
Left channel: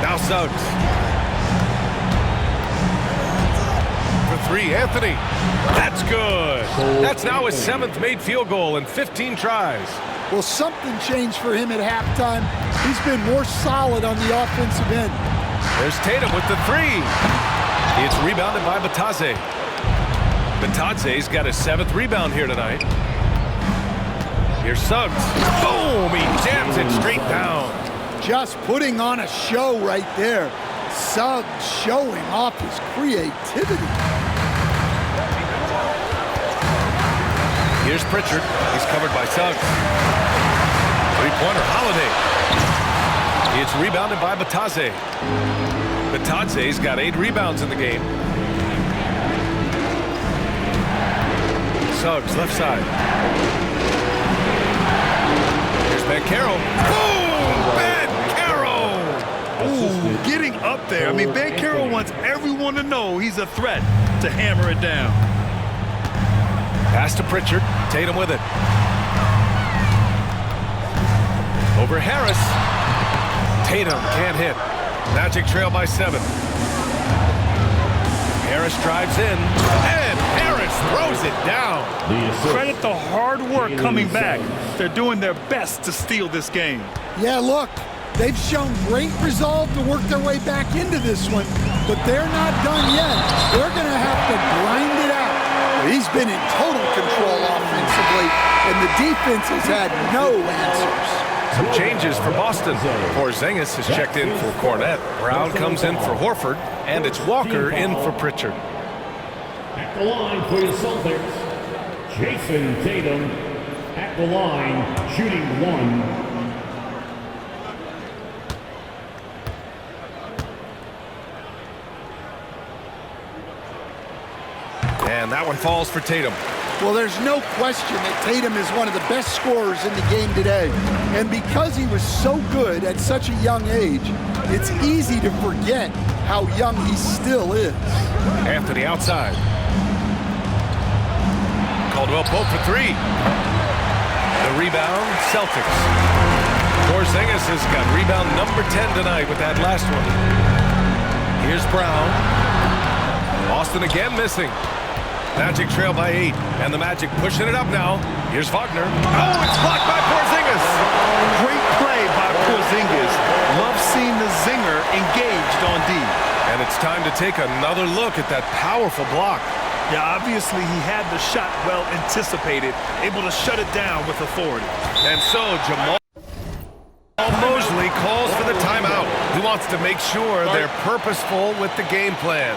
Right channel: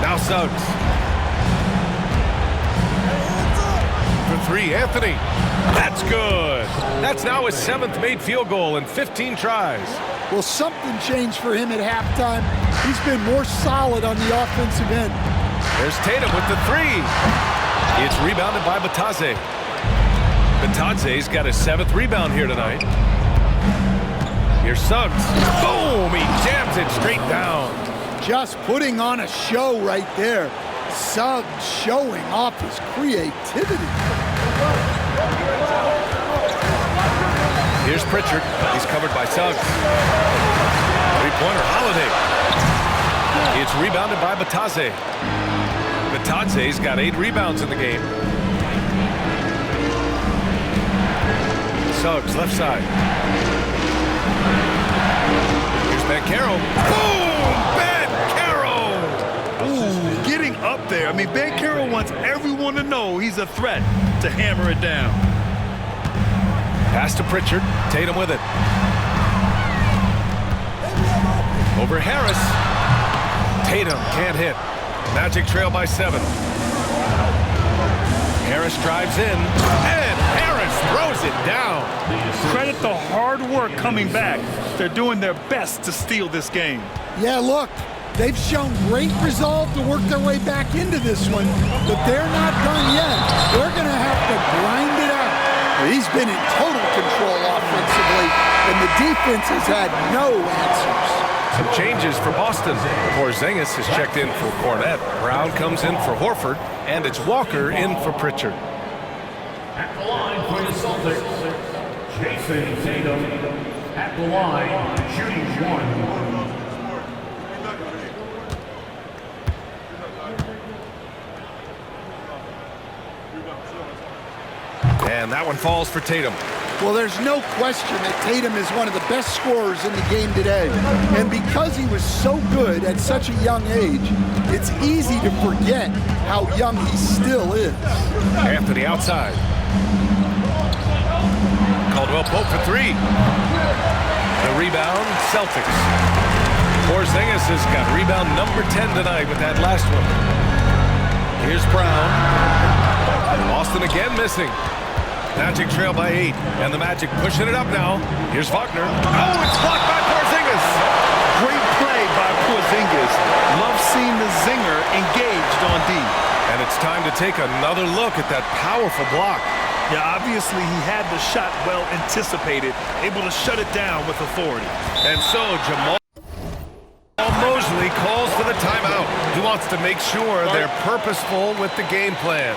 Now Suggs. For three, Anthony. That's good. That's now his 7th made field goal in 15 tries. Well, something changed for him at halftime. He's been more solid on the offensive end. There's Tatum with the three. It's rebounded by Batadze. Batadze's got his 7th rebound here tonight. Here's Suggs. Boom! He jams it straight down. Just putting on a show right there. Suggs showing off his creativity. Here's Pritchard. He's covered by Suggs. Three-pointer, Holiday. It's rebounded by Batadze. Batadze's got 8 rebounds in the game. Suggs, left side. Here's Banchero. Boom! Banchero! Ooh, getting up there. I mean, Banchero wants everyone to know he's a threat to hammer it down. Pass to Pritchard. Tatum with it. Over Harris. Tatum can't hit. Magic trail by 7. Harris drives in, and Harris throws it down. Credit the hard work coming back. They're doing their best to steal this game. Yeah, look, they've shown great resolve to work their way back into this one, but they're not done yet. They're going to have to grind it out. Well, he's been in total control offensively, and the defense has had no answers. Some changes for Boston. Porzingis has checked in for Cornette. Brown comes in for Horford, and it's Walker in for Pritchard. At the line for the Celtics, Jason Tatum. At the line, shooting 1. And that one falls for Tatum. Well, there's no question that Tatum is one of the best scorers in the game today. And because he was so good at such a young age, it's easy to forget how young he still is. Anthony outside. Caldwell Pope for 3. The rebound, Celtics. Porzingis has got rebound number 10 tonight with that last one. Here's Brown. Boston again missing. Magic trail by 8, and the Magic pushing it up now. Here's Wagner. Oh, it's blocked by Porzingis. Great play by Porzingis. Love seeing the zinger engaged on D. And it's time to take another look at that powerful block. Yeah, obviously he had the shot well anticipated, able to shut it down with authority. And so Jamal Mosley calls for the timeout. He wants to make sure they're purposeful with the game plan.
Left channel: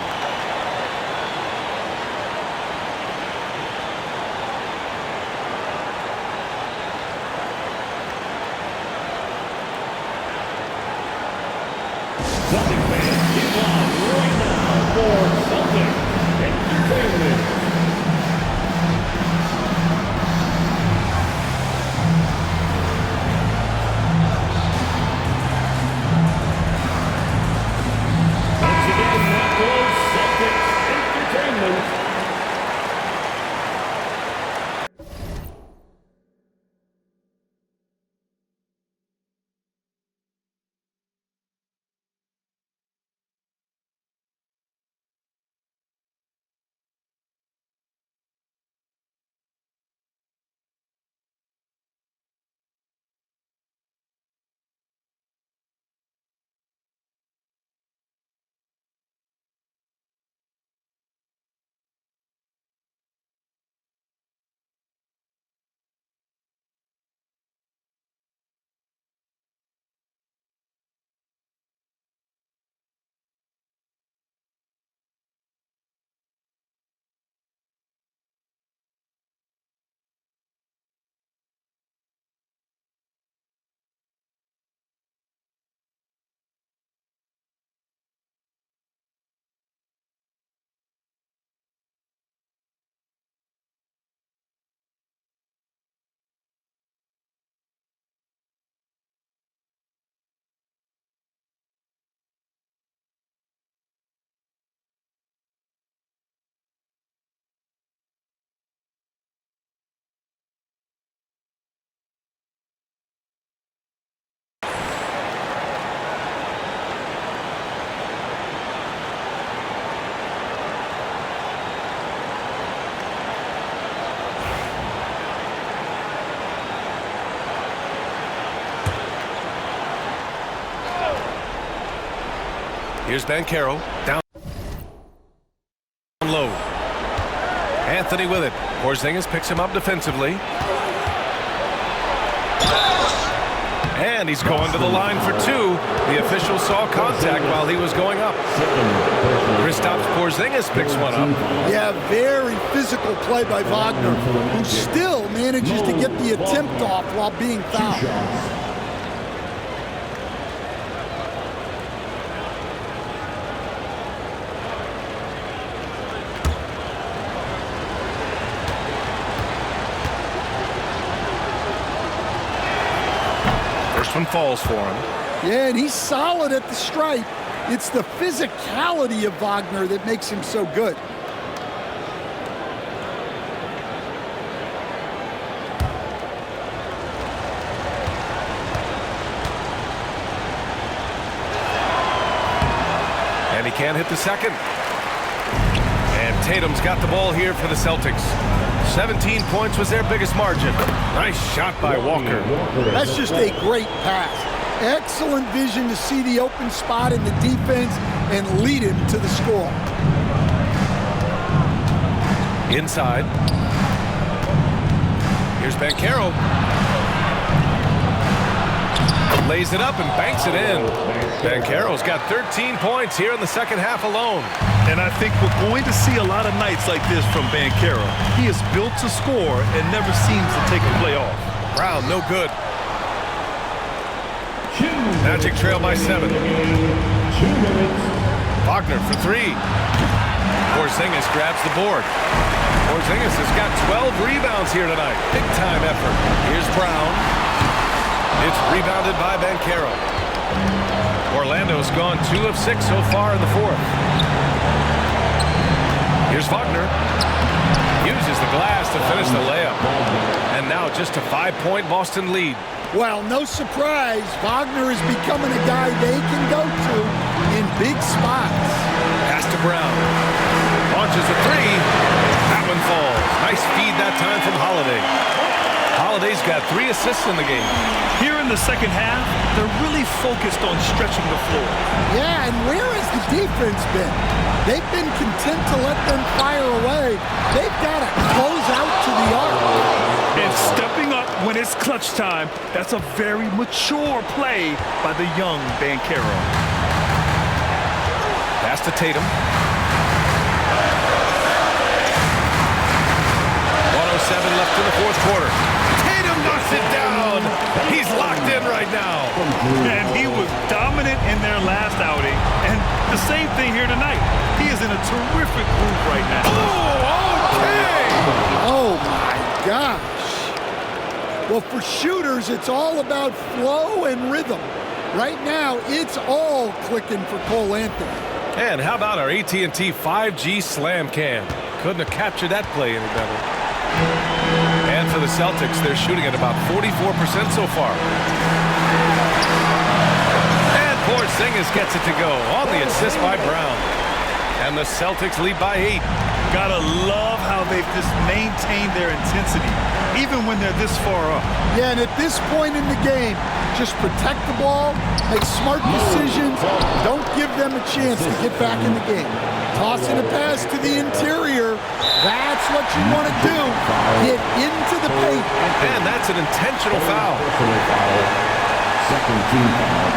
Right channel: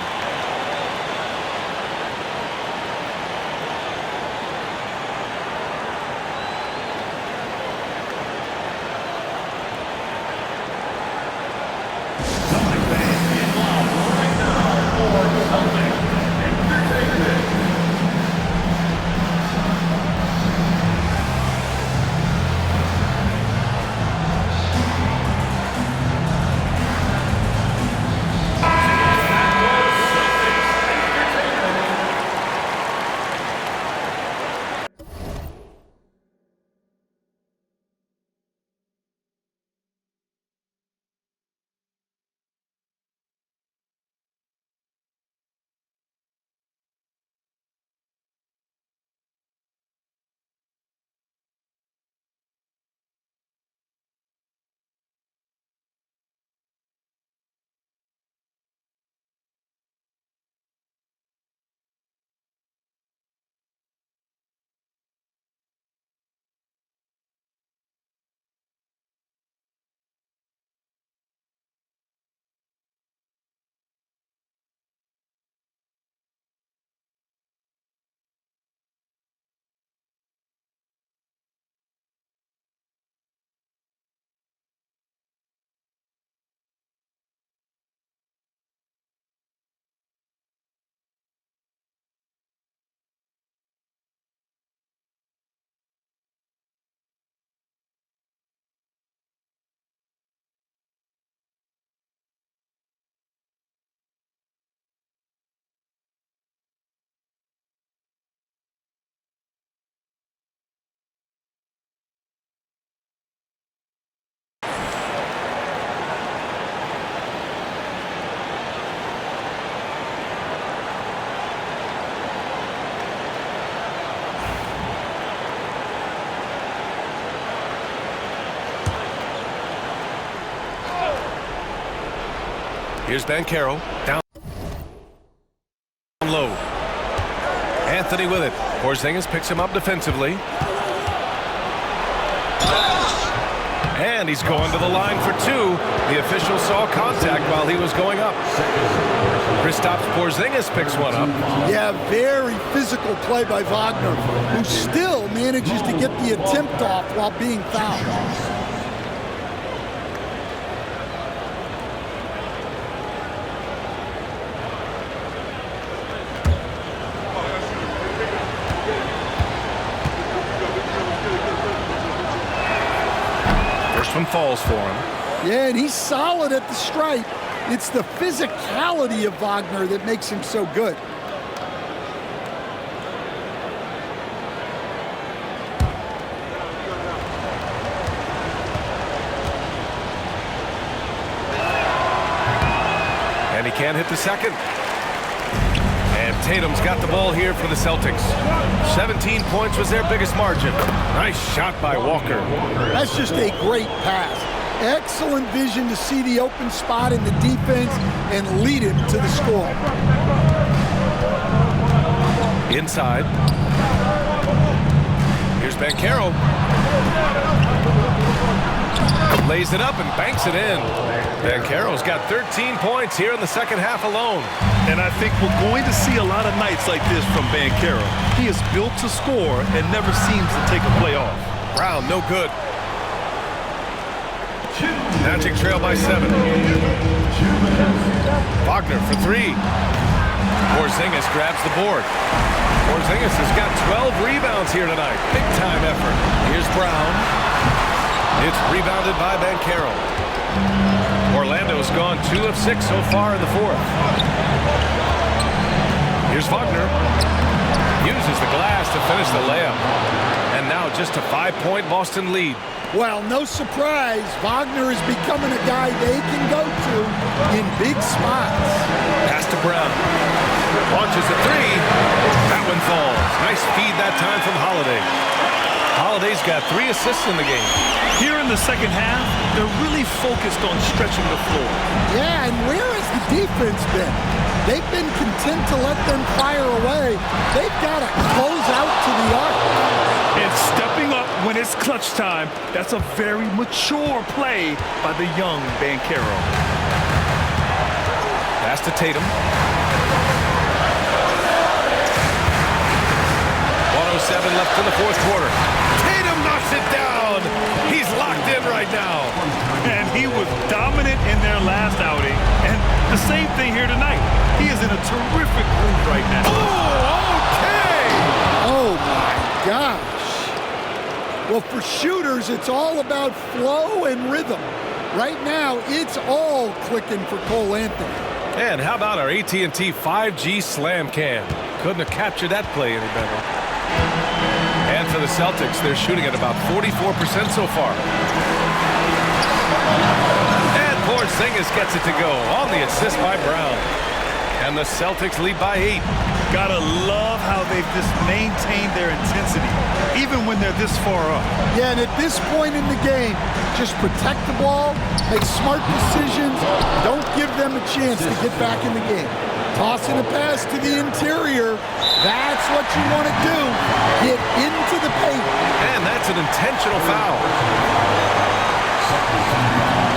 Here's Banchero. Down low. Anthony with it. Porzingis picks him up defensively. And he's going to the line for two. The official saw contact while he was going up. Kristaps Porzingis picks one up. Yeah, very physical play by Wagner, who still manages to get the attempt off while being fouled. First one falls for him. Yeah, and he's solid at the stripe. It's the physicality of Wagner that makes him so good. And he can't hit the second. And Tatum's got the ball here for the Celtics. 17 points was their biggest margin. Nice shot by Walker. That's just a great pass. Excellent vision to see the open spot in the defense and lead him to the score. Inside. Here's Banchero. Lays it up and banks it in. Banchero's got 13 points here in the second half alone. And I think we're going to see a lot of nights like this from Banchero. He is built to score and never seems to take a play off. Brown, no good. Magic trail by 7. Wagner for 3. Porzingis grabs the board. Porzingis has got 12 rebounds here tonight. Big time effort. Here's Brown. It's rebounded by Banchero. Orlando's gone 2 of 6 so far in the fourth. Here's Wagner. Uses the glass to finish the layup. And now just a 5-point Boston lead. Well, no surprise, Wagner is becoming a guy they can go to in big spots. Pass to Brown. Launches a 3. That one falls. Nice feed that time from Holiday. Holiday's got 3 assists in the game. Here in the second half, they're really focused on stretching the floor. Yeah, and where has the defense been? They've been content to let them fire away. They've got to close out to the arc. And stepping up when it's clutch time, that's a very mature play by the young Banchero. Pass to Tatum. 1:07 left in the fourth quarter. Tatum knocks it down. He's locked in right now. And he was dominant in their last outing. And the same thing here tonight. He is in a terrific groove right now. Oh, okay. Oh, my gosh. Well, for shooters, it's all about flow and rhythm. Right now, it's all clicking for Cole Anthony. And how about our AT&T 5G slam cam? Couldn't have captured that play any better. And for the Celtics, they're shooting at about 44% so far. And Porzingis gets it to go on the assist by Brown. And the Celtics lead by 8. Gotta love how they've just maintained their intensity, even when they're this far up. Yeah, and at this point in the game, just protect the ball, make smart decisions, don't give them a chance to get back in the game. Tossing a pass to the interior, that's what you want to do. Get into the paint. And that's an intentional foul. Second team foul.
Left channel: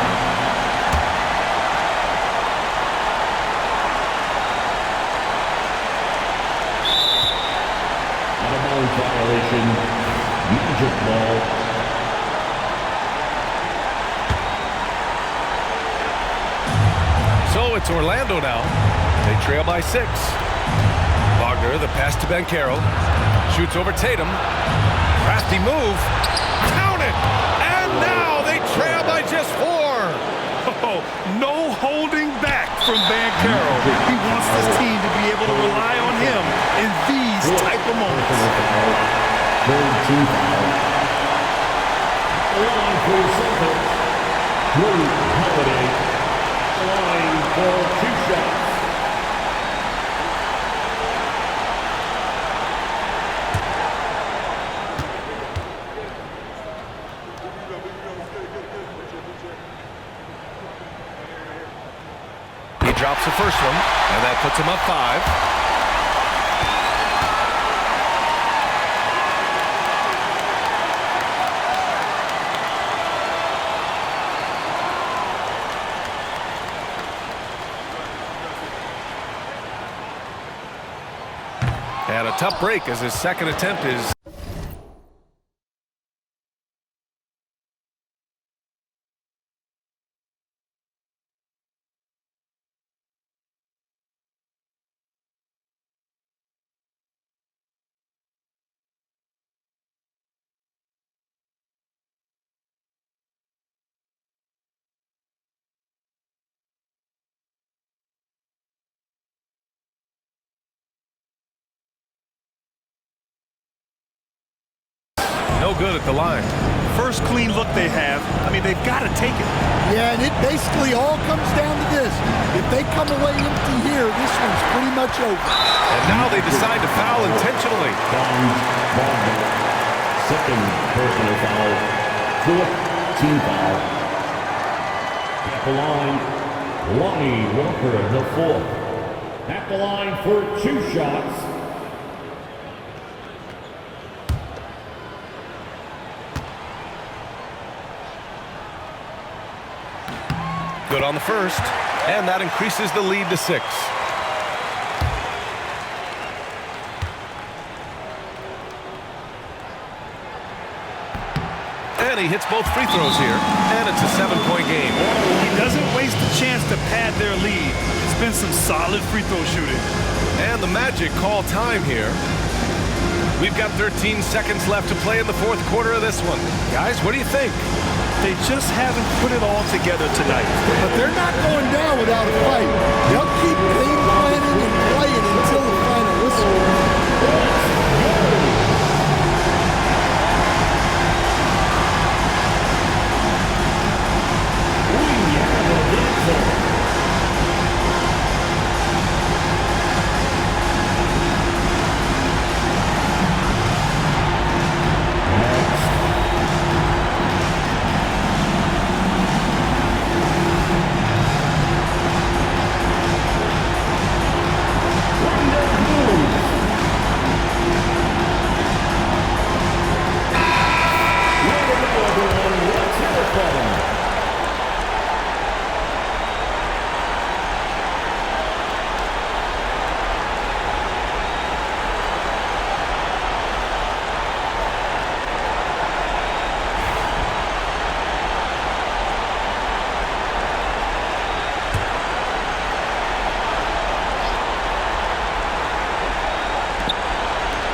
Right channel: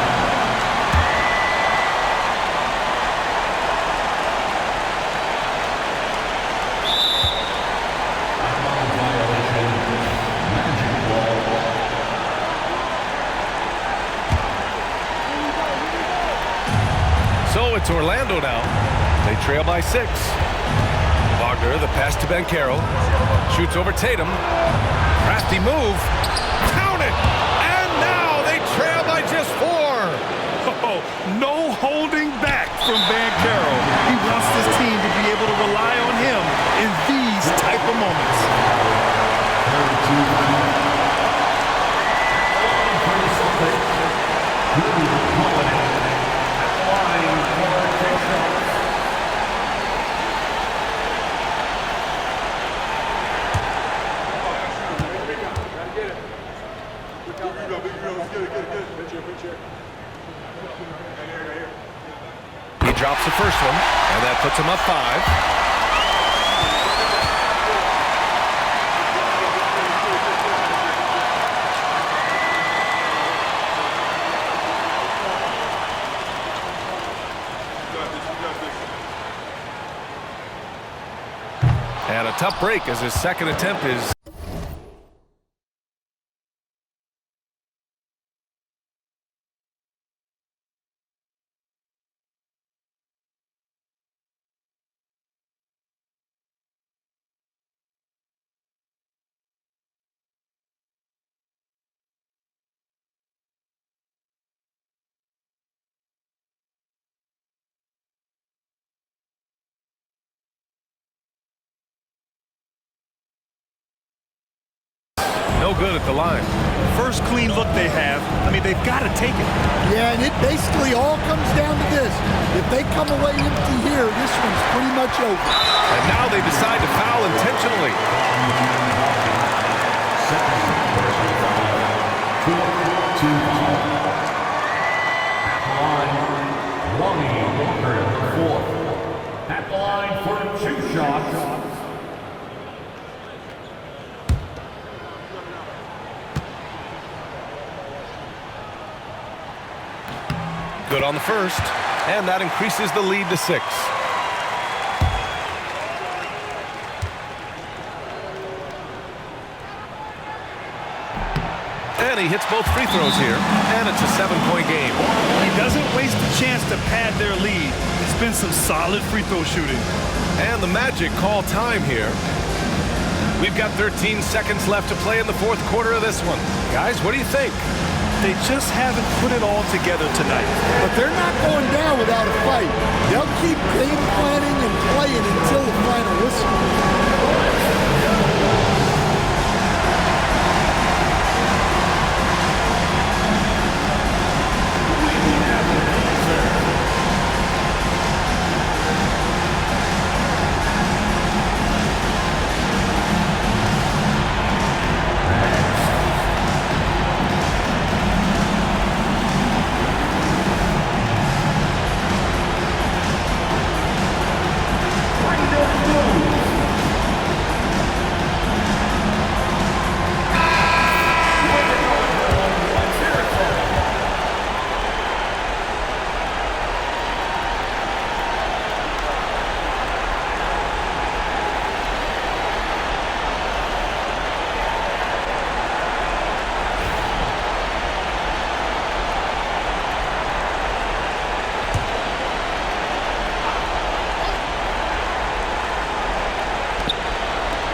Out-of-bounds violation. Magic ball. So it's Orlando now. They trail by 6. Wagner, the pass to Banchero. Shoots over Tatum. Crafty move. Count it! And now they trail by just 4. Oh, no holding back from Banchero. He wants this team to be able to rely on him in these type of moments. Third team foul. At the line for the Celtics, Drew Holiday. At the line for 2 shots. drops the first one, and that puts him up 5. And a tough break as his second attempt is... no good at the line. First clean look they have. I mean, they've got to take it. Yeah, and it basically all comes down to this. If they come away empty here, this one's pretty much over. And now they decide to foul intentionally. Second personal foul. Fourth team foul. At the line, Lonnie Walker, the fourth. At the line for 2 shots. Good on the first, and that increases the lead to 6. And he hits both free throws here, and it's a 7-point game. He doesn't waste a chance to pad their lead. It's been some solid free throw shooting. And the Magic call time here. We've got 13 seconds left to play in the fourth quarter of this one. Guys, what do you think? They just haven't put it all together tonight. But they're not going down without a fight. They'll keep game planning and playing until the final whistle.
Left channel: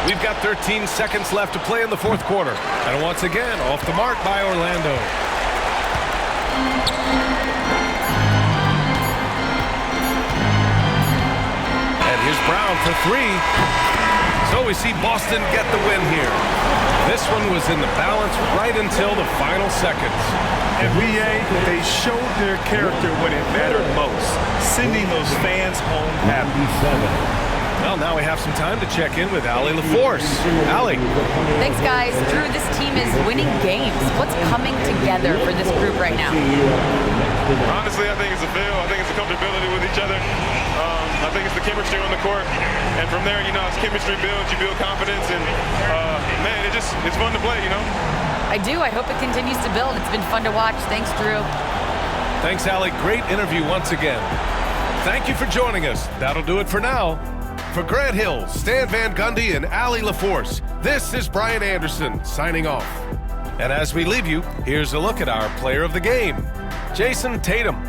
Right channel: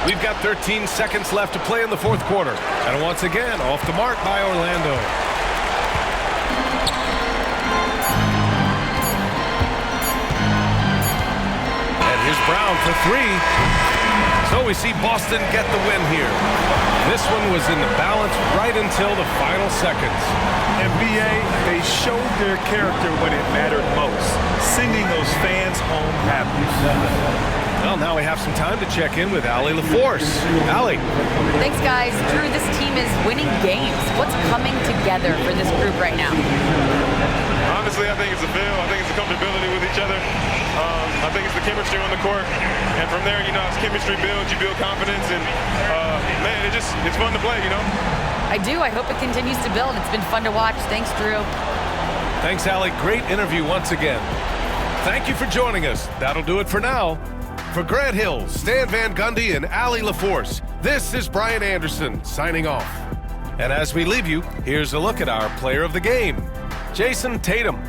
We've got 13 seconds left to play in the fourth quarter. And once again, off the mark by Orlando. And here's Brown for 3. So we see Boston get the win here. This one was in the balance right until the final seconds. NBA, they showed their character when it mattered most, sending those fans home happy. Well, now we have some time to check in with Allie LaForce. Allie. Thanks, guys. Drew, this team is winning games. What's coming together for this group right now? Honestly, I think it's a feel. I think it's the comfortability with each other. I think it's the chemistry on the court. And from there, as chemistry builds, you build confidence. And, man, it's fun to play, I do. I hope it continues to build. It's been fun to watch. Thanks, Drew. Thanks, Allie. Great interview once again. Thank you for joining us. That'll do it for now. For Grant Hill, Stan Van Gundy, and Allie LaForce, this is Brian Anderson signing off. And as we leave you, here's a look at our player of the game, Jason Tatum.